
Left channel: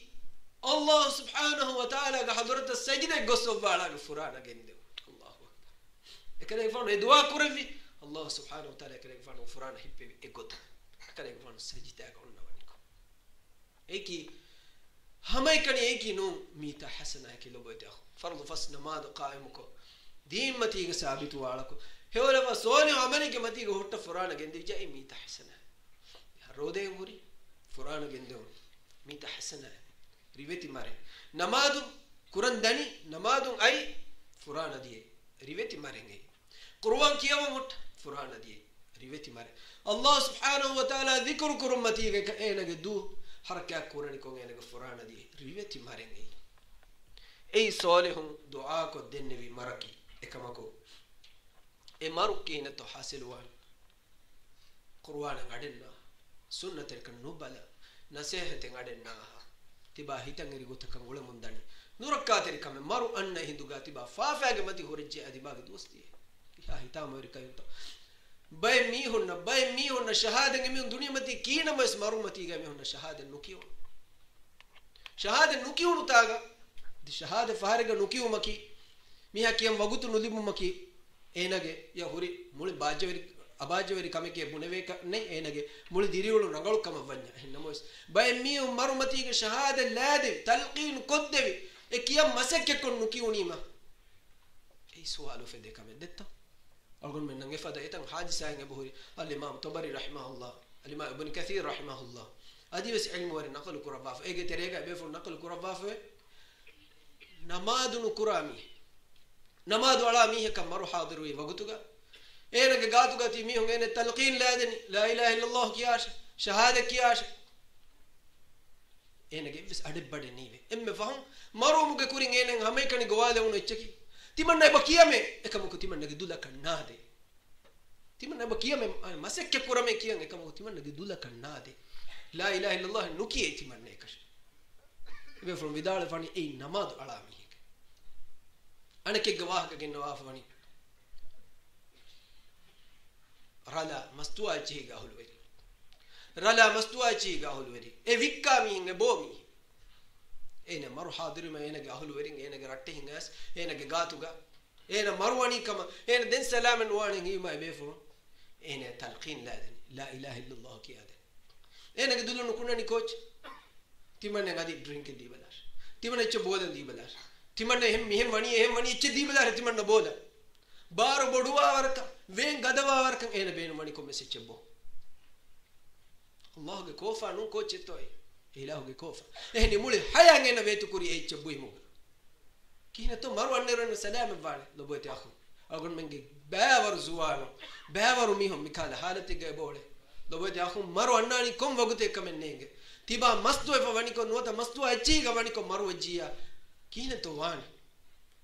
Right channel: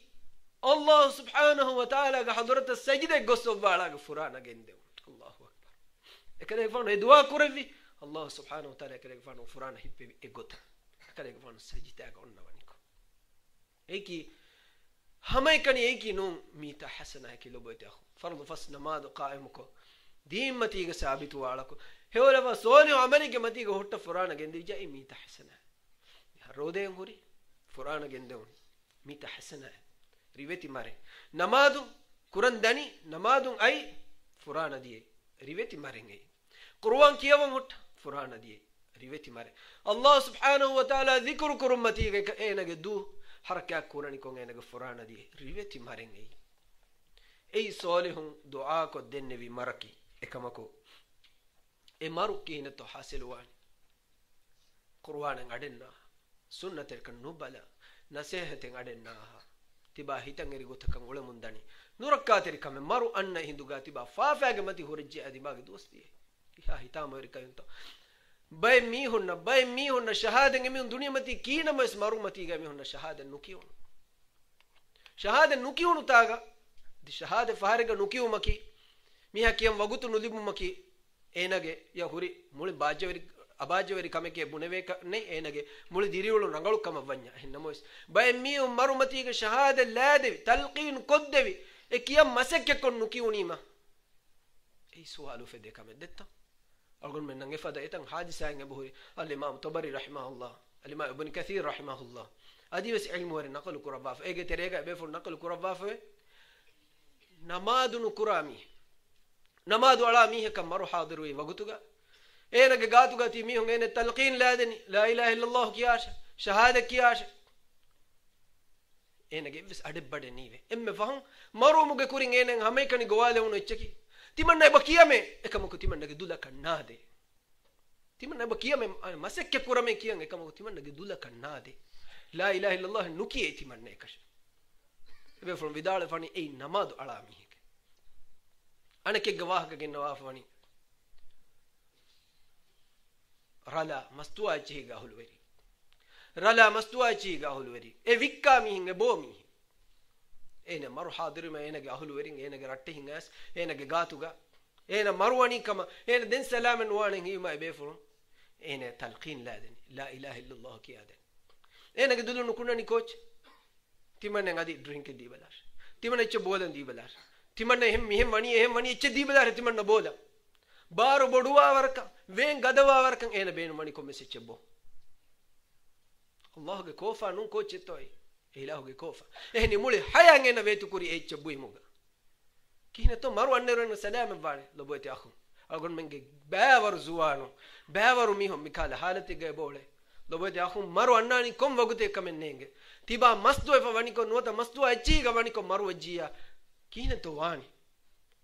الله سبحانه وتعالى حضرت السجدة قصوا بالا فرانا جندو الله اكبر كده يفون ادوا كرفي الله سبحانه وتعالى كده يفون فرانا هيب ايغوت كده يفون السجدة قلنا ونيكو ايكي همي كان ايكي نو ميتا حسناك لو بيت اخو فرض فصل ما قائمكو دين متي ثابت والكو هولا فسوني عملي كمتي هوت فرانا جندي جاي ميتا حسنة رودين غوري فرانا جندون ميتا حسنة ريفتي ماري نمادو قران داني نمادو اي فرانا دي ريفتي ماري اي قرآن كيا وموت فرانا دي ريفتي ماري الله سبحانه وتعالى ذكر كرمتي اينا جدو حركة قرآن كون اينا فرانا دي ريفتي ماري اي صالحون دعاء كو دنبي مركي اكمكو e marukina to hasilwan qur'an ngadenna sunnatel kan nubala nasihate ngadenna tiba hitangeri gotakan gole mundani nurakateri kame maru anna hinduga tiba faafage mati horje adibage dosti ya hitameri kayto bay mi hunna shahada ngemi dunya mati kina mas maru mati ga mi hunna shahada nukiun taga di shahada faharega nukiu maki miha kiyam wagutu nulibu maki ಏನಗೆ ಯ ಹುರಿ ಮುಳಿ ಅಬಾಜವರಿ ಕಮೆಕೆ ಬುಣವೆ ನೆ ಏನಗೆ ಮುಳಿ ದಿರಿಗಳು ರಂಗಳು ಕಮ ವನ್ಯ ನಮೋಸ್ ಬೈ ಮಿ ಮರುಮತಿಗೆ ಶಹಾದ ಲಾದೆವಿ ತಲ್ಕೀನ್ ಕೊದ್ದೆವಿ ಎ ಕಿಯ ಮಸಕ್ಕೆ ಕೊಂಡು ಕಿಯುನಿಮ ಈ ಸುವಾಲು ಫೆದೆ ಕಮೆ ದೆತ್ತ ಅಲ್ಗೊನ್ ಮೆನ್ ನಂಗೆ ಫದ ಎತಂ ಹಾದಿಸಾಂಗೆ ಬಹುರಿ ಅಲ್ ಇಮಾಮ್ ತಬರಿ ರಹಿಮಹುಲ್ಲಾ ಅಲ್ ಇಮಾಮ್ ಇಬ್ನ್ ಕಥೀರ್ ರಹಿಮಹುಲ್ಲಾ ಅದಿವಸ್ ಇಲ್ಮ್ ವರಿ ನಕಲ್ ಕುರಬಾಫ ಏಗೆ ತೆರೆಗ ಬೇಫುಲ್ ನಕಲ್ ಕುರಬಾಫ ನಮಾದುನು ಕುರಾಮಿ نماذ على ميه كم مرو حاضر وي وقتوغا اينك غاتوغا تي ميه غين تلقين لادني لا اله الا الله كياش شهاده كياش اينك بس ادبد نيوي ام فهم مرو مغ كورين اينن همي كني غواله ونو اتشكي تيمن بكيامه اكمك تيمن دولا كناده تيمن بكيامه مسك كورمه كيان اكمك تيمن دولا كناده لا اله الا الله نكي تيمن نكش بفرم بدال فاني اي نماذ على ميه أنا كي جواه كجن نوافني رلا مستوى شيء قاهل وري إيه ويكا مين بومي إيه مرو حاضر ما إيه قاهل وري إيه نقرأته هناس إيه نقاتوغا إيه مرواني كما إيه دين سلام نواني هي ما يبيفون إيه تلقين لا إله إلا الله كيادن إيه نقدلو نكونا نيكوش تيمان نعادي درينك دي بلاش تيمان يتشو بودن دي بلاش ತಿಮಣ್ಣ ಹೆಮ್ ಮಣಿ ಇಚ್ಚೆ ದೀಬದಾರೆ ತಿಮಣ್ಣ ಬೋಲ ಬಾರು ಬಡುವ ವರ್ಕ ವೇನ್ ಗದವ ವರ್ಕ ಏನ ಬೇನು ಮಣಿ ಕೊಮ್ಮೆ ಸಿಚ್ಚೆಬ್ಬೋ ಅಲ್ಲಾಹ್ಗೆ ಕೋಫಾ ನು ಕೋಚಿತ್ತೋಯ್ ಇಲಾಹುಗೆ ಕೋಫಾ ಎಹನಿ ಮುಳಿ ಹಯಾಂಗೇನ ವೇತು ಕುರಿ ಎಚ್ಚೆಬ್ಬು ಇಮುಗ ಕೀನತೋ ಮರು ಅನ್ನೆರನ್ನು ಸಲಾಮ ಬಾಳೆ ಲಬೋತಿ ಆಖು ಅgon menಗೆ ಬೇವರು ಜುವಾನು ಬೇವರು ಮಿಹೊ ಮಿಕಾಲ ಹಾಲತಿಗೆ ಬೋಳೆ ಲಬೋತಿ ಆಖು ಮರು ಅಣ್ಣಾನಿ ಕೊಂ ವಗುತೆ ಕಮೆನ್ನೆಂಗೆ ತಿಬಾ ಮಸ್ತು ಎಫ ವಣಿಕೊ ನೋತ ಮಸ್ತು ಅಜ್ಜಿಗ ವಣಿಕೊ ಮರು ಅಜ್ಜಿಯ كينة تواني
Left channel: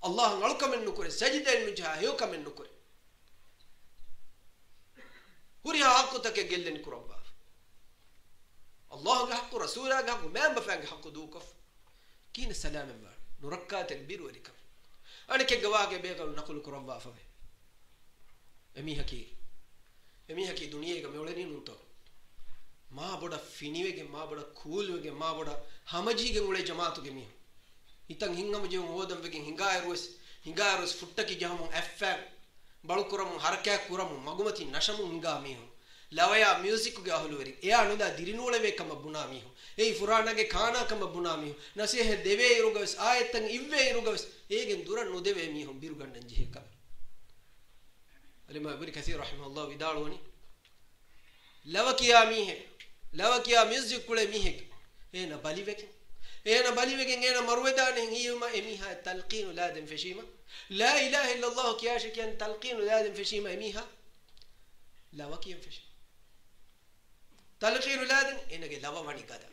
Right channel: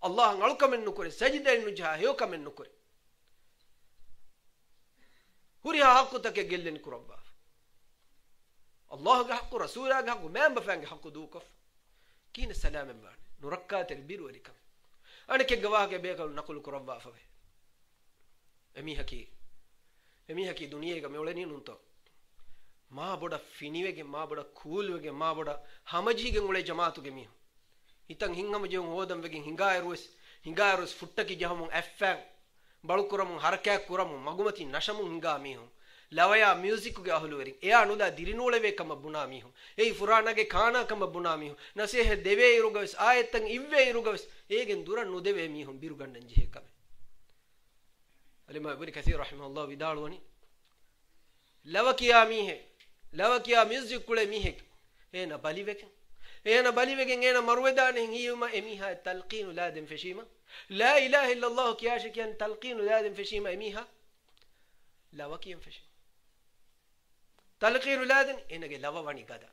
الله نعلق من نكره سجدة النجاة يوك من نكره هوري حق تكجل نكربا الله حق رسوله حق ما بفهم حق دوكف كينة سلام بان نركات البير وريكم أنا كجواك بيقول نقول كربا فوي أمي هكي دنيا كم يولني نونتو ما بودا فينيوه كم ما بودا كولوه كم ما بودا همجي كم وله جماعتو كميه itang hingam je hodam wegen hingaay rues hingarus futtaki jahamun affan balukuramun harakat kuramun magumati nashamun hinga mihun lawaya music ge ahulu werin eya nuda dirinule ve kama buna mihun ei furana ge khana kama buna mihun nasihe deve irugavis ayetan ivve irugavis egen duran nu deve mihun biru gannan jeheka alima ibn kathir rahimahullah vidalwani lavakiya music kule mihe ena baliveken ena marwedane hiyuma emiha talqin ladim feshima la ilaha illa allah kiyash kiyan talqin ladim feshima emiha lavakiyan fesh talqin ladim enage lavawani gada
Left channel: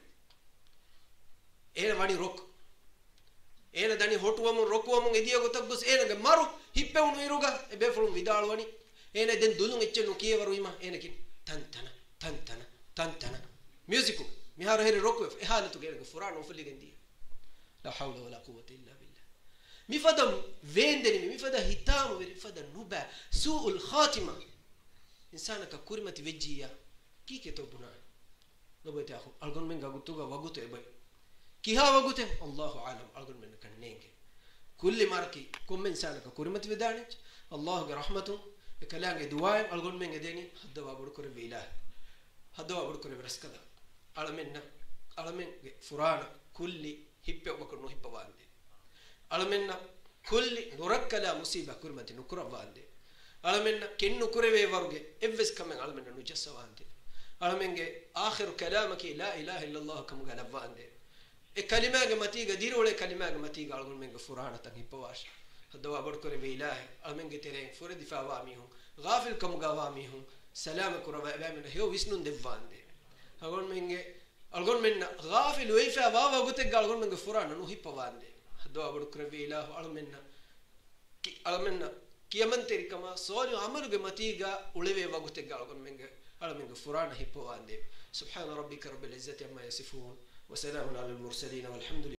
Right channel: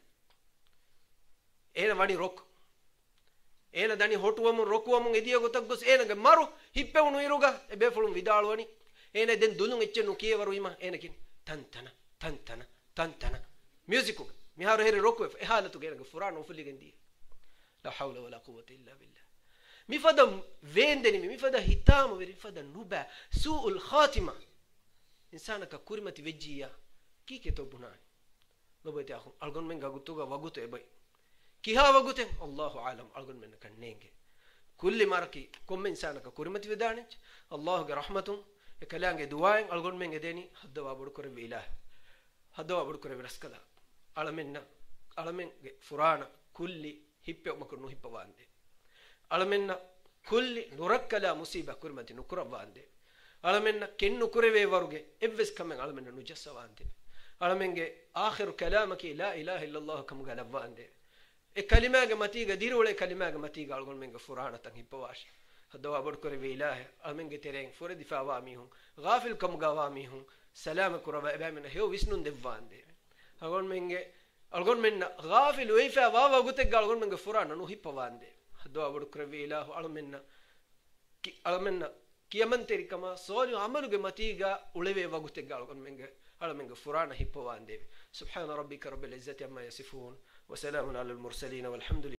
ena wani rok ena dani hotuwamun rokuwamun ediya gotaggos enage maru hippewunu iruga e befulum vidalwani ena den dulun echenu kiyewaru ima enakin tantana music mihar heri rokwe halatu gerga furano fuligendi la hawla wala quwwata illa billah mifada vendeni mifada hitamu veri fada nuba suul khatima insana ka kurimati vejjiya kike to buna lobote akhu algon men gagutuga wagute bay kiha wagute Allahu alam algon men kannenge kulli marki kom insana ka kurimati vedanich Allah ge rahmatu e kalange duwaim algon men gedeni hadda wabud kore bilah hadda wabud kore raskala alamen furana kulli hippe makunu hippa wande alamenna kulli nurakkala musiba kurmati nukura wande alamenna kennu kureve waruge evves kamen alamenna nujassa wande alamenge akhiru kalamaki la ilaha illa allah kam gala wande e kalimage matiga dirole kalimage matiga algon menge furana tan hippa wash hadda wabud kore bilah alamenge tereng fure difa wa mihun ghafil kam gawa mihun salama kuraba bamena hew visnun devande algon menna ghafil weifa wawa gute algon menge furana no hippa wande do abud krevi ilahu almenna kiyamanteri kama solu amaluge matiga uleve wagute algon menge furana hippa wande subhana rabbika rabbil izzati amma yasifun wa salamun alal mursalin walhamdulillah